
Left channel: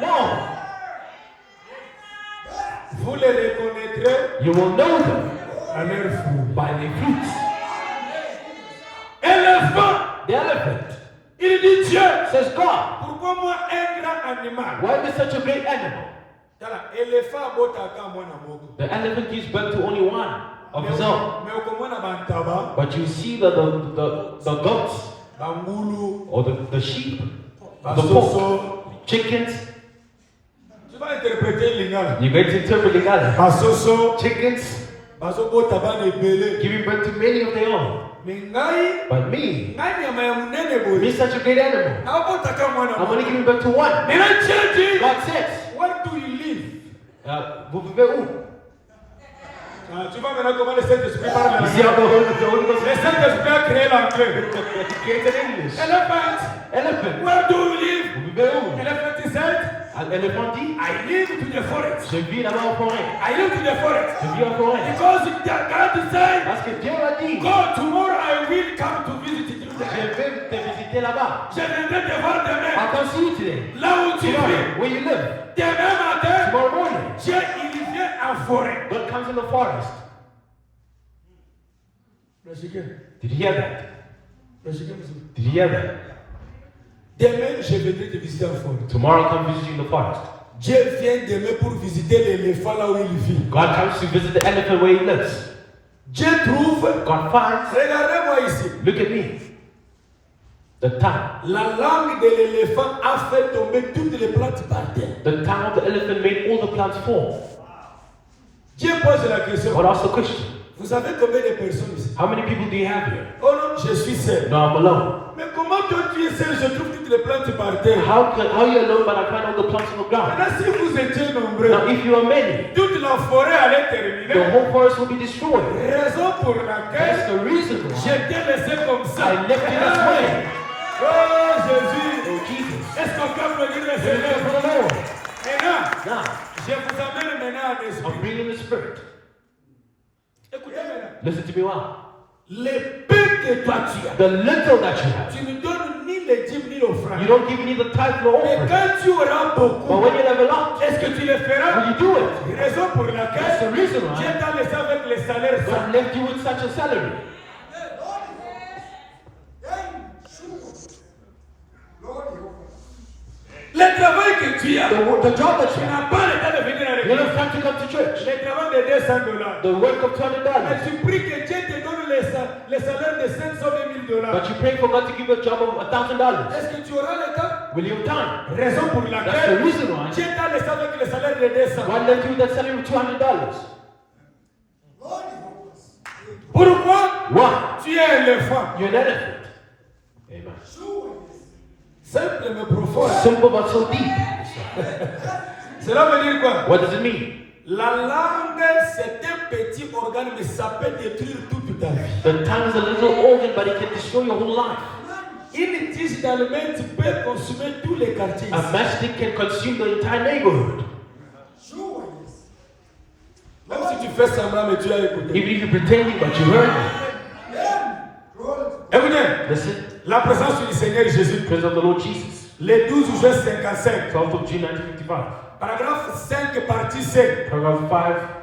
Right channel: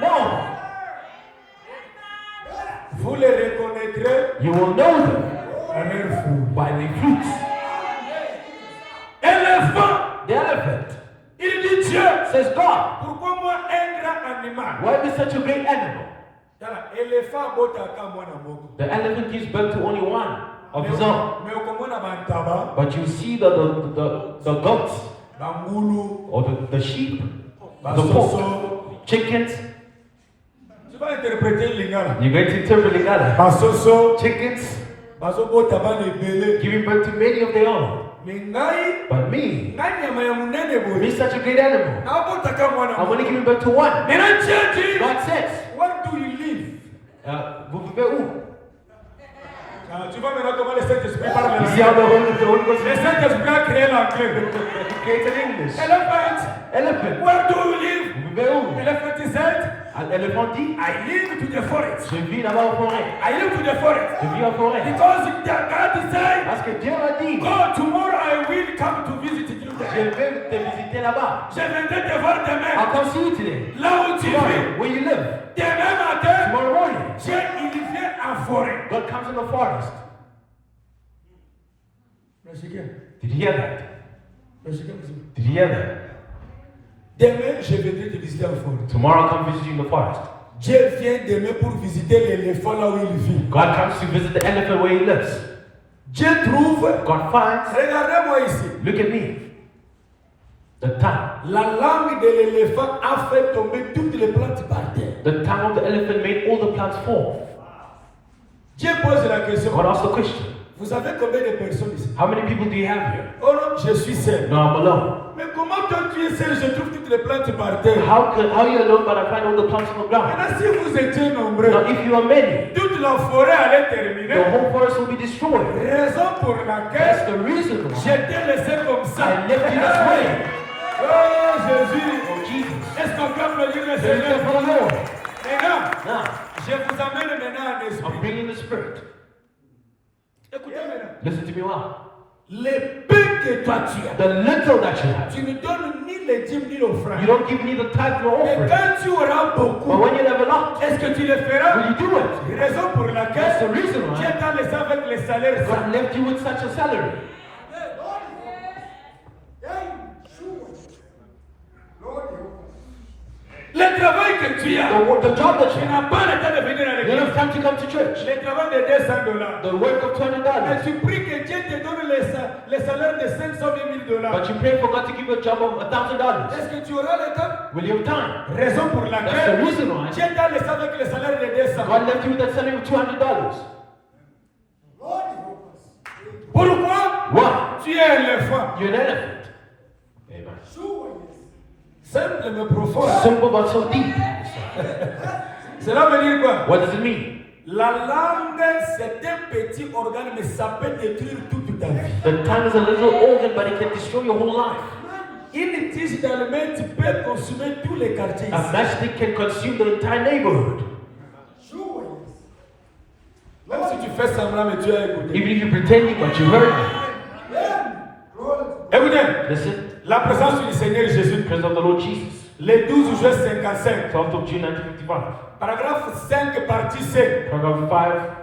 No. Vous les reconnaîtrez You will know them à leur fruit. by their fruits. Éléphant, The elephant il dit Dieu, says, God, pourquoi moi un grand animal? why be such a great animal? Éléphant botaka mwana moko. The elephant gives birth to only one of his own. Mais okomona bantaba, But you see the goats bangulu, or the sheep, the basoso. pork, chickens. Tu vas interpréter lingala. You're going to interpret the other. Basoso, Chickens bazobota bana ebele. giving birth to many of their own. Mingai, But me, ngai nyama ya munene boye. me such a great animal. Na botaka mwana I'm only moko. giving birth to one. Maintenant Dieu dit, God says, where do you live? vous vivez où? Tu vois maintenant comment le Saint-Esprit parle You see how maintenant. the Holy Ghost Le Saint-Esprit a créé l'anglais. created English. Elephant, Elephant. where do you live? Vous vivez où? Elephant is said, L'éléphant dit, I live to the forest. je vis là-bas en forêt. I live to the forest. Je vis en forêt. Because God said, Parce que Dieu a dit, go tomorrow I will come to visit you. je vais te visiter là-bas. Je viendrai te voir demain. I'll come see you today. Là où tu vis. Tomorrow, where you live. Demain matin, Tomorrow morning, Dieu il vient en forêt. God comes in the forest. Did you hear that? Did you hear that? Demain, je viendrai te visiter en forêt. Tomorrow I'll come visit you in the forest. Dieu vient demain pour visiter l'éléphant là où il vit. God comes to visit the elephant where he lives. Dieu trouve. God finds, Regardez-moi ici. look at me, the tongue. La langue de l'éléphant a fait tomber toutes les plantes par terre. The tongue of the elephant made all the plants fall. Dieu pose la question. God asked the question, Vous savez combien de personnes ici? how many people do you have here? Oh non, je suis seul. No, I'm alone. Mais comment toi tu es seul, je trouve toutes les plantes par terre? How are you alone but I find all the plants on the ground? Maintenant, si vous étiez nombreux, Now if you are many, toute la forêt allait the terminer. whole forest will be destroyed. Raison pour That's laquelle the reason why j'étais laissé comme ça. I left you this way. Oh Jésus, Oh Jesus. est-ce qu'on peut applaudir le Praise Seigneur? God for the Lord. Maintenant, Now, je vous amène maintenant en I'm esprit. bringing the spirit. Écoutez maintenant. Listen to me well. Les peu que toi tu as, The little that you have, tu ne donnes ni les dîmes ni l'offrande. you don't give neither tithe nor Mais offering. quand tu auras But beaucoup, when you have a lot, est-ce que tu le feras? will you do it? Raison pour That's the laquelle reason Dieu why t'a laissé avec les salaires. God left you with such a salary. Le travail que tu as, The job that tu you have, n'as pas le temps de venir à you l'église. don't have to come to church. Le travail de $200. The work of $20. Mais tu pries que Dieu te donne les salaires de $500 000. But you pray for God to give you a job of $1,000. Est-ce que tu auras le temps? Will you have time? Raison pour That's the laquelle reason why Dieu t'a laissé avec les salaires de 200. God left you with that salary of $200. Pourquoi? Why? Tu es un éléphant. You're an elephant. Amen. Simple mais profond. Simple but so deep. Cela veut dire quoi? What does it mean? La langue, c'est un petit organe, mais ça peut détruire toute ta vie. The tongue is a little organ, but it can destroy your whole life. Une tige d'allumette peut consumer tous les quartiers. A matchstick can consume the entire neighborhood. Même si tu fais semblant, mais tu as écouté. Even if you're pretending, but you heard me. Écoutez, Listen, la présence du Seigneur Jésus, praise of the Lord Jesus. le 12 juin 55, 12th of June 1955. paragraphe 5, partie C. Paragraph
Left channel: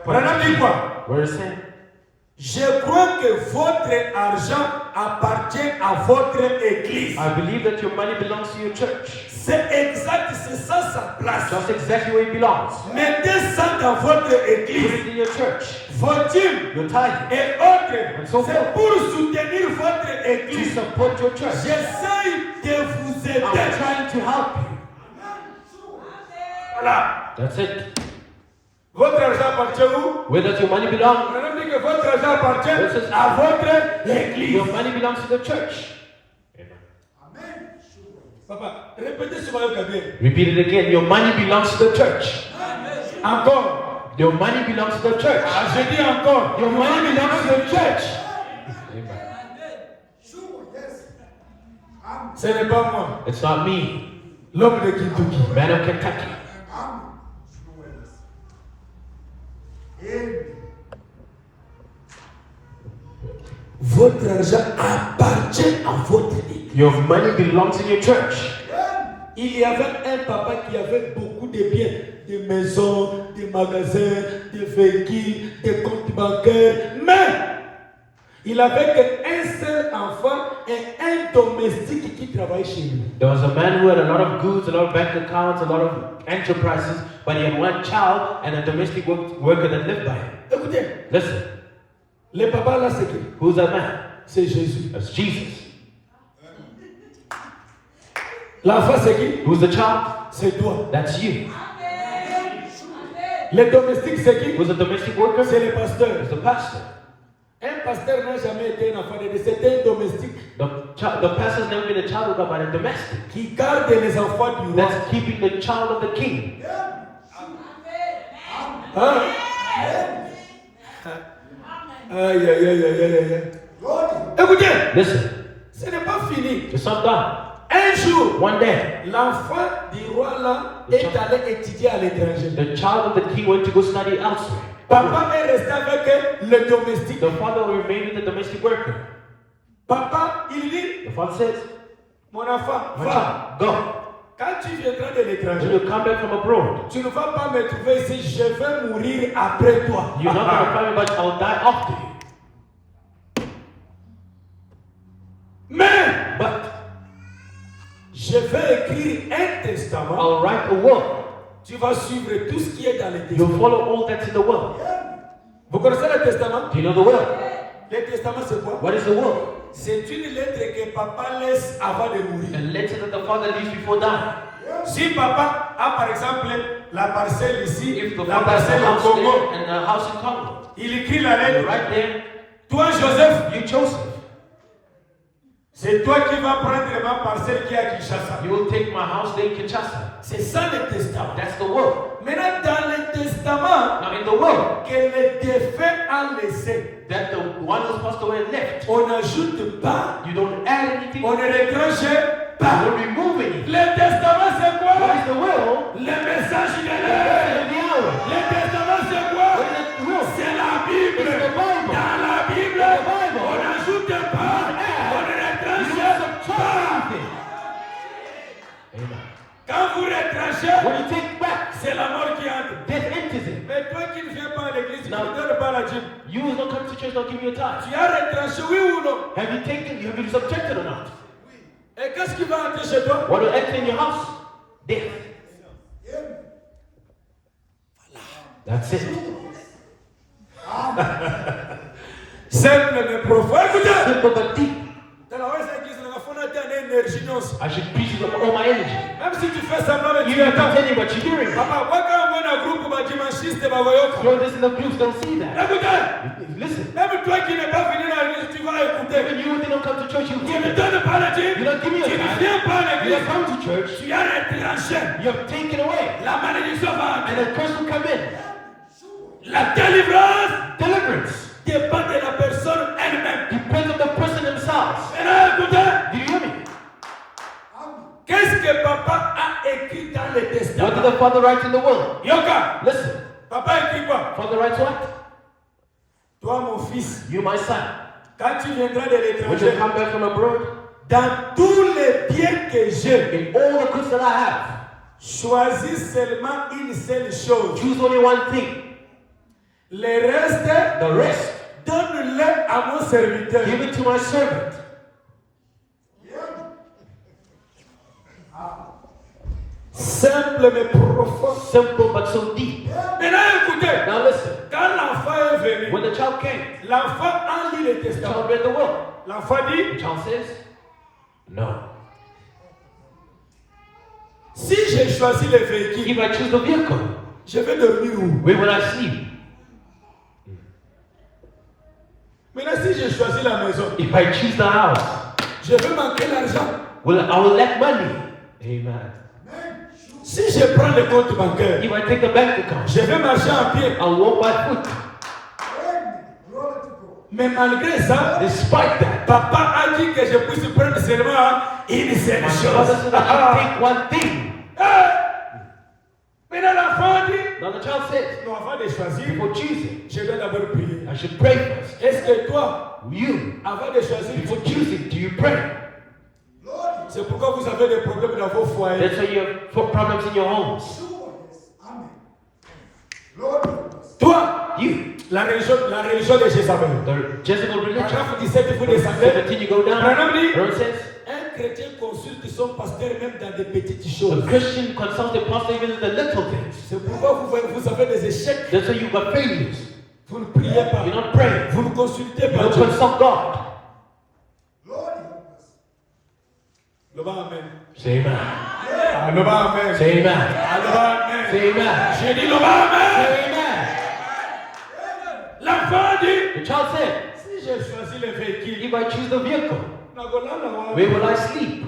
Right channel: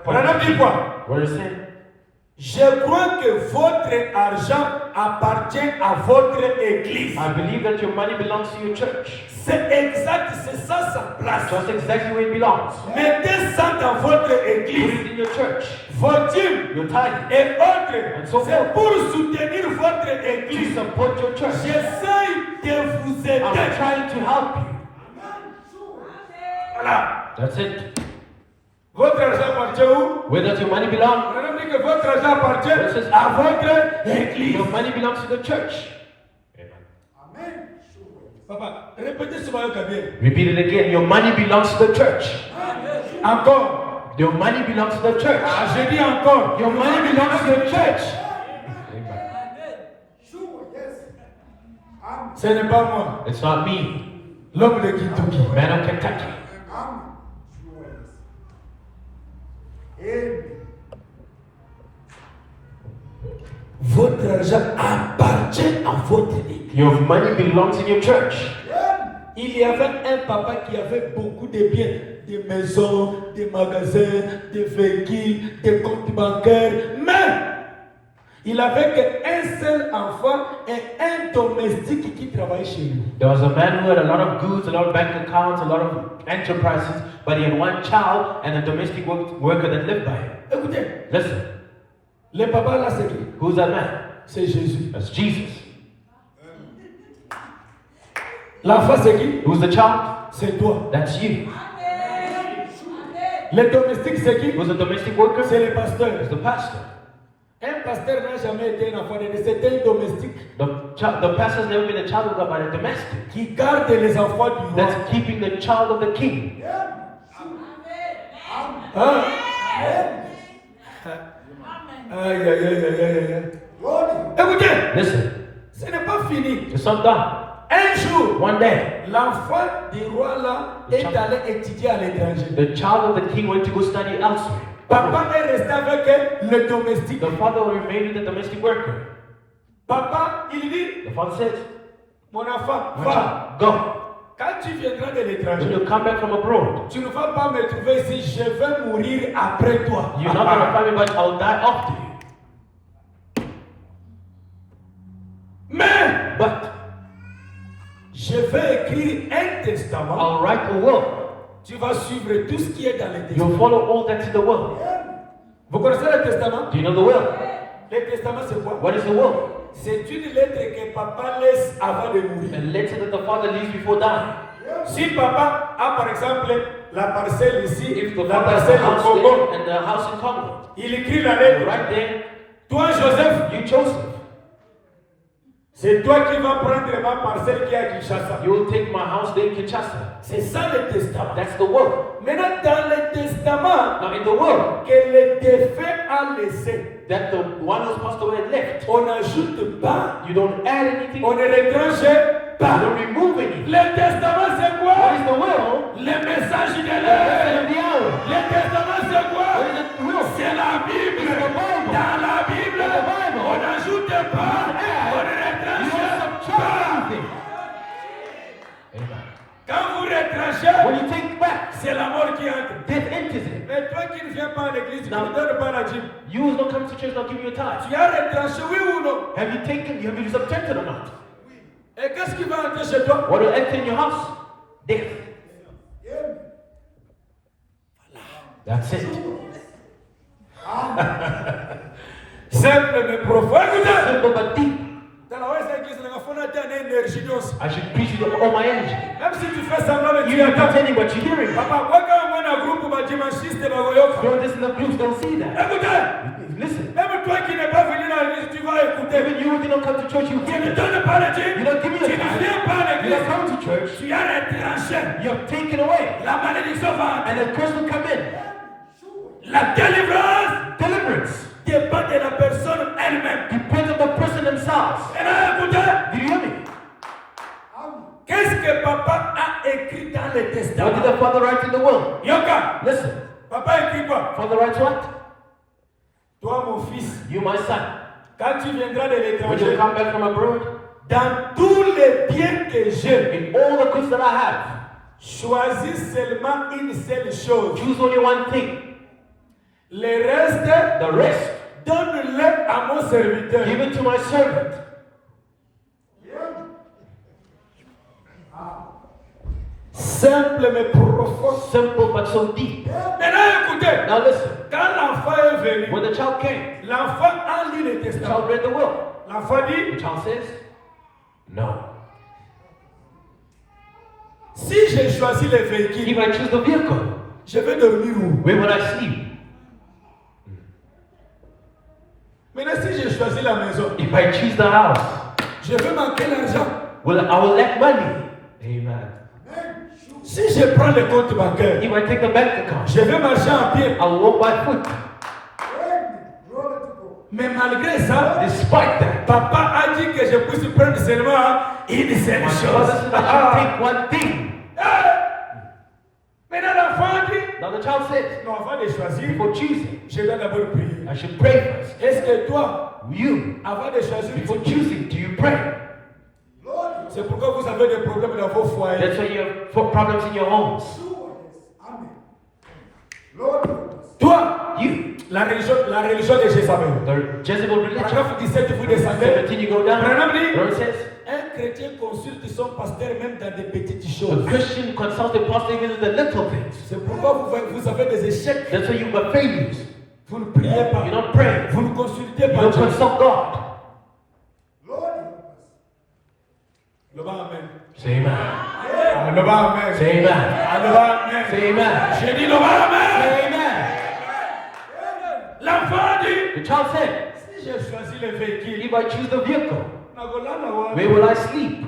5. Madame dit quoi? Where is it? Je crois que votre argent appartient à votre église. I believe that your money belongs to your church. C'est exact, c'est ça sa place. That's exactly where it belongs. Mettez ça dans votre Put it église. in your church. Vos dîmes Your tithe. et autres, c'est pour soutenir votre To église. support your church. J'essaie de vous I'm aider. trying to help you. Voilà. That's it. Votre argent appartient où? Where does your money belong? On a dit que votre argent appartient It says, à votre église. your money belongs to the church. Papa, répétez ce maillot bien. Repeat it again. Your money belongs to the church. Encore. Your money belongs to the church. Ah, je dis encore. Your money belongs to the church. Ce n'est pas moi, It's not me, l'homme de Kentucky. man of Kentucky. Votre argent appartient à votre église. Your money belongs in your church. Il y avait un papa qui avait beaucoup de biens, des maisons, des magasins, des véhicules, des comptes bancaires, mais il avait qu'un seul enfant et un domestique qui travaillait chez lui. There was a man who had a lot of goods, a lot of bank accounts, a lot of enterprises, but he had one child and a domestic worker that lived by him. Écoutez, Listen, le papa là c'est qui? who's that man? C'est Jésus. That's Jesus. L'enfant c'est qui? Who's the child? C'est toi. That's you. Le domestique c'est qui? Who's the domestic worker? C'est le pasteur. It's the pastor. Un pasteur n'a jamais été un enfant de Dieu, c'est un domestique The pastor's never been a child of God, but a domestic. qui garde les enfants du roi. That's keeping the child of the king. Hein? Aïe, aïe, aïe, aïe, aïe, aïe. Écoutez, Listen, ce n'est pas fini. it's not done. Un jour, One day, l'enfant du roi là est allé étudier à l'étranger. the child of the king went to go study elsewhere. Papa est resté avec le domestique. The father remained with the domestic worker. Papa, il dit, The father says, mon enfant, "My va. child, go. Quand tu viendras de When l'étranger, you come back from abroad, tu ne vas pas me trouver ici, je vais mourir après toi. you're not going to find me, but I'll die after you. Mais, But je vais écrire un testament. I'll write a will. Tu vas suivre tout ce qui est dans le You'll testament. follow all that's in the will." Vous connaissez le testament? Do you know the will? Le testament, c'est quoi? What is the will? C'est une lettre que papa laisse avant de A mourir. letter that the father leaves before dying. Si papa a par exemple la parcelle ici, If the la father has a parcelle au house Congo, there and a house in Congo, il écrit la lettre. right there, Toi, Joseph, you Joseph, c'est toi qui vas prendre ma parcelle qui est à Kinshasa. you will take my house there in Kinshasa. C'est ça le testament. That's the will. Maintenant, dans le testament Now in the will, que le défunt a laissé, that the one who's passed away left, on n'ajoute pas, you don't add anything, on you ne retranche pas. don't remove anything. Le testament, c'est What quoi? is the will? Le message de The l'air. message of the hour. Le testament, c'est quoi? What is the will? C'est la Bible. It's the Bible. Dans la Bible, The Bible. on n'ajoute pas, on ne You retranche don't subtract pas. anything. Amen. Quand vous retranchez, When you take back, c'est la mort qui entre. death enters in. Mais toi qui ne viens pas à l'église, tu Non. ne donnes pas la dîme. You who don't come to church, don't give you a tithe. Tu as retranché, oui ou non? Have you subjected or not? Et qu'est-ce qui va entrer chez toi? What will enter in your house? Death. That's it. Simple mais profond. Écoutez, Simple but deep. dans la reste église, il faut donner une énergie. I should preach with all my energy. Même si tu fais semblant, mais tu You're not entends. pretending what you're hearing. Papa, moi quand on a un groupe, ma dimanchiste, ma voyoka. Throw this in the groups, don't see that. Écoutez, Listen. même toi qui n'es pas venu dans l'église, tu vas écouter. Even you who don't come to church, you Tu hear ne it. donnes pas la dîme. You don't give me a Tu ne tithe. viens pas à You l'église. don't come to church. Tu as retranché. You're taken away. La malédiction va And entrer. the curse will come in. La délivrance Deliverance dépend de la personne elle-même. depends on the person themselves. Maintenant, écoutez, Do you hear me? qu'est-ce que papa a écrit dans le What did testament? the father write in the will? Yoka, Listen. papa écrit quoi? Father writes what? Toi, mon fils, You, my son, quand tu viendras de when you l'étranger, come back from abroad, dans tous les biens que j'ai, in all the goods that I have, choisis seulement une seule chose. choose only one thing. Le reste, The rest, donne-le à mon serviteur. give it to my servant. Simple mais profond. Simple but so deep. Maintenant, écoutez. Now listen, Quand l'enfant est venu, when the child came, l'enfant a lu le the testament. child read the will. L'enfant dit, The child says, no. si j'ai choisi le véhicule, If I choose the vehicle, je vais dormir où? where will I sleep? Maintenant, si j'ai choisi la maison, If I choose the house, je vais manquer l'argent. I will lack money. Amen. Si je prends le compte bancaire, If I take the bank account, je vais marcher en pied. I will walk by foot. Mais malgré ça, Despite that, papa a dit que je puisse prendre seulement une seule my chose. father said I should take one thing. Maintenant, l'enfant dit, Now the child says, non, avant de choisir, before choosing, je dois d'abord prier. I should pray first. Est-ce que toi, You, avant de choisir, before choosing, do you pray? c'est pourquoi vous avez des problèmes dans vos foyers. That's why you have problems in your homes. Toi, You, la religion de Jézabel. the Jezebel religion. Paragraphe 17, vous descendez. 17, you go down. Branham dit, Where it says, un chrétien consulte son pasteur même dans des petites a choses. Christian consults the pastor even in the little things. C'est pourquoi vous avez des échecs. That's why you got failures. Vous ne priez pas. You don't pray. Vous ne consultez You pas don't Dieu. consult God. Le bas amen. Say amen. Ah, le bas amen. Say amen. Ah, le bas amen. Say amen. J'ai dit le bas amen. Say amen. L'enfant dit, The child said, si j'ai choisi le véhicule, if I choose the vehicle, where where will I sleep?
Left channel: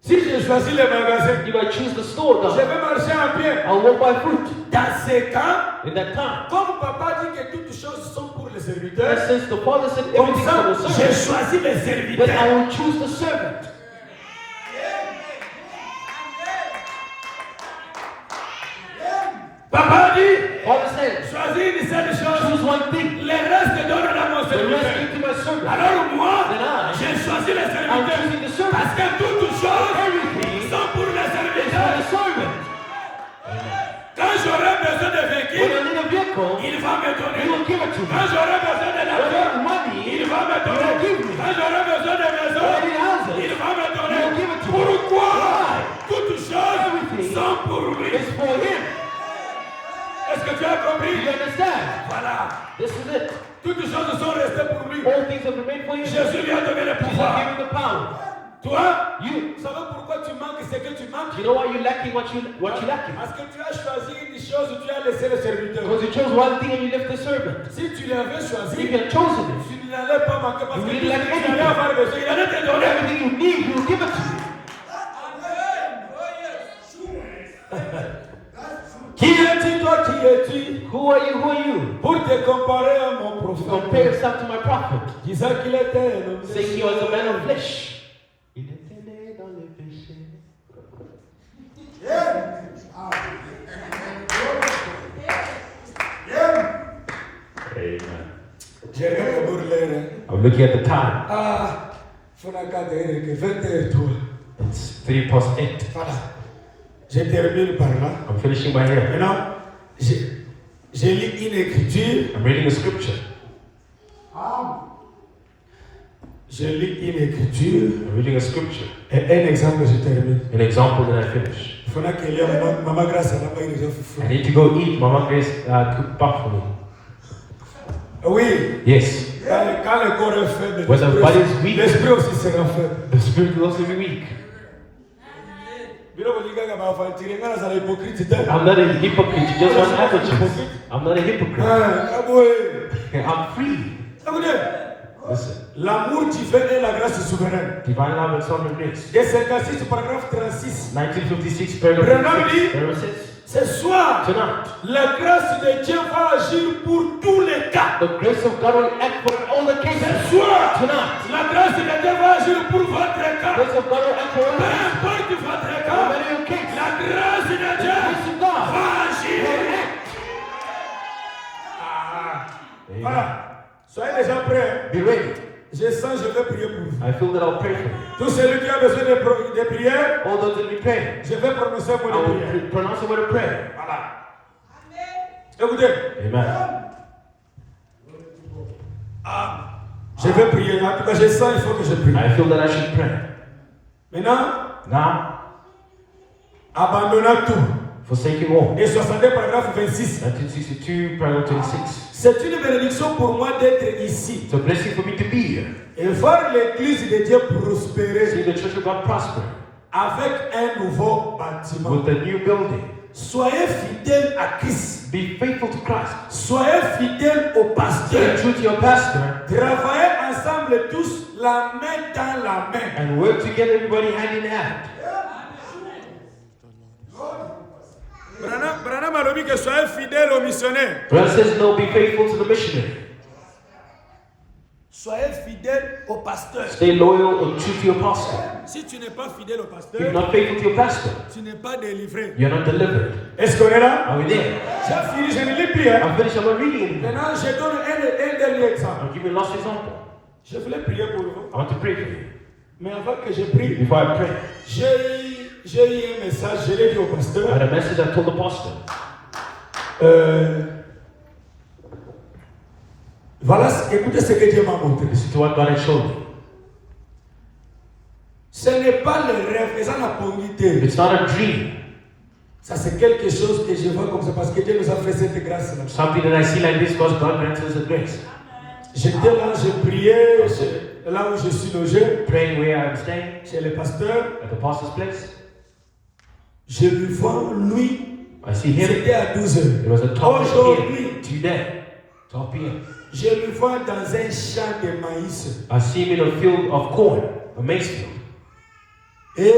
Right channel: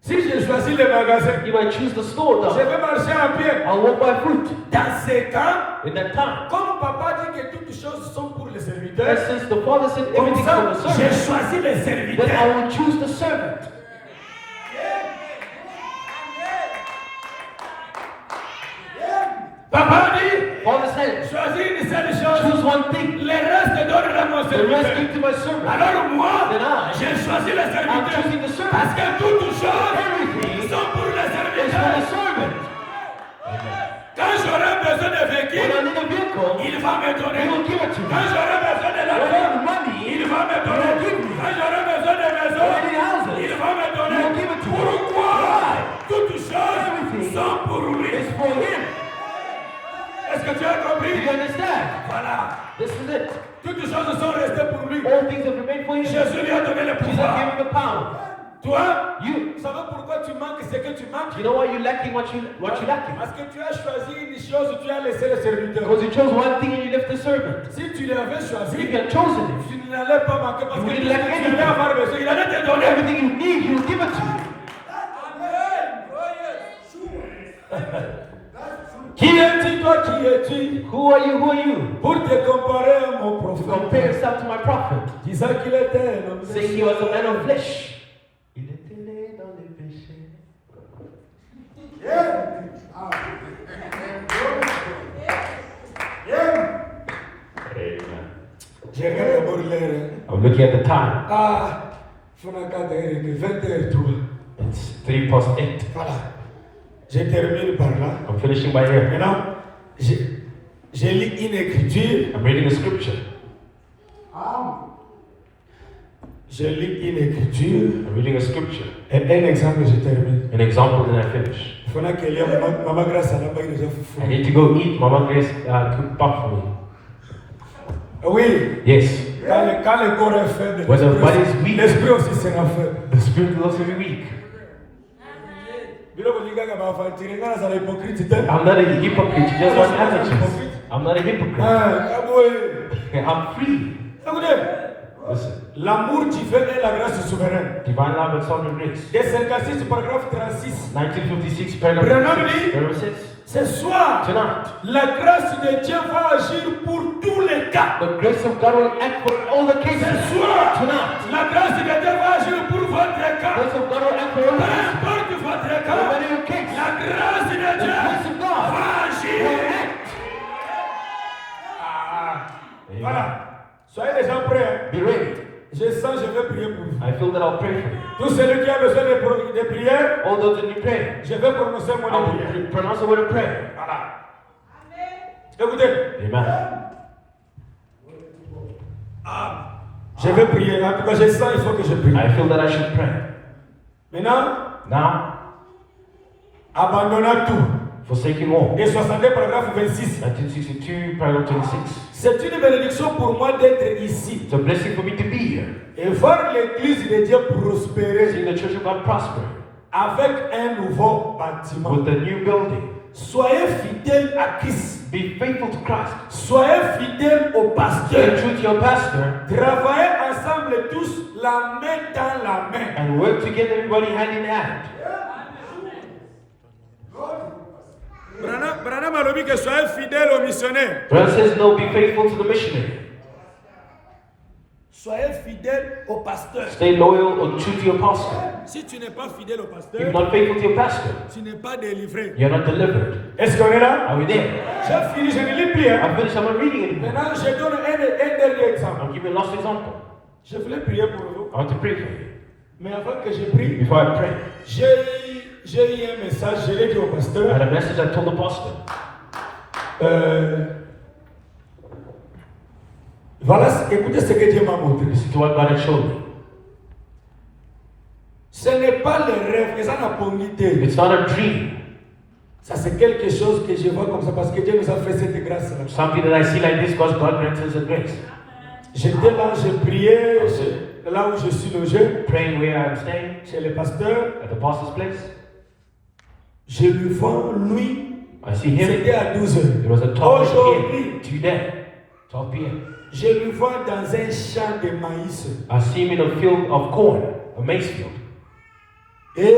si j'ai choisi le magasin, If I choose the store, je though, vais marcher en pied. I'll walk by foot. Dans ces cas, In that time, comme papa dit que toutes choses sont pour les serviteurs, and since the father said comme everything ça, for the j'ai servant, choisi les then serviteurs. I will choose the servant. Papa dit, Father said, choisis une seule chose. choose one thing. Le reste donne à mon The rest serviteur. give to my servant. Alors moi, Then I, j'ai choisi les I'm serviteurs. choosing the servant. Parce que toutes choses Everything sont pour les is for serviteurs. the servant. Quand j'aurai besoin de When véhicule, I need a vehicle, il va me he donner. will give it to me. Quand j'aurai besoin de When I l'argent, need money, il va me he will donner. give me. Quand j'aurai besoin de maison, When I need houses, il va me he donner. will give it to me. Pourquoi? Why? Toutes choses Everything sont pour lui. It's for him. Est-ce que tu as Do compris? you understand? Voilà. This is it. Toutes choses sont restées pour lui. All things have been made for you. Jesus Jésus lui a donné le gave pouvoir. you the power. Toi, You. vous savez pourquoi tu manques ce que tu manques? You know why you're lacking what you lacking? Parce que tu as choisi une chose, tu as laissé le serviteur. Because you chose one thing and you left the servant. Si tu l'avais If choisi, you had chosen it, tu n'allais pas manquer parce que You tout will ce lack que tu anything. allais avoir besoin, il allait te donner. everything you need, he will give it to you. Qui es-tu, toi, qui es-tu? Who are you? Who are you? Pour te comparer à mon To compare prophète, yourself to my prophet. disant qu'il était un homme. Saying he was a man of flesh. Il était né dans les péchés. J'ai regardé d'abord l'heure. I'm looking at the time. Ah, faut regarder, 20h03. It's 3:08. Voilà. Je termine par là. I'm finishing by here. Maintenant, je lis une écriture. I'm reading the scripture. Je lis une écriture. I'm reading a scripture. Et un exemple, je termine. An example, and I finish. Il faudra que maman grâce à la main de fou. I need to go eat. Mama Grace cooked pap for me. Oui. Yes. Quand le corps est faible, When the body is weak, l'esprit aussi sera faible. the spirit will also be weak. Bino bolinga nga bafantirenga na za hypocrite te. I'm not a hypocrite. You just want attitudes. I'm not a hypocrite. I'm free. Listen. L'amour divin et la grâce souveraine. Divine love and sovereign grace. Des 56 paragraphe 36. 1956, Branham paragraph dit, 6. Where it says, ce soir, tonight, la grâce de Dieu va agir pour tous les cas. the grace of God will act for all the cases. Ce soir, Tonight, la grâce de Dieu va agir pour votre the cas. grace of God will act for all Peu the cases. importe votre No cas, matter your case, la grâce de the Dieu grace of God va will agir. act. Voilà. Soyez déjà prêts. Be ready. Je sens, je vais prier pour vous. I feel that I'll pray for you. Tout celui qui a besoin de prière, All those that need prayer, je vais prononcer un mot I de prière. will pronounce a word of prayer. Voilà. Écoutez. Amen. Ah, je vais prier. En tout cas, je sens, il faut que je prie. I feel that I should pray. Maintenant, Now, abandonnons tout. forsaking more. Et 60 paragraphe 26. 1962, paragraph 26. C'est une bénédiction pour moi d'être ici It's a blessing for me to be here. et voir l'église de Dieu prospérer See the church of God prosper avec un nouveau bâtiment. with a new building. Soyez fidèles à Christ. Be faithful to Christ. Soyez fidèles au Stay pasteur. true to your pastor Travaillez ensemble tous la main dans la main. and work together, everybody hand in hand. Branham a dit que soyez fidèles aux missionnaires. Brother says, no, be faithful to the missionary. Soyez fidèles au pasteur. Stay loyal or true to your pastor. Si tu n'es pas fidèle au If you're pasteur, not faithful to your pastor, tu n'es pas délivré. you're not delivered. Est-ce qu'on est là? Are we there? J'ai fini, je ne lis plus. Hein? I'm finished. I'm not reading it. Maintenant, je donne un dernier exemple. I'll give you a last example. Je voulais prier pour vous. I want to pray for you. Mais avant que je prie, Before I pray, j'ai eu un message, je l'ai dit au I pasteur. had a message I told the pastor. Voilà, écoutez ce que Dieu m'a montré. This is what God had showed me. Ce n'est pas le rêve, mais ça n'a pas été. It's not a dream. Ça, c'est quelque chose que je vois comme ça parce que Dieu nous a fait cette grâce-là. Something that I see like this because God granted us a grace. J'étais là, je priais, là où je suis logé, Praying where I'm staying, chez le pasteur. at the pastor's place. Je le vois, lui, I see him. c'était à 12 heures. It was at 12 Aujourd'hui, p.m. Today, 12 p.m. je le vois dans un champ de maïs. I see him in a field of corn, a maize field. Et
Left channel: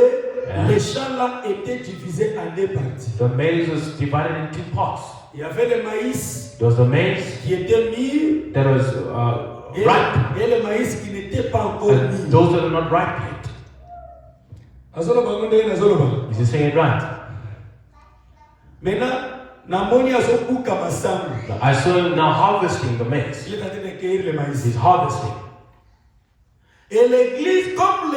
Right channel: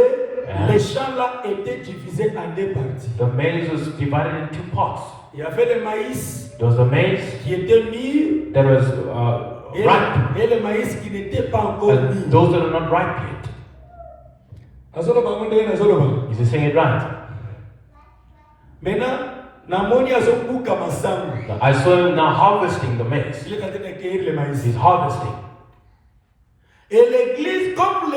les champs là étaient divisés en deux parties. The maize was divided in two parts. Il y avait le maïs There was the maize qui était mûr that was ripe, et le maïs qui n'était pas encore and mûr. those that are not ripe yet. Is he saying it right? Maintenant, namoni azokuka masango. I saw him now harvesting the maize. Il est en train de cueillir le maïs. He's harvesting. Et l'église, comme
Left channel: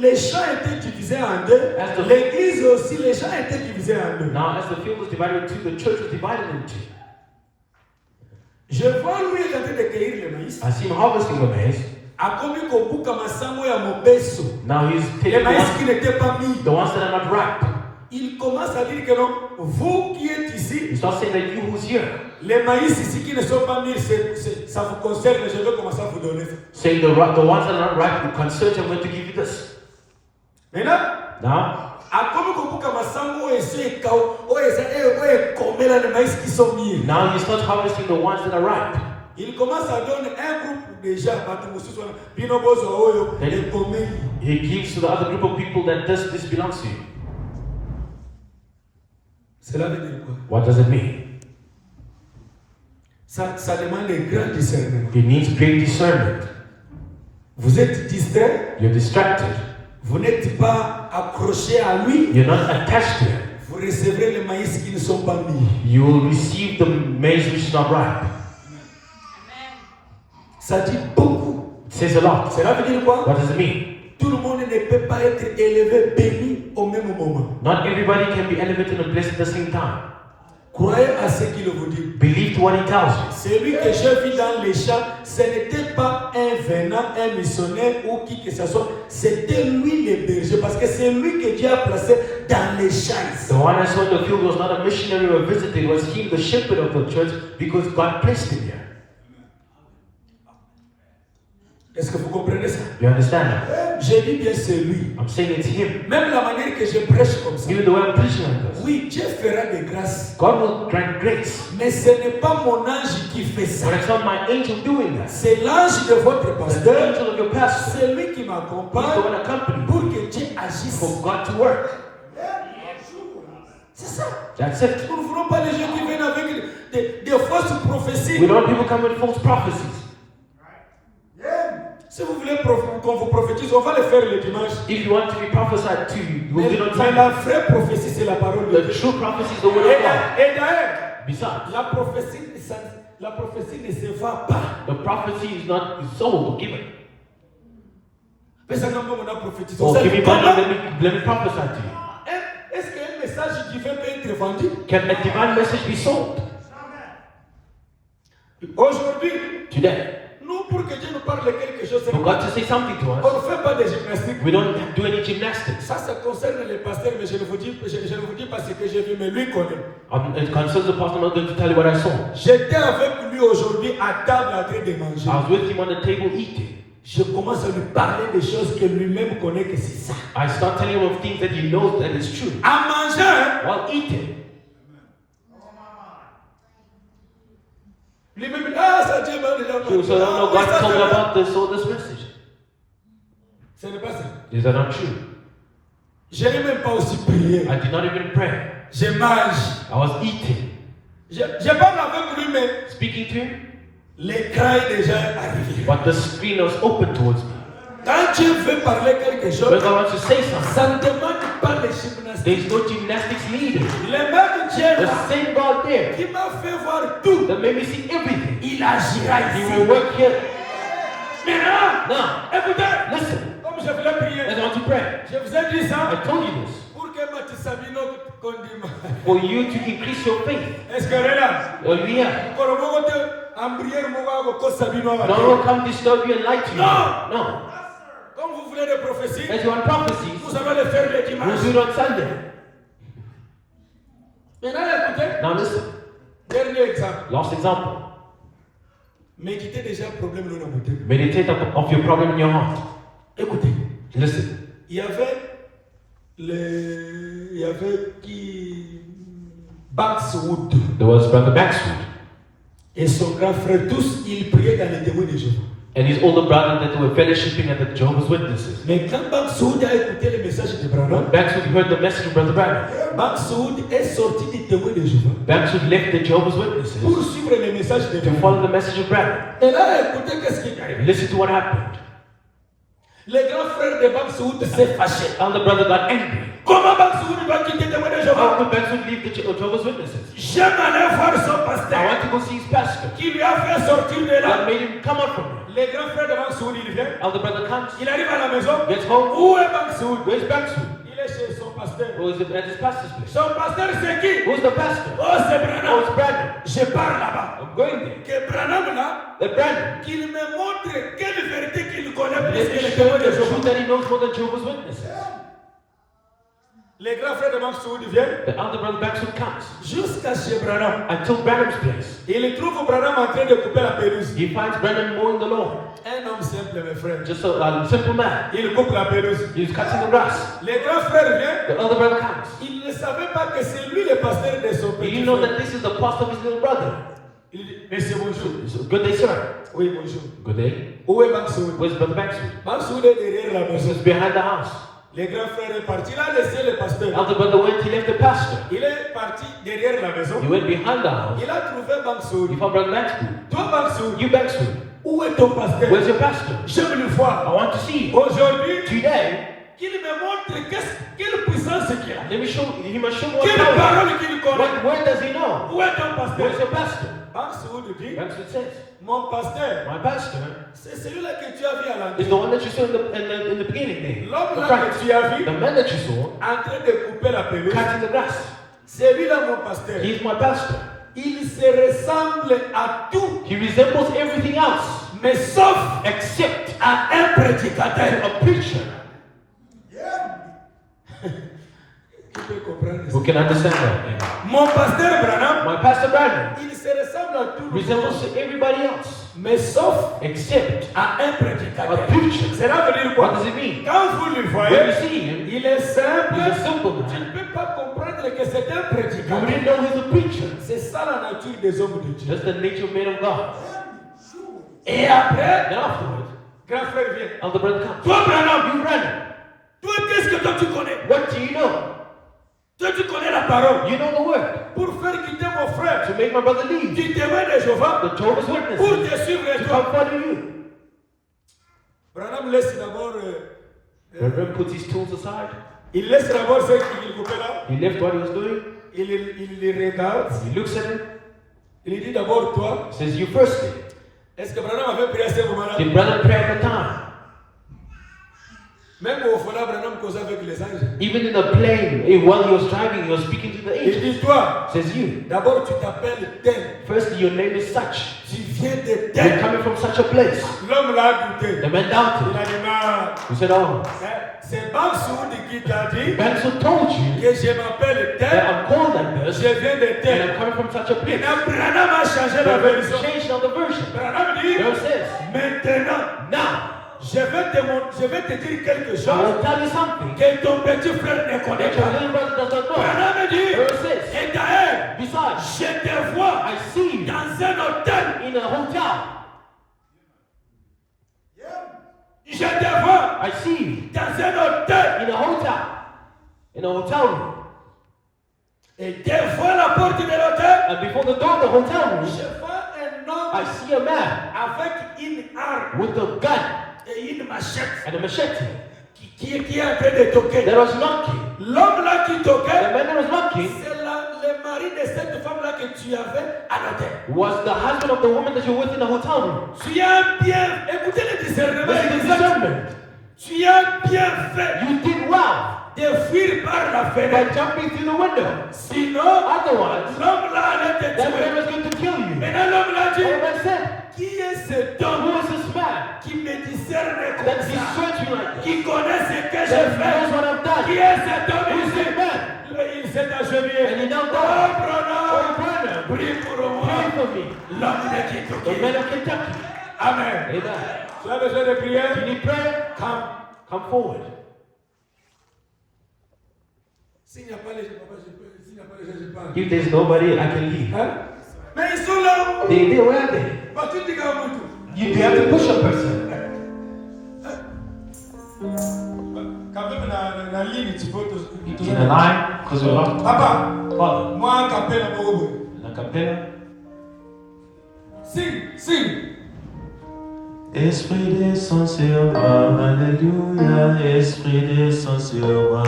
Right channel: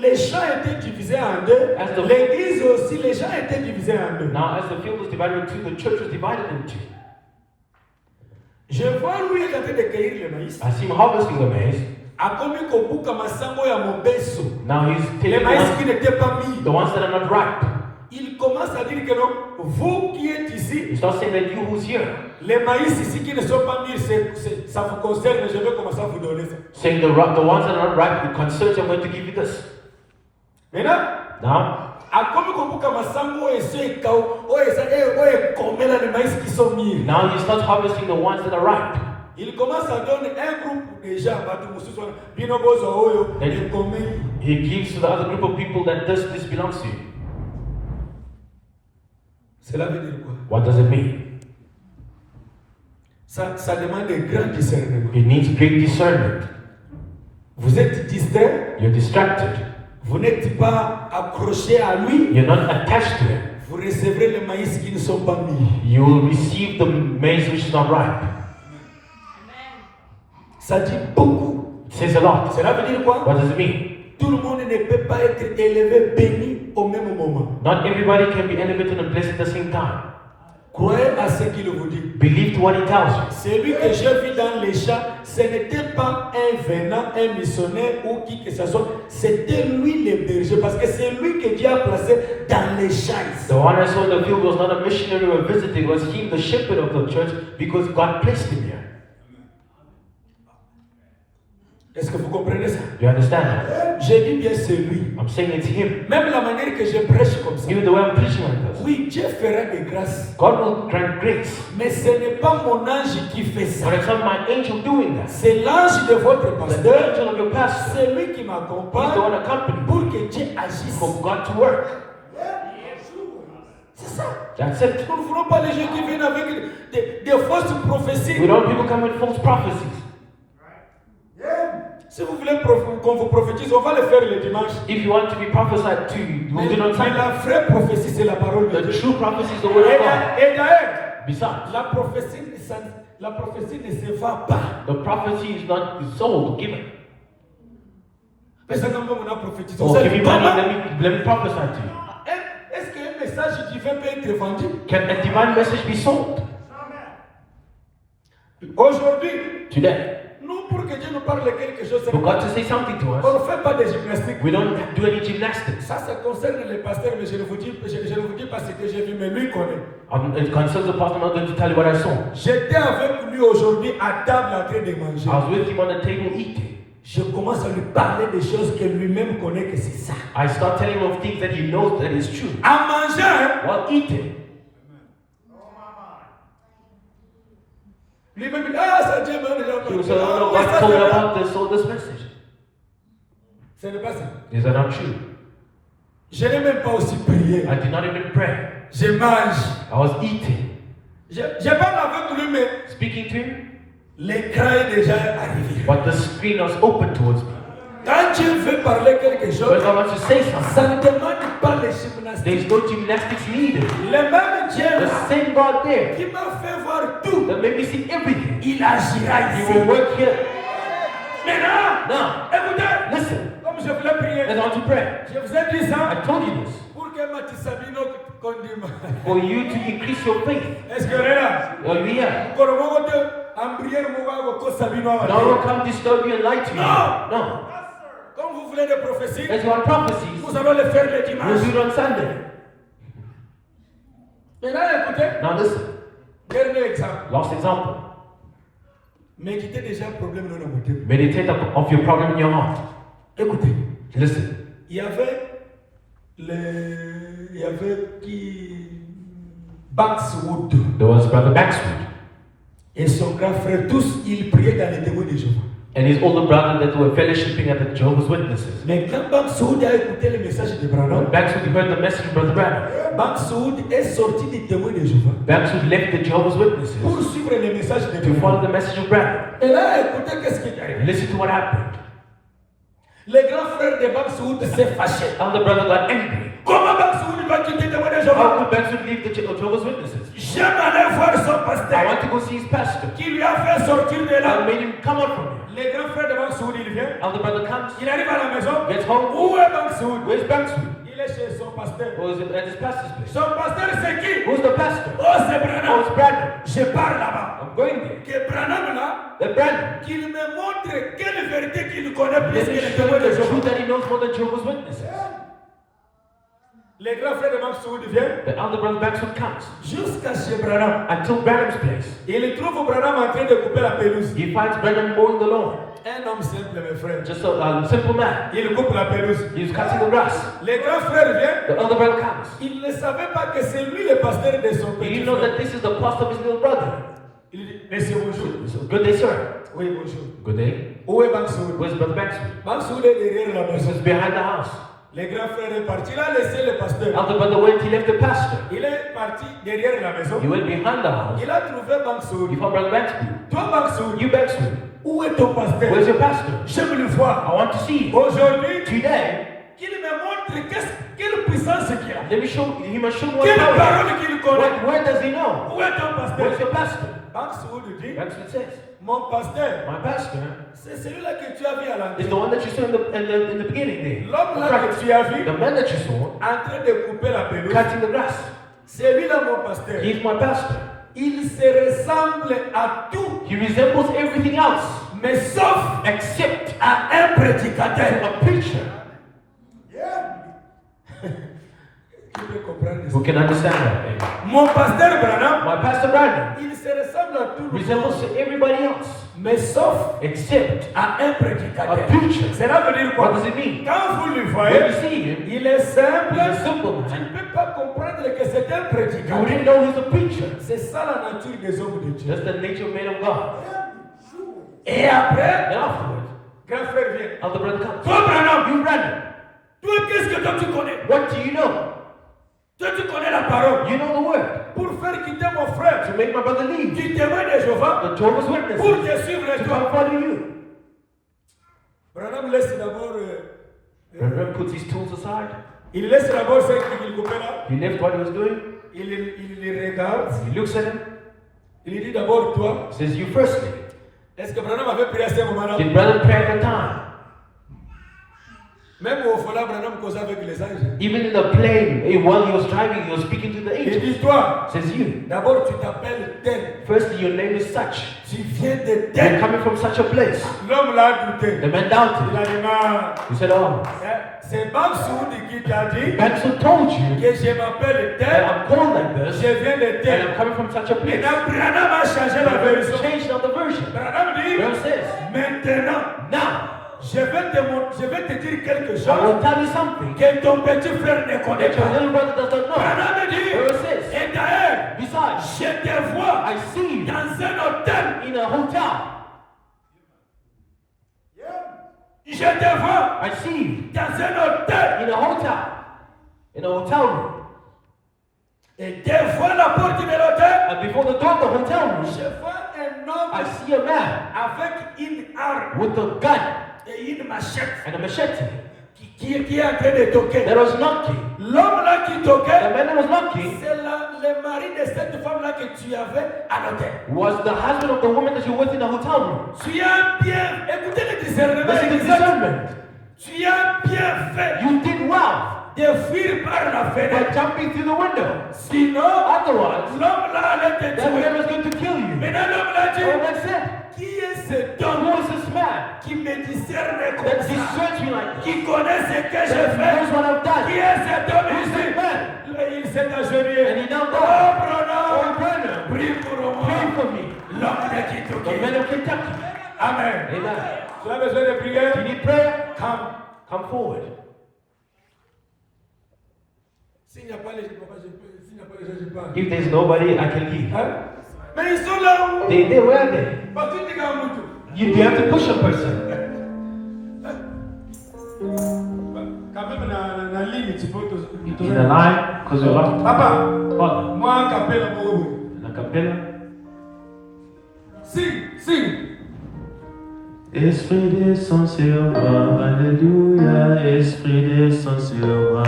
les champs étaient divisés en deux, l'église aussi, les champs étaient divisés en deux. Now, as the field was divided in two, the church was divided in two. Je vois lui il est en train de cueillir le maïs. I see him harvesting the maize. Akomi kobuka masango ya mobeso. Now he's Les taking maïs qui out n'étaient pas mis. the ones that are not ripe. Il commence à dire que non, vous qui êtes He ici, starts saying that you who's here, les maïs ici qui ne sont pas mis, ça vous concerne, je vais commencer à vous donner ça. saying the ones that are not ripe, the concerns I'm going to give you this. Maintenant, Now, akomi kobuka masango ese ekao, oye komela les maïs qui sont mis. now he starts harvesting the ones that are ripe. Il commence à donner un groupe déjà, bino bozo oyo, les komeli. He gives to the other group of people that this belongs to you. Cela veut dire quoi? What does it mean? Ça demande un grand discernement. It needs great discernment. Vous êtes distrait, You're distracted. vous n'êtes pas accroché à lui, You're not attached to him. vous recevrez les maïs qui ne sont pas mis. You will receive the maize which is not ripe. Ça dit beaucoup. It says a lot. Cela veut dire quoi? What does it mean? Tout le monde ne peut pas être élevé, béni au même moment. Not everybody can be elevated and blessed at the same time. Croyez à ce qu'il vous dit. Believe to what he tells you. Celui que j'ai vu dans les champs, ce n'était pas un venant, un missionnaire ou qui que ce soit. C'était lui le berger parce que c'est lui que Dieu a placé dans les champs. The one I saw in the field was not a missionary or a visitor. It was him, the shepherd of the church, because God placed him here. Est-ce que vous comprenez ça? You understand that? J'ai dit bien c'est lui. I'm saying it's him. Même la manière que je prêche comme ça. Even the way I'm preaching on this. Oui, Dieu fera des grâces. God will grant grace. Mais ce n'est pas mon ange qui fait ça. But it's not my angel doing that. C'est l'ange de votre It's the pasteur. angel of your pastor. C'est lui qui He's the m'accompagne one accompanying pour que Dieu agisse. for God to work. C'est ça. That's it. Nous ne voulons pas les gens qui viennent avec des fausses We prophéties. don't people come with false prophecies. Si vous voulez qu'on vous prophétise, on va le faire le dimanche. If you want to be prophesied to, we'll do it on Mais time. la vraie prophétie, c'est la parole de The Dieu. true prophecy is the word of God. Et d'ailleurs, Besides, la prophétie, La prophétie ne se vend pas. The prophecy is not sold or given. Mais ça n'a pas mon prophétisé. Oh, give me money, let me prophesy to you. Est-ce qu'un message divin peut être vendu? Can a divine message be sold? Aujourd'hui, Today, nous, pour que Dieu nous parle de quelque chose, for God to say something to on us, ne fait pas de gymnastique. we don't do any gymnastics. Ça concerne les pasteurs, mais je ne vous dis pas ce que j'ai vu, mais lui connaît. It concerns the pastor. I'm not going to tell you what I saw. J'étais avec lui aujourd'hui à table en train de manger. I was with him on the table eating. Je commence à lui parler des choses que lui-même connaît que c'est ça. I start telling him of things that he knows that is true. En mangeant, While eating, lui-même dit, ah, ça Dieu m'a déjà he was saying, parlé. no, Oui, God ça, told c'est me vrai. about this message. Ce n'est pas ça. These are not true. Je n'ai même pas aussi prié. I did not even pray. Je mange. I was eating. Je parle avec lui, mais Speaking to him, l'écran est déjà arrivé. but the screen was open towards me. Quand tu veux parler quelque When chose, God wants to say something, ça ne demande pas de gymnastique. there's no gymnastics needed. Le même Dieu The là, same God there qui m'a fait voir tout, that made me see everything, il agira He ici. will work here. Maintenant, Now, écoutez, listen, comme je voulais prier, as I want to pray, je vous ai dit ça I told you this, pour que Mathieu Sabino condime. for you to increase your faith. Est-ce que là, Are you here? Koromogote, Ambrière Mouago, Ko Sabino, No one come disturb you and lie to you. No. No. comme vous voulez des prophéties, As you want prophecies, vous allez les faire le we'll dimanche. do it on Sunday. Maintenant, écoutez, Now listen, dernier exemple. last example. Méditez déjà le problème dans notre tête. Meditate of your problem in your heart. Écoutez, Listen, il y avait qui Bankswood there was Brother Baxwood et son grand frère, tous ils priaient dans les témoins de Jéhovah. and his older brother that were fellowshipping at the Jehovah's Witnesses. Mais quand Bankswood a écouté le message de Branham, When Baxwood heard the message of Brother Branham, Bankswood est sorti des témoins de Jéhovah Baxwood left the Jehovah's Witnesses pour suivre le message de to Branham. follow the message of Branham. Et là, écoutez qu'est-ce qui est arrivé. Listen to what happened. Le grand frère de Bankswood s'est fâché. Elder brother got angry. Comment Bankswood va quitter les témoins de How Jéhovah? could Baxwood leave the Jehovah's Witnesses? J'aime aller voir son I pasteur want to go see his pastor. qui lui a fait sortir de God là. made him come out from here. Le grand frère de Bankswood, il vient. Elder brother comes, Il arrive à la maison. gets home. Où est Bankswood? Where's Baxwood? Il est chez son pasteur. Who is at his pastor's place? Son pasteur, c'est qui? Who's the pastor? Oh, c'est Oh, Branham. it's Branham. Je pars là-bas. I'm going there. Que Branham là, The Branham. qu'il me montre quelle vérité qu'il connaît plus Let que me les show témoins you de the truth Jéhovah. that he knows more than Jehovah's Witnesses. Le grand frère de Bankswood vient The elder brother Baxwood comes jusqu'à chez Branham. until Branham's place. Il trouve Branham en train de couper la pelouse. He finds Branham mowing the lawn. Un homme simple, mes frères. Just a simple man. Il coupe la pelouse. He's cutting the grass. Le grand frère vient. The elder brother comes. Il ne savait pas que c'est lui le pasteur de son Do petit you know frère. that this is the pastor of his little brother? Il dit, monsieur, bonjour. So, good day, sir. Oui, bonjour. Good day. Où est Bankswood? Where's Brother Baxwood? Bankswood est derrière la This maison. is behind the house. Le grand frère est parti. Il a laissé le pasteur. Elder brother went, he left the pastor. Il est parti derrière la maison. He went behind the house. Il a trouvé Bankswood. He found Brother Baxwood. Toi, Bankswood, You Baxwood. où est ton pasteur? Where's your pastor? J'aime le voir. I want to see you. Aujourd'hui, Today, qu'il me montre quelle puissance qu'il a. let me show he must show me what Quelle power. parole qu'il connaît. What word does he know? Où est ton Where's pasteur? your pastor? Bankswood dit, Baxwood says, mon pasteur, my pastor c'est celui-là que tu as vu à is l'entrée. the one that you saw in the beginning there. L'homme The là prophet. que tu as vu The man that you saw en train de couper la pelouse, cutting the grass. c'est lui là mon pasteur. He's my pastor. Il se ressemble à tout, He resembles everything else mais sauf except à un prédicateur. a preacher. Tu peux comprendre ça. Who can understand that? Amen. Mon pasteur Branham, My pastor Brandon il se ressemble à tout le resembles monde, to everybody else mais sauf except à un a prédicateur. preacher. Cela veut dire quoi? What does it mean? Quand vous le When voyez, you see him, il est simple. he's a simple Tu man. ne peux pas comprendre que c'est un You prédicateur. wouldn't know he's a preacher. C'est ça la nature des hommes de Dieu. That's the nature of man of God. Et après, And afterwards, grand frère vient. elder brother comes. Toi, Branham, You Brandon, toi, qu'est-ce que toi tu connais? what do you know? Toi, tu connais la parole. You know the word. Pour faire quitter mon frère To make my brother leave. du témoin de Jéhovah, The Jehovah's pour Witnesses. te suivre To toi. come follow you. Branham laisse d'abord, Reverend puts his tools aside. il laisse d'abord ce qu'il coupait là. He left what he was doing. Il les regarde. He looks at him. Il dit d'abord toi. It says you firstly. Est-ce que Branham avait prié à ce moment-là? Did Branham pray at the time? Même au Fola, Branham causait avec les anges. Even in the plane, while he was driving, he was speaking to the Il angels. dit toi. It says you. D'abord tu t'appelles tel. Firstly, your name is such. Tu viens de You're tel. coming from such a place. L'homme l'a douté. The man Il doubted. a dit non. He said, oh, C'est Bamsoudi qui t'a dit Benson told you que je m'appelle that tel. I'm called like this, Je viens de and tel. I'm coming from such a place. Maintenant, Branham a changé la But version. changed on the version. Branham dit It says, maintenant, now, je vais te dire quelque I chose will tell you something que ton petit frère ne connaît that your pas. little brother does not know. Branham dit It says, et d'ailleurs, besides, je te vois I see you dans un hôtel. in a hotel. Je te vois I see you dans un hôtel. in a hotel. In a hotel room. Et devant la porte de l'hôtel, And before the door of the hotel room, je vois un I homme see a man avec une arme with a gun et une machette and a machete qui est en train de toquer. that was knocking. L'homme là qui The toquait, man that was knocking c'est le mari de cette femme là que tu avais à l'hôtel. was the husband of the woman that you're with in the hotel room. Tu as bien, écoutez le discernement, Listen to discernment. tu as bien fait You did well de fuir par la by fenêtre. jumping through the window. Sinon, Otherwise, l'homme là allait te that man tuer. was going to kill you. Maintenant l'homme là dit, And the man said, qui est cet who homme is this man qui me discerne that comme ça, destroys me like this? qui connaît ce que That j'ai knows fait? what I've Qui done? est cet homme Who's ici? this man? Il s'est agenouillé. And he knelt Oh, down. Branham, Oh, Branham, prie pour moi. pray for me. L'homme de The Kentucky. man of Kentucky. Amen. Amen. Tu as besoin de prier? You need prayer? Come. Forward. S'il n'y a pas les gens, papa, je peux. S'il n'y a pas les gens, je peux pas. If there's nobody, I can leave. Hein? Mais ils sont là. They where are they? Bah, tu dis qu'à Moutou. You have to push a person. Quand même, dans la ligne, tu peux te. In the line, because you're locked. Papa, What? moi, capella, Morobo. In the capella. Sing. Esprit descend sur moi, alléluia, Esprit descend sur moi.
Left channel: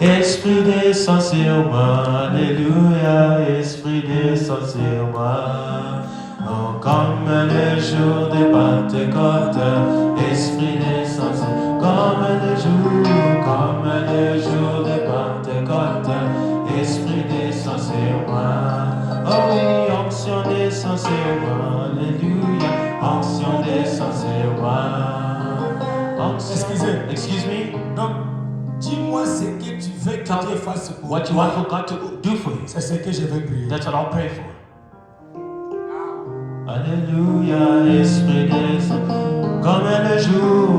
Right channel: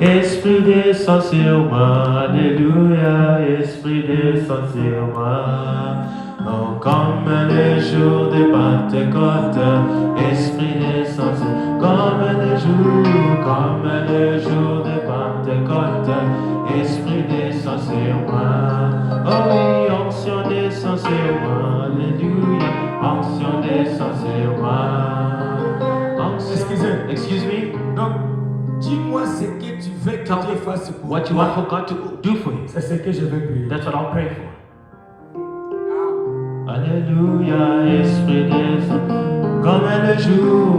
Esprit descend sur moi, alléluia, Esprit descend sur moi. Oh, comme les jours de Pentecôte, Esprit descend sur moi. Comme les jours de Pentecôte, Esprit descend sur moi. Oh oui, onction descend sur moi, alléluia, onction descend sur moi. Excuse me? Donc, dis-moi ce que tu veux que Dieu fasse pour What you want for God to do for you? C'est ce que je vais prier. That's what I'll pray for. Alléluia, Esprit descend comme le jour